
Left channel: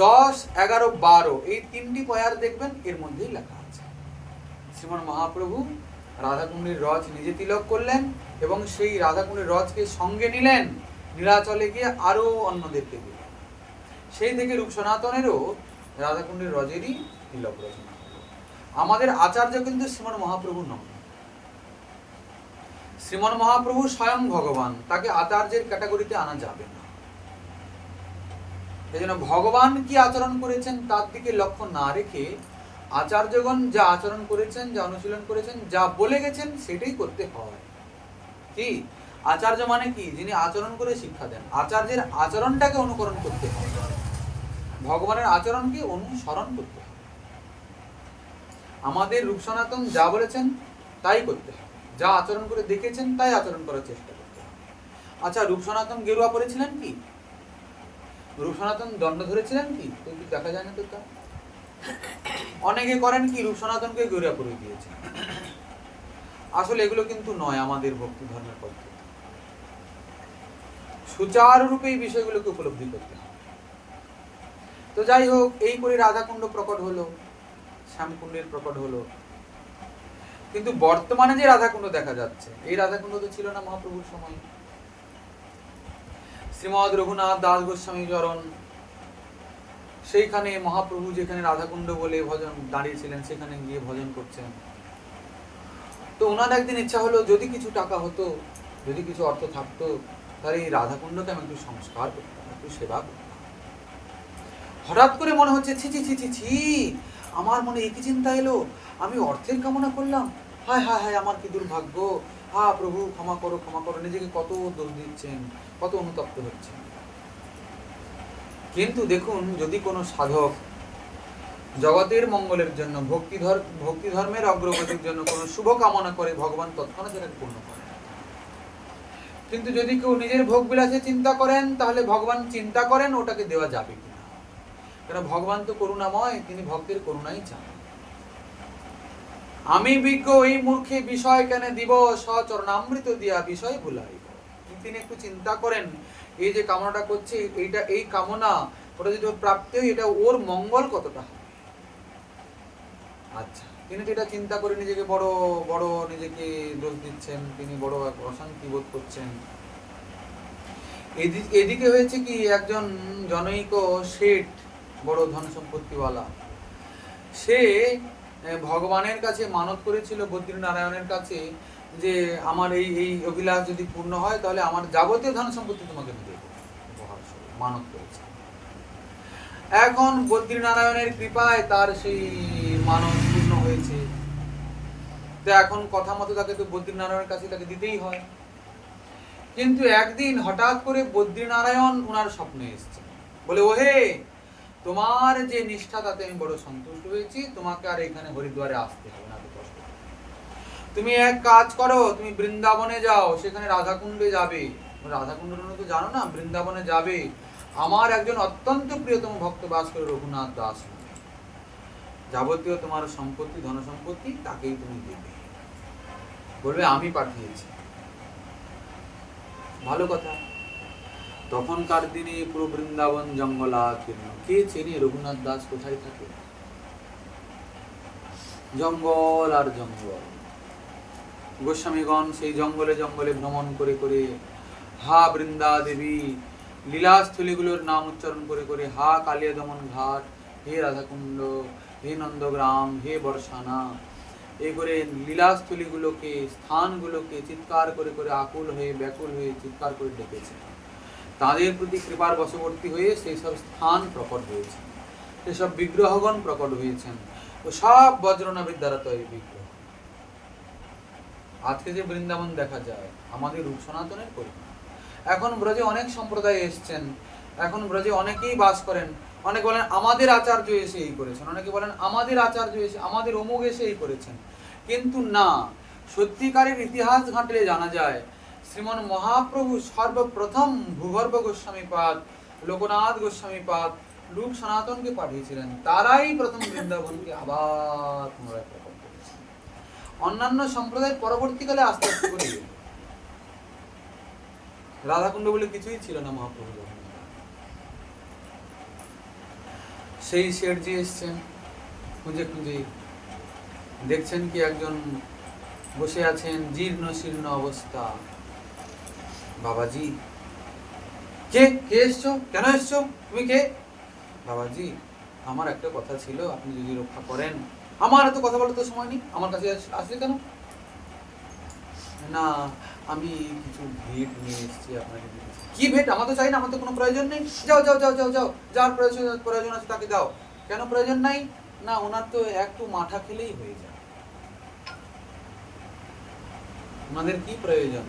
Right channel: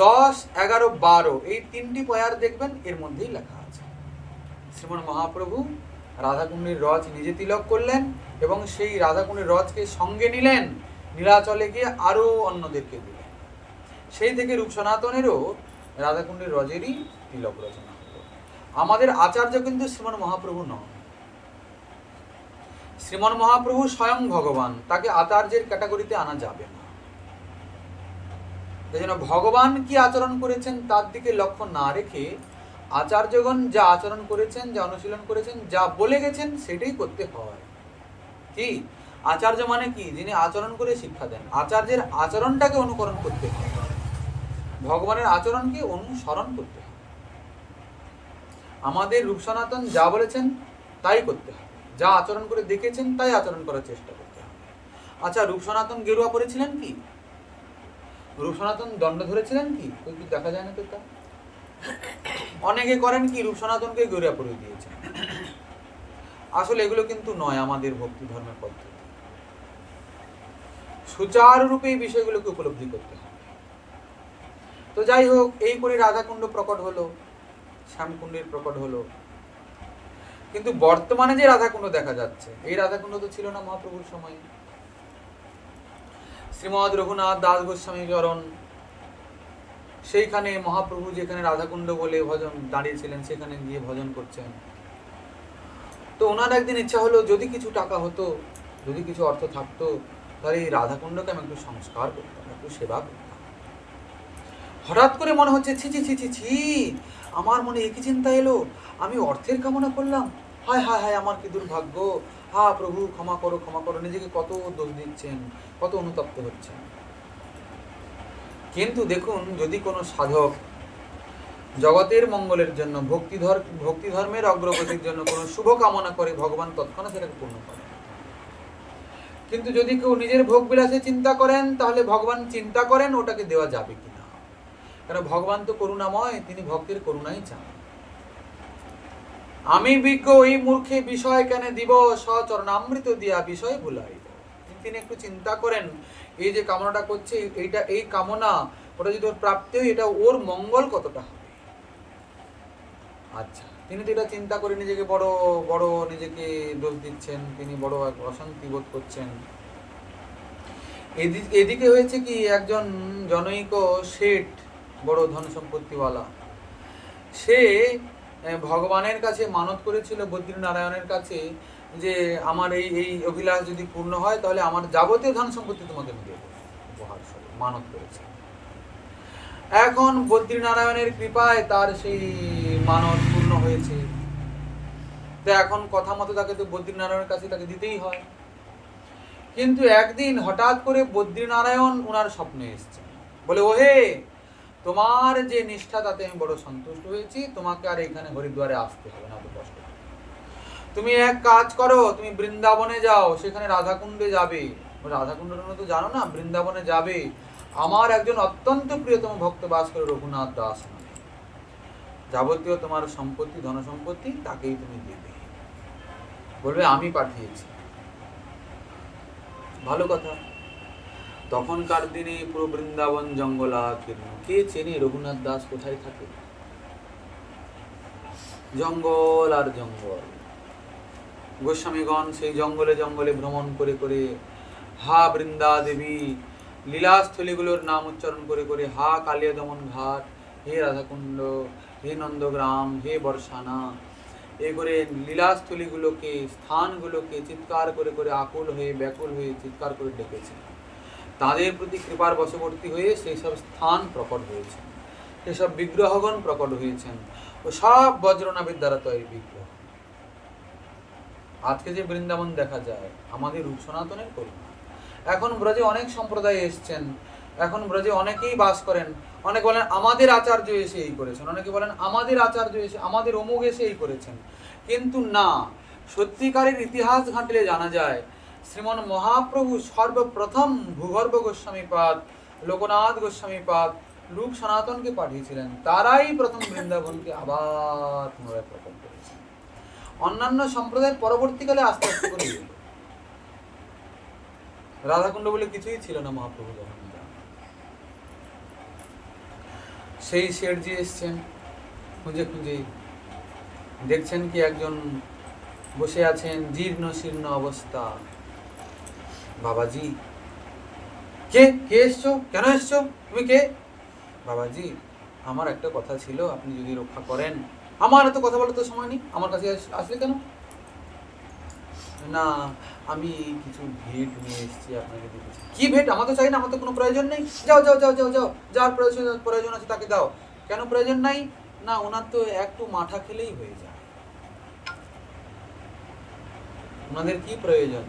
10, 11, 12 এই 3টি পয়ার দেখবেন, এর মধ্যেই লেখা আছে শ্রীমন মহাপ্রভু রাধাকুণ্ডের রজ নিজে তিলক করলেন এবং সেই রাধাকুণ্ডের রজকে সঙ্গে নিলেন, নীলাচলে গিয়ে আরো অন্যদেরকে দিলেন। সেই থেকে রূপ সনাতনেরও রাধাকুণ্ডের রজেরই তিলক রচনা হলো। আমাদের আচার্য কিন্তু শ্রীমন মহাপ্রভু নন। শ্রীমন মহাপ্রভু স্বয়ং ভগবান, তাকে আচার্যের ক্যাটাগরিতে আনা যাবে না। এই জন্য ভগবান কি আচরণ করেছেন তার দিকে লক্ষ্য না রেখে আচার্যগণ যা আচরণ করেছেন, যা অনুশীলন করেছেন, যা বলে গেছেন সেটাই করতে হয়। কি আচার্য মানে কি? যিনি আচরণ করে শিক্ষা দেন। আচার্যের আচরণটাকে অনুকরণ করতে হয়, ভগবানের আচরণকে অনুসরণ করতে হয়। আমাদের রূপ সনাতন যা বলেছেন তাই করতে হয়, যা আচরণ করে দেখেছেন তাই আচরণ করার চেষ্টা করতে হয়। আচ্ছা, রূপ সনাতন গেরুয়া পরেছিলেন কি? রূপ সনাতন দণ্ড ধরেছিলেন কি? ওই দেখা যায় না তো। তা অনেকে করেন কি, রূপ সনাতনকে গেরুয়া পরিয়ে দিয়েছেন। আসলে এগুলো কিন্তু নয় আমাদের ভক্তি ধর্মের পদ্ধতি। সুচারুরূপে এই বিষয়গুলোকে উপলব্ধি করতে হবে। তো যাই হোক, এই করে রাধাকুণ্ড প্রকট হলো, শ্যামকুণ্ডের প্রকট হলো। কিন্তু বর্তমানে যে রাধাকুণ্ড দেখা যাচ্ছে, এই রাধাকুণ্ড তো ছিল না মহাপ্রভুর সময়। শ্রীমদ রঘুনাথ দাস গোস্বামী চরণ, সেইখানে মহাপ্রভু যেখানে রাধাকুণ্ড বলে ভজন দাঁড়িয়েছিলেন, সেখানে গিয়ে ভজন করছেন। তো ওনার একদিন ইচ্ছা হলো, যদি কিছু টাকা হতো, যদি কিছু অর্থ থাকতো, তাহলে এই রাধাকুণ্ডকে আমি একটু সংস্কার করতাম, একটু সেবা করতাম। হঠাৎ করে মনে হচ্ছে, ছি ছি ছি ছি ছি, আমার মনে একই চিন্তা এলো, আমি অর্থের কামনা করলাম, হায় হায় হায় আমার কি দুর্ভাগ্য, হা প্রভু ক্ষমা করো ক্ষমা করো। নিজেকে কত দোষ দিচ্ছেন, কত অনুতপ্ত হচ্ছেন। কিন্তু দেখুন, যদি কোনো সাধক জগতের মঙ্গলের জন্য, ভক্তি ধর্মের অগ্রগতির জন্য কোনো শুভ কামনা করে, ভগবান তৎক্ষণাৎ সেটাকে পূর্ণ করেন। কিন্তু যদি কেউ নিজের ভোগ বিলাসে চিন্তা করেন, তাহলে ভগবান চিন্তা করেন ওটাকে দেওয়া যাবে কিনা। কারণ ভগবান তো করুণাময়, তিনি ভক্তের করুণাই চান। আমি বিজ্ঞ এই মূর্খে বিষয় কেন দিব, সচরণামৃত দিয়া বিষয় ভুলাইব। তিনি একটু চিন্তা করেন, এই যে কামনাটা করছে, এইটা এই কামনা ওটা যদি ওর প্রাপ্তি হয়, এটা ওর মঙ্গল কতটা হবে। আচ্ছা, তিনি তো এটা চিন্তা করে নিজেকে বড় বড় নিজেকে দোষ দিচ্ছেন, তিনি বড় অশান্তি বোধ করছেন। এদিকে হয়েছে কি, একজন জনৈক শেঠ, বড় ধন সম্পত্তিওয়ালা, সে ভগবানের কাছে মানত করেছিল, বদ্রীনারায়ণের কাছে, যে আমার এই এই অভিলাষ যদি পূর্ণ হয়, তাহলে আমার যাবতীয় ধন সম্পত্তি তোমাকে আমি দেবো, উপহার স্বরূপ মানত করেছে। এখন বদ্রীনারায়ণের কৃপায় তার সেই মানত পূর্ণ হয়েছে। তো এখন কথা মতো তাকে তো বদ্রীনারায়ণের কাছে তাকে দিতেই হয়। কিন্তু একদিন হঠাৎ করে বদ্রীনারায়ণ ওনার স্বপ্নে এসেছেন। বলে ওহে, তোমার যে নিষ্ঠা তাতে আমি বড় সন্তুষ্ট হয়েছি, তোমাকে আর এখানে হরিদ্বারে আসতে হবে না, তো কষ্ট। তুমি এক কাজ করো, তুমি বৃন্দাবনে যাও, সেখানে রাধাকুণ্ডে যাবে। রাধাকুণ্ডে তো জানো না, বৃন্দাবনে যাবে, আমার একজন অত্যন্ত প্রিয়তম ভক্ত বাস করে রঘুনাথ দাস নামে। যাবতীয় তোমার সম্পত্তি, ধন সম্পত্তি তাকেই তুমি দেবে। বলবে আমি পাঠিয়েছি। ভালো কথা। তখনকার দিনে পুরো বৃন্দাবন জঙ্গলাকীর্ণ। কে চেনে রঘুনাথ দাস কোথায় থাকে? জঙ্গল আর জঙ্গল। গোস্বামীগণ সেই জঙ্গলে জঙ্গলে ভ্রমণ করে করে, হা বৃন্দা দেবী লীলাস্থলীগুলোর নাম উচ্চারণ করে করে, হা কালিয়া দমন ঘাট, হে রাধাকুণ্ড, হে নন্দগ্রাম, হে বর্ষানা, এই করে লীলাস্থলীগুলোকে, স্থানগুলোকে চিৎকার করে করে, আকুল হয়ে ব্যাকুল হয়ে চিৎকার করে ডেকেছে। তাদের প্রতি কৃপার বশবর্তী হয়ে সেই সব স্থান প্রকট হয়েছেন, সেসব বিগ্রহগণ প্রকট হয়েছেন, ও সব বজ্রনাভের দ্বারা তৈরি বিগ্রহ। আজকে যে বৃন্দাবন দেখা যায় আমাদের রূপ সনাতনের করুণা। এখন ব্রজে অনেক সম্প্রদায় এসছেন, এখন ব্রজে অনেকেই বাস করেন। অনেকে বলেন আমাদের আচার্য এসে এই করেছেন, অনেকে বলেন আমাদের আচার্য এসে, আমাদের অমুক এসে এই করেছেন। কিন্তু না, সত্যিকারের ইতিহাস ঘাঁটলে জানা যায় শ্রীমন মহাপ্রভু সর্বপ্রথম ভূগর্ভ গোস্বামীপাদ, লোকনাথ গোস্বামীপাদ রূপ সনাতনকে পাঠিয়েছিলেন। তারাই প্রথম বৃন্দাবনকে আবার পুনরায় প্রকট করেছেন। অন্যান্য সম্প্রদায় পরবর্তীকালে আস্তে আস্তে করে এলো। রাধাকুণ্ড বলে কিছুই ছিল না মহাপ্রভু যখন যান। সেই শেঠজি এসছেন, খুঁজে খুঁজে দেখছেন কি একজন বসে আছেন, জীর্ণ শীর্ণ অবস্থা। বাবাজি, কে কে এসছো? কেন এসছো? তুমি কে? বাবাজি, আমার একটা কথা ছিল, আপনি যদি রক্ষা করেন। আমার এত কথা বলার তো সময় নেই, আমার কাছে আসলে কেন? না, আমি কিছু ভেট নিয়ে এসেছি আপনাকে দিতে। কি ভেট? আমার তো চাই না, আমার তো কোনো প্রয়োজন নেই। যাও যাও যাও যাও যাও, যার প্রয়োজন আছে তাকে দাও। কেন প্রয়োজন নাই? না, ওনার তো একটু মাঠা খেলেই হয়ে যায়। ওনাদের কি প্রয়োজন?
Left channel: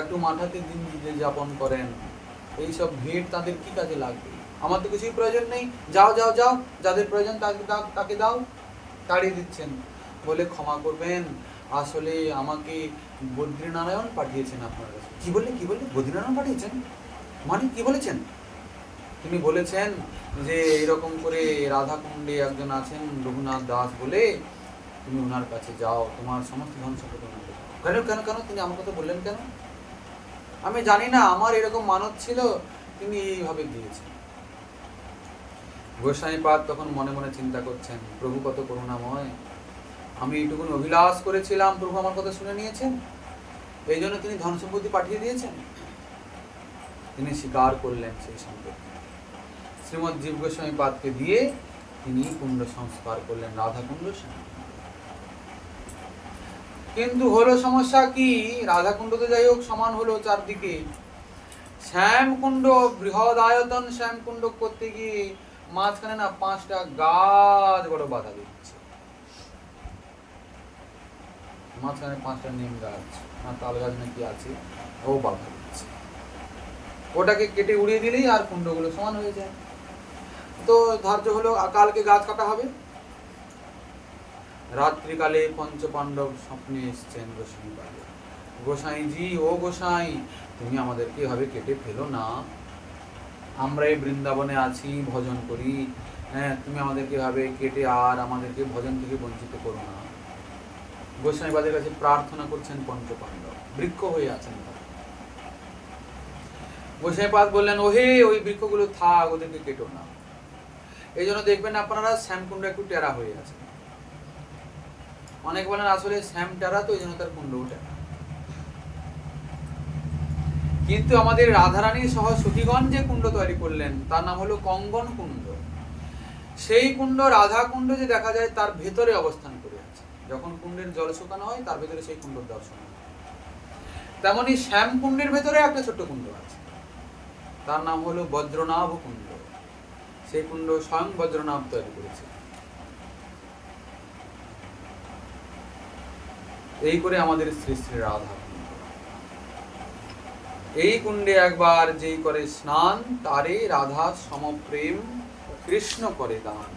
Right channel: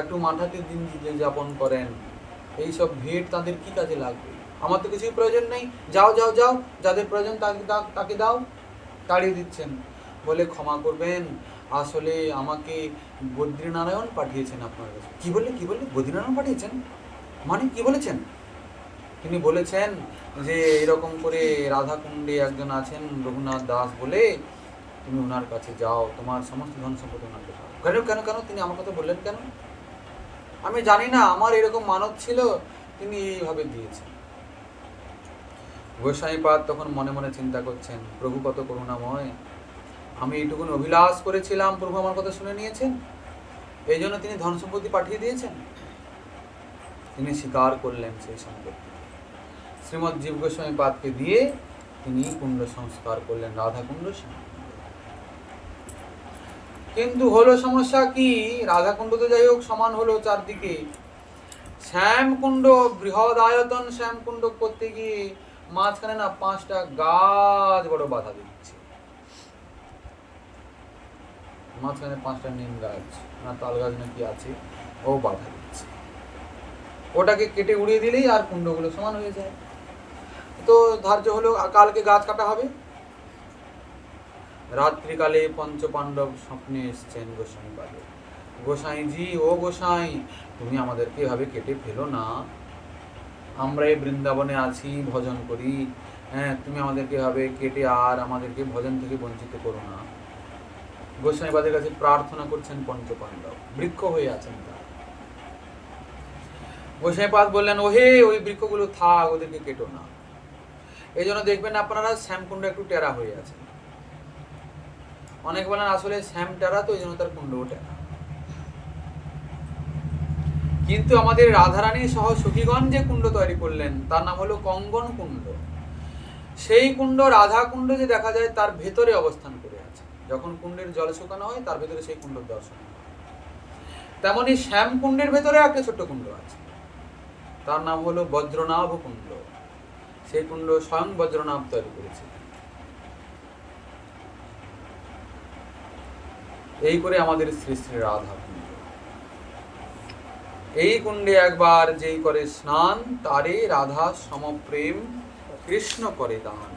একটু মাঠাতে দিন যাপন করেন, এইসব ভেট তাদের কি কাজে লাগবে? আমার তো কিছুই প্রয়োজন নেই। যাও যাও যাও, যাদের প্রয়োজন তাকে দাও। তাড়িয়ে দিচ্ছেন। বলে ক্ষমা করবেন, আসলে আমাকে বদ্রীনারায়ণ পাঠিয়েছেন আপনার কাছে। কি বললে? বদ্রীনারায়ণ পাঠিয়েছেন মানে কি বলেছেন? তিনি বলেছেন যে এরকম করে রাধাকুণ্ডে একজন আছেন রঘুনাথ দাস বলে, তুমি ওনার কাছে যাও, তোমার সমস্ত ধন সম্পদ ওনাকে দাও। কেন কেন কেন তিনি আমার কথা বললেন কেন? আমি জানি না, আমার এরকম মানত ছিল, তিনি এইভাবে দিয়েছেন। গোস্বামীপাদ তখন মনে মনে চিন্তা করছেন, প্রভু কত করুণাময়, আমি এইটুকুন অভিলাষ করেছিলাম, প্রভু আমার কথা শুনে নিয়েছেন, এই জন্য তিনি ধন সম্পত্তি পাঠিয়ে দিয়েছেন। তিনি স্বীকার করলেন সেই সম্পত্তি, শ্রীমৎ জীব গোস্বামীপাদকে দিয়ে তিনি কুণ্ড সংস্কার করলেন, রাধাকুণ্ড শ্যামকুণ্ড। কিন্তু হলো সমস্যা কি, রাধাকুণ্ড তো যাই হোক সমান হলো চারদিকে, শ্যামকুণ্ড বৃহৎ আয়তন শ্যামকুণ্ড করতে গিয়ে মাঝখানে না 5টা গাছ বড় বাধা দিচ্ছে। মাঝখানে 5টা নিম গাছ না তাল গাছ নাকি আছে, ও বাধা দিচ্ছে। ওটাকে কেটে উড়িয়ে দিলেই আর কুণ্ডগুলো সমান হয়ে যায়। তো ধার্য হলো কালকে গাছ কাটা হবে। রাত্রিকালে পঞ্চপাণ্ডব স্বপ্নে এসছেন গোসাইপাদে। গোসাইজি, ও গোসাই, তুমি আমাদেরকে এভাবে কেটে ফেলো না, আমরা এই বৃন্দাবনে আছি, ভজন করি, হ্যাঁ, তুমি আমাদেরকে এভাবে কেটে আর আমাদেরকে ভজন থেকে বঞ্চিত করো না। গোস্বামীপাদের কাছে প্রার্থনা করছেন পঞ্চপাণ্ডব, বৃক্ষ হয়ে আছেন তারা। গোস্বামীপাদ বললেন, ওহে, ওই বৃক্ষগুলো থাক, ওদেরকে কেটো না। এই জন্য দেখবেন আপনারা শ্যামকুণ্ড একটু টেরা হয়ে আছে। অনেক বলেন আসলে শ্যাম টেরা, তো এই জন্য তার কুণ্ডও টেরা। কিন্তু আমাদের রাধারানী সহ সখীগণ যে কুণ্ড তৈরি করলেন তার নাম হলো কঙ্গন কুণ্ড। সেই কুণ্ড, রাধা কুণ্ড যে দেখা যায় তার ভেতরে অবস্থান করে আছে। যখন কুণ্ডের জল শুকানো হয় তার ভেতরে সেই কুণ্ড দর্শন হয়। তেমনি শ্যাম কুণ্ডের ভেতরে একটা ছোট্ট কুণ্ড আছে, তার নাম হলো বজ্রনাভ কুণ্ড। সেই কুণ্ড স্বয়ং বজ্রনাভ তৈরি করেছে। এই করে আমাদের শ্রী শ্রী রাধা কুণ্ড। এই কুণ্ডে একবার যেই করে স্নান, তারে রাধা সমপ্রেম কৃষ্ণ করে দান।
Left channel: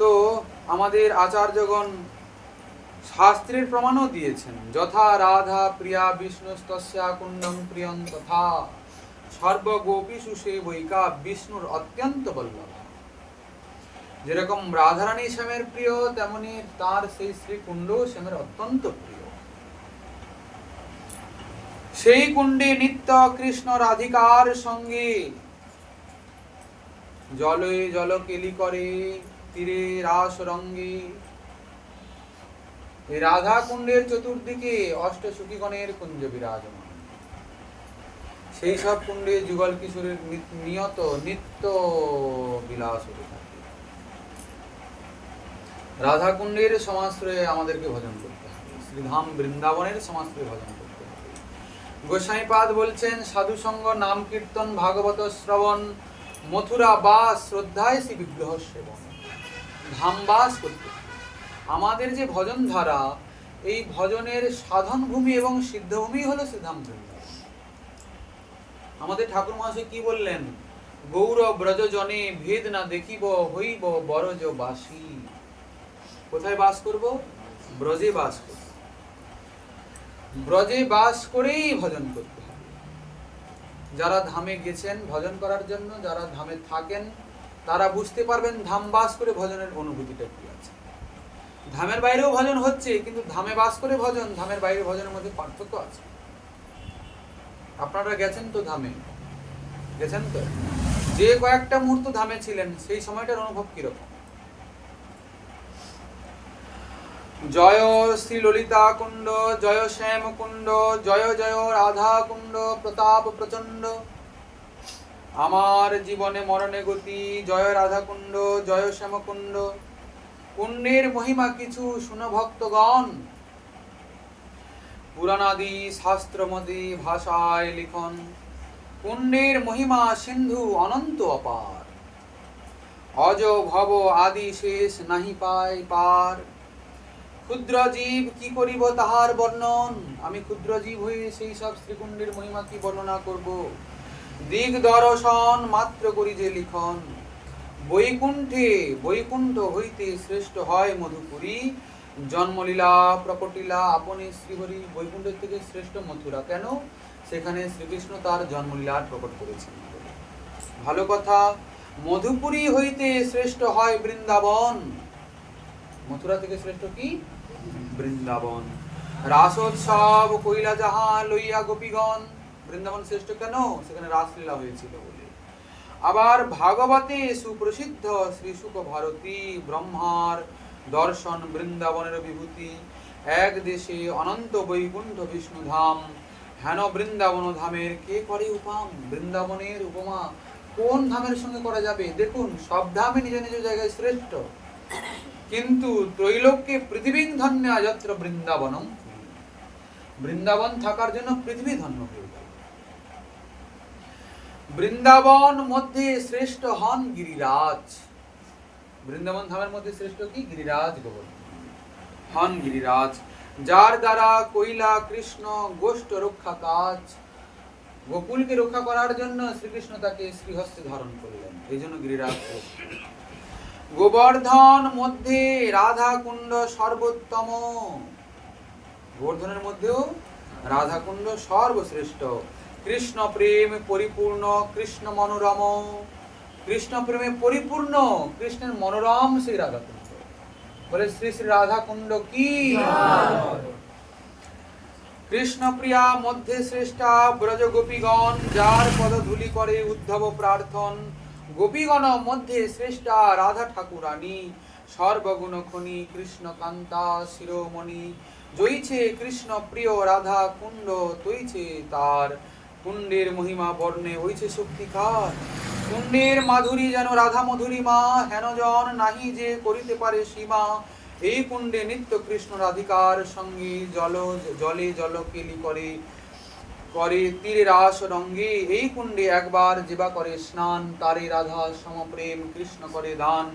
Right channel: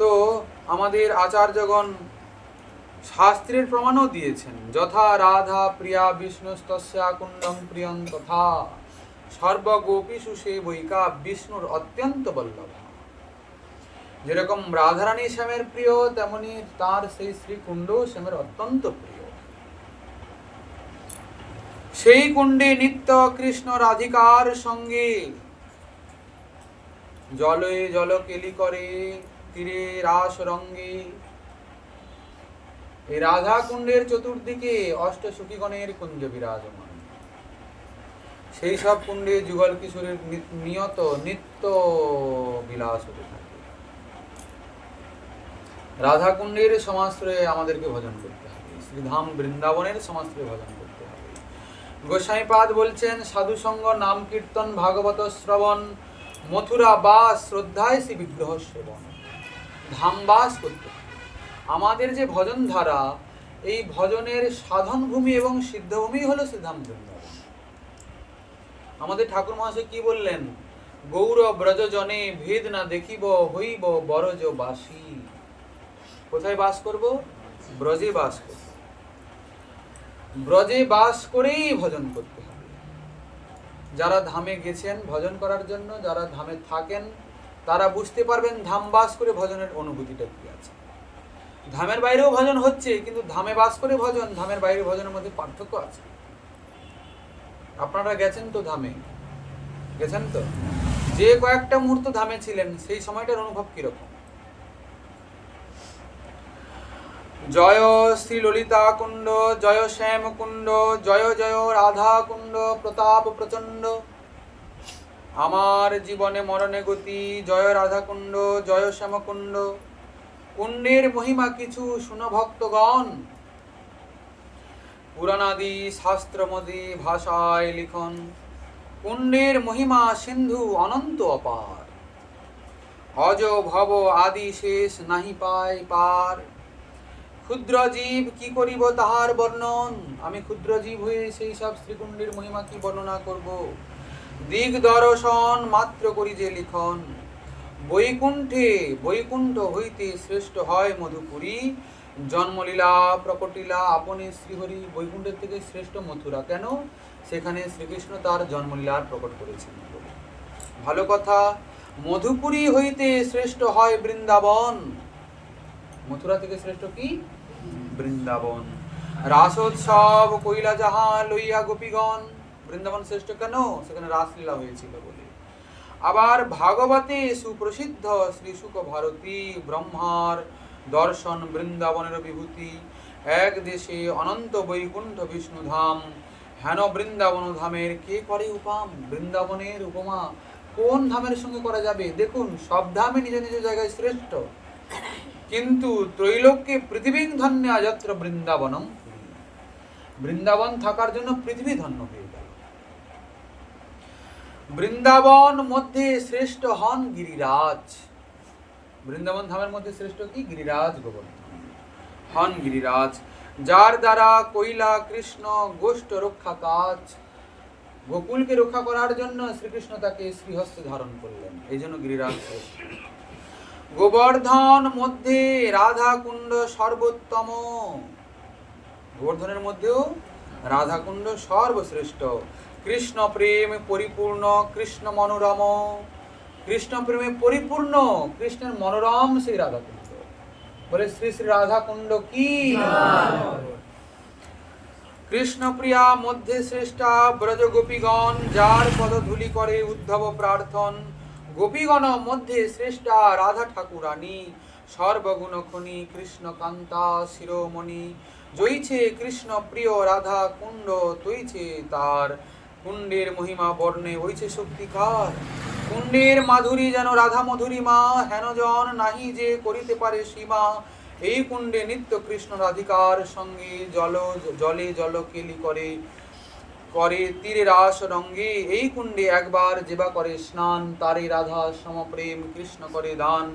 তো আমাদের আচার্যগণ শাস্ত্রের প্রমাণও দিয়েছেন, যথা রাধা প্রিয়া বিষ্ণুস্তস্যা কুণ্ডং প্রিয়ং তথা সর্বগোপীষু সেবৈকা বিষ্ণুর অত্যন্ত বল্লভা। যেরকম রাধারানী শ্যামের প্রিয়, তেমনি তার সেই শ্রীকুণ্ড শ্যামের অত্যন্ত প্রিয়। সেই কুণ্ডে নিত্য কৃষ্ণ রাধিকার সঙ্গে জলে জলকেলি করে, তীরে রাস রঙ্গে। এই রাধা কুণ্ডের চতুর্দিকে অষ্টসখীগণের কুঞ্জ বিরাজমান। সেই সব কুণ্ডে যুগল কিশোরের নিত্য বিলাস হতে থাকে। রাধা কুণ্ডের সমাশ্রয়ে আমাদেরকে ভজন করতে হবে, শ্রীধাম বৃন্দাবনের সমাশ্রয়ে ভজন করতে হবে। গোসাইপাদ বলছেন, সাধু সঙ্গ নাম কীর্তন ভাগবত শ্রবণ, মথুরা বাস শ্রদ্ধায় শ্রী বিগ্রহ সেবন। ধাম বাস করতে হবে। আমাদের যে ভজন ধারা, এই ভজনের সাধন ভূমি এবং সিদ্ধভূমি হলো শ্রীধাম বৃন্দাবন। আমাদের ঠাকুর মহাশয় কি বললেন? গৌর ব্রজ জনে ভেদ না দেখিব, হইব বরজ বাসী। কোথায় বাস করব? ব্রজে বাস করব। ব্রজে বাস করেই ভজন করতে হবে। যারা ধামে গেছেন ভজন করার জন্য, যারা ধামে থাকেন, তারা বুঝতে পারবেন ধাম বাস করে ভজনের অনুভূতিটা কি আছে। ধামের বাইরেও ভজন হচ্ছে, কিন্তু ধামে বাস করে ভজন, ধামের বাইরে ভজনের মধ্যে পার্থক্য আছে। আপনারা গেছেন তো ধামে? গেছেন তো? যে কয়েকটা মুহূর্ত ধামে ছিলেন, সেই সময়টার অনুভব কিরকম? জয় শ্রী ললিতা কুণ্ড, জয় শ্যাম কুণ্ড, জয় জয় রাধা কুণ্ড, প্রতাপ প্রচণ্ড। আমার জীবনে মরণে গতি, জয় রাধা কুণ্ড, জয় শ্যাম কুণ্ড। কুণ্ডের মহিমা কিছু শুনো ভক্তগণ, পুরাণাদি শাস্ত্রমদি ভাষায় লিখন। কুণ্ডের মহিমা সিন্ধু অনন্ত অপার, অজ ভব আদি শেষ নাহি পায় পার। ক্ষুদ্র জীব কি করিব তাহার বর্ণন, আমি ক্ষুদ্র জীব হয়ে সেই সব শ্রীকুণ্ডের মহিমা কি বর্ণনা করব। দিক দর্শন মাত্র করি যে লিখন, বৈকুণ্ঠ হইতে শ্রেষ্ঠ হয় মধুপুরী। জন্মলীলা প্রকটিলা আপনি শ্রীহরি। বৈকুণ্ঠের থেকে শ্রেষ্ঠ মথুরা কেন? সেখানে শ্রীকৃষ্ণ তার জন্মলীলার প্রকট করেছেন। ভালো কথা। মধুপুরী হইতে শ্রেষ্ঠ হয় বৃন্দাবন। মথুরা থেকে শ্রেষ্ঠ কি? বৃন্দাবন। রাসোৎসব কইলা যাহা লইয়া গোপীগণ। বৃন্দাবন শ্রেষ্ঠ কেন? সেখানে রাসলীলা হয়েছিল বলে। আবার ভাগবতে সুপ্রসিদ্ধ শ্রী শুক ভারতী ব্রহ্মার দর্শন বৃন্দাবনের বিভূতি। এক দেশে অনন্ত বৈকুণ্ঠ বিষ্ণুধাম, হেন বৃন্দাবন ধামের কে করে উপাম। বৃন্দাবনের উপমা কোন ধামের সঙ্গে করা যাবে? দেখুন, সব ধামে নিজ নিজ জায়গায় শ্রেষ্ঠ, কিন্তু ত্রৈলোক্যে পৃথিবীং ধন্য যত্র বৃন্দাবনম। বৃন্দাবন থাকার জন্য পৃথিবী ধন্য হয়ে গেল। বৃন্দাবন মধ্যে শ্রেষ্ঠ হন গিরিরাজ। বৃন্দাবন ধামের মধ্যে শ্রেষ্ঠ কি? গিরিরাজ গোবর্ধন হন গিরিরাজ, যার দ্বারা কইলা কৃষ্ণ গোষ্ঠ রক্ষা কাজ। গোকুলকে রক্ষা করার জন্য শ্রীকৃষ্ণ তাকে শ্রীহস্তে ধারণ করলেন, এই জন্য গিরিরাজ। গোবর্ধন মধ্যে রাধা কুণ্ড সর্বোত্তম। গোবর্ধনের মধ্যেও রাধা কুণ্ড সর্বশ্রেষ্ঠ। কৃষ্ণ প্রেম পরিপূর্ণ, কৃষ্ণ মনোরম। কৃষ্ণ প্রেমে পরিপূর্ণ, কৃষ্ণের মনোরম সেই রাধা কুণ্ড। বলে শ্রী শ্রী রাধা কুণ্ড কি? কৃষ্ণ প্রিয়া মধ্যে শ্রেষ্ঠা ব্রজ গোপীগণ, যার পদধূলি করে উদ্ধব প্রার্থন। গোপীগণ মধ্যে শ্রেষ্ঠা রাধা ঠাকুরানী, সর্বগুণ খনি কৃষ্ণ কান্তা শিরোমণি। জয়ছে কৃষ্ণ প্রিয় রাধা কুণ্ড, তৈছে তার কুণ্ডের মহিমা বর্ণে হইছে শক্তিকার। কুণ্ডের মাধুরী যেন রাধা মধুরিমা, হেন জন নাহি যে করিতে পারে সীমা। এই কুণ্ডে নিত্য কৃষ্ণ রাধিকার সঙ্গে জলে জলকেলি করে, তীরে রাস রঙ্গে। এই কুণ্ডে একবার যেবা করে স্নান, তারে রাধা সমপ্রেম কৃষ্ণ করে দান।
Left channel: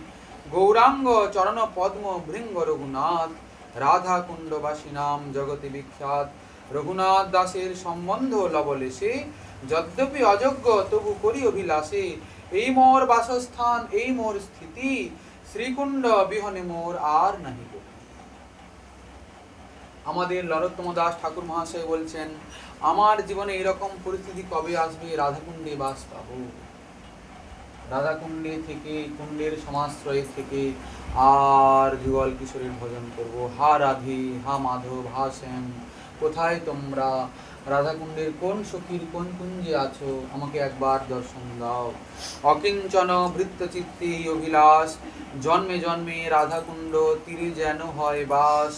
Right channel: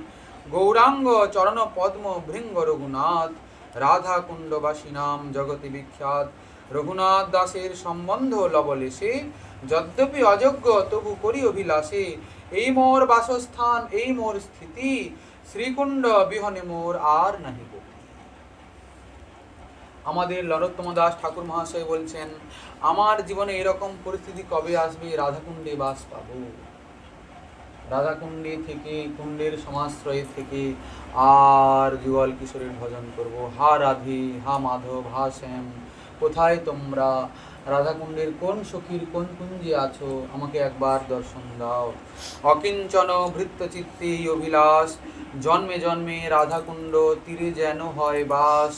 গৌরাঙ্গ চরণ পদ্ম ভৃঙ্গ রঘুনাথ, রাধা কুণ্ডবাসী নাম জগতে বিখ্যাত। রঘুনাথ দাসের সম্বন্ধ লবলেশে, যদ্যপি অযোগ্য তবু করি অভিলাষে। এই মোর বাসস্থান, এই মোর স্থিতি, শ্রীকুণ্ড বিহনে মোর আর নাহি গতি। আমাদের নরোত্তম দাস ঠাকুর মহাশয় বলছেন, আমার জীবনে এরকম পরিস্থিতি কবে আসবে, রাধাকুণ্ডে বাস পাবো। রাধাকুণ্ডে থেকে, কুণ্ডের সমাশ্রয় থেকে আর যুগল কিশোরের ভজন করব। হা রাধে, হা মাধব, হা শ্যাম, কোথায় তোমরা? রাধাকুণ্ডের কোন সখীর কোন কুঞ্জে আছো, আমাকে একবার দর্শন দাও। অকিঞ্চন ভৃত্যচিত্তে অভিলাষ, জন্মে জন্মে রাধাকুণ্ড তীরে যেন হয় বাস।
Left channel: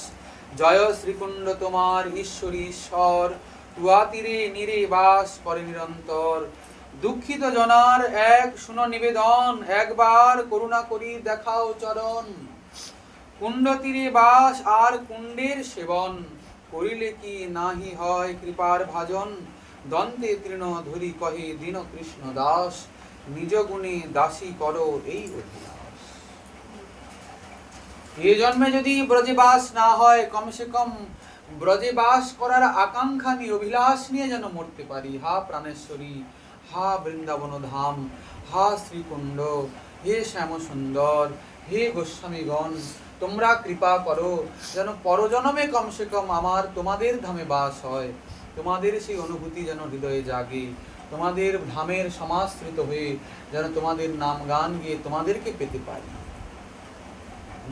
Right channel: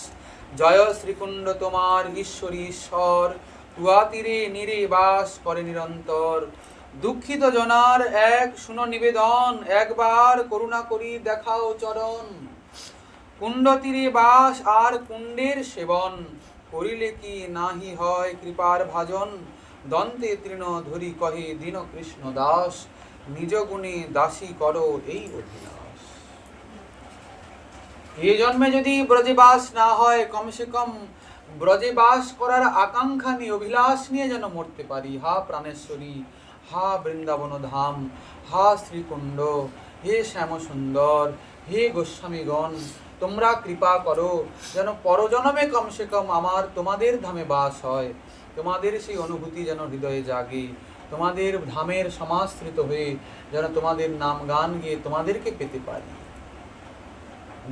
জয় শ্রীকুণ্ড তোমার ঈশ্বরী ঈশ্বর, তুয়া তীরে নীরে বাস করে নিরন্তর। দুঃখিত জনার এক শুনো নিবেদন, একবার করুণা করি দেখাও চরণ। কুণ্ড তীরে বাস আর কুণ্ডের সেবন, করিলে কি নাহি হয় কৃপার ভাজন। দন্তে তৃণ ধরি কহে দীন কৃষ্ণ দাস, নিজ গুণে দাসী করো এই অভিলাষ। এ জন্মে যদি ব্রজে বাস না হয়, কমসে কম ব্রজে বাস করার আকাঙ্ক্ষা আমি অভিলাষ নিয়ে যেন মরতে পারি। হা প্রাণেশ্বরী, হা বৃন্দাবন ধাম, হা শ্রীকুণ্ড, হে শ্যাম সুন্দর, হে গোস্বামীগণ, তোমরা কৃপা করো যেন পরজন্মে কমসে কম আমার তোমাদের ধামে বাস হয়। তোমাদের সেই অনুভূতি যেন হৃদয়ে জাগে, তোমাদের ধামের সমাশ্রিত হয়ে যেন তোমাদের নাম গান গিয়ে তোমাদেরকে পেতে পারি।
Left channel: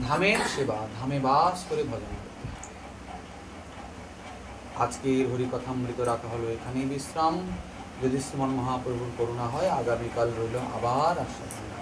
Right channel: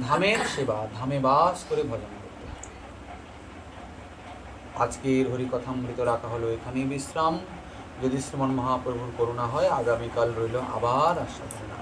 ধামের সেবা, ধামে বাস করে ভজন করতে হবে। আজকের হরিকথামৃত রাখা হলো এখানেই বিশ্রাম। যদি শ্রীমন মহাপ্রভুর করুণা হয়, আগামীকাল রইল আবার আস্বাদনা।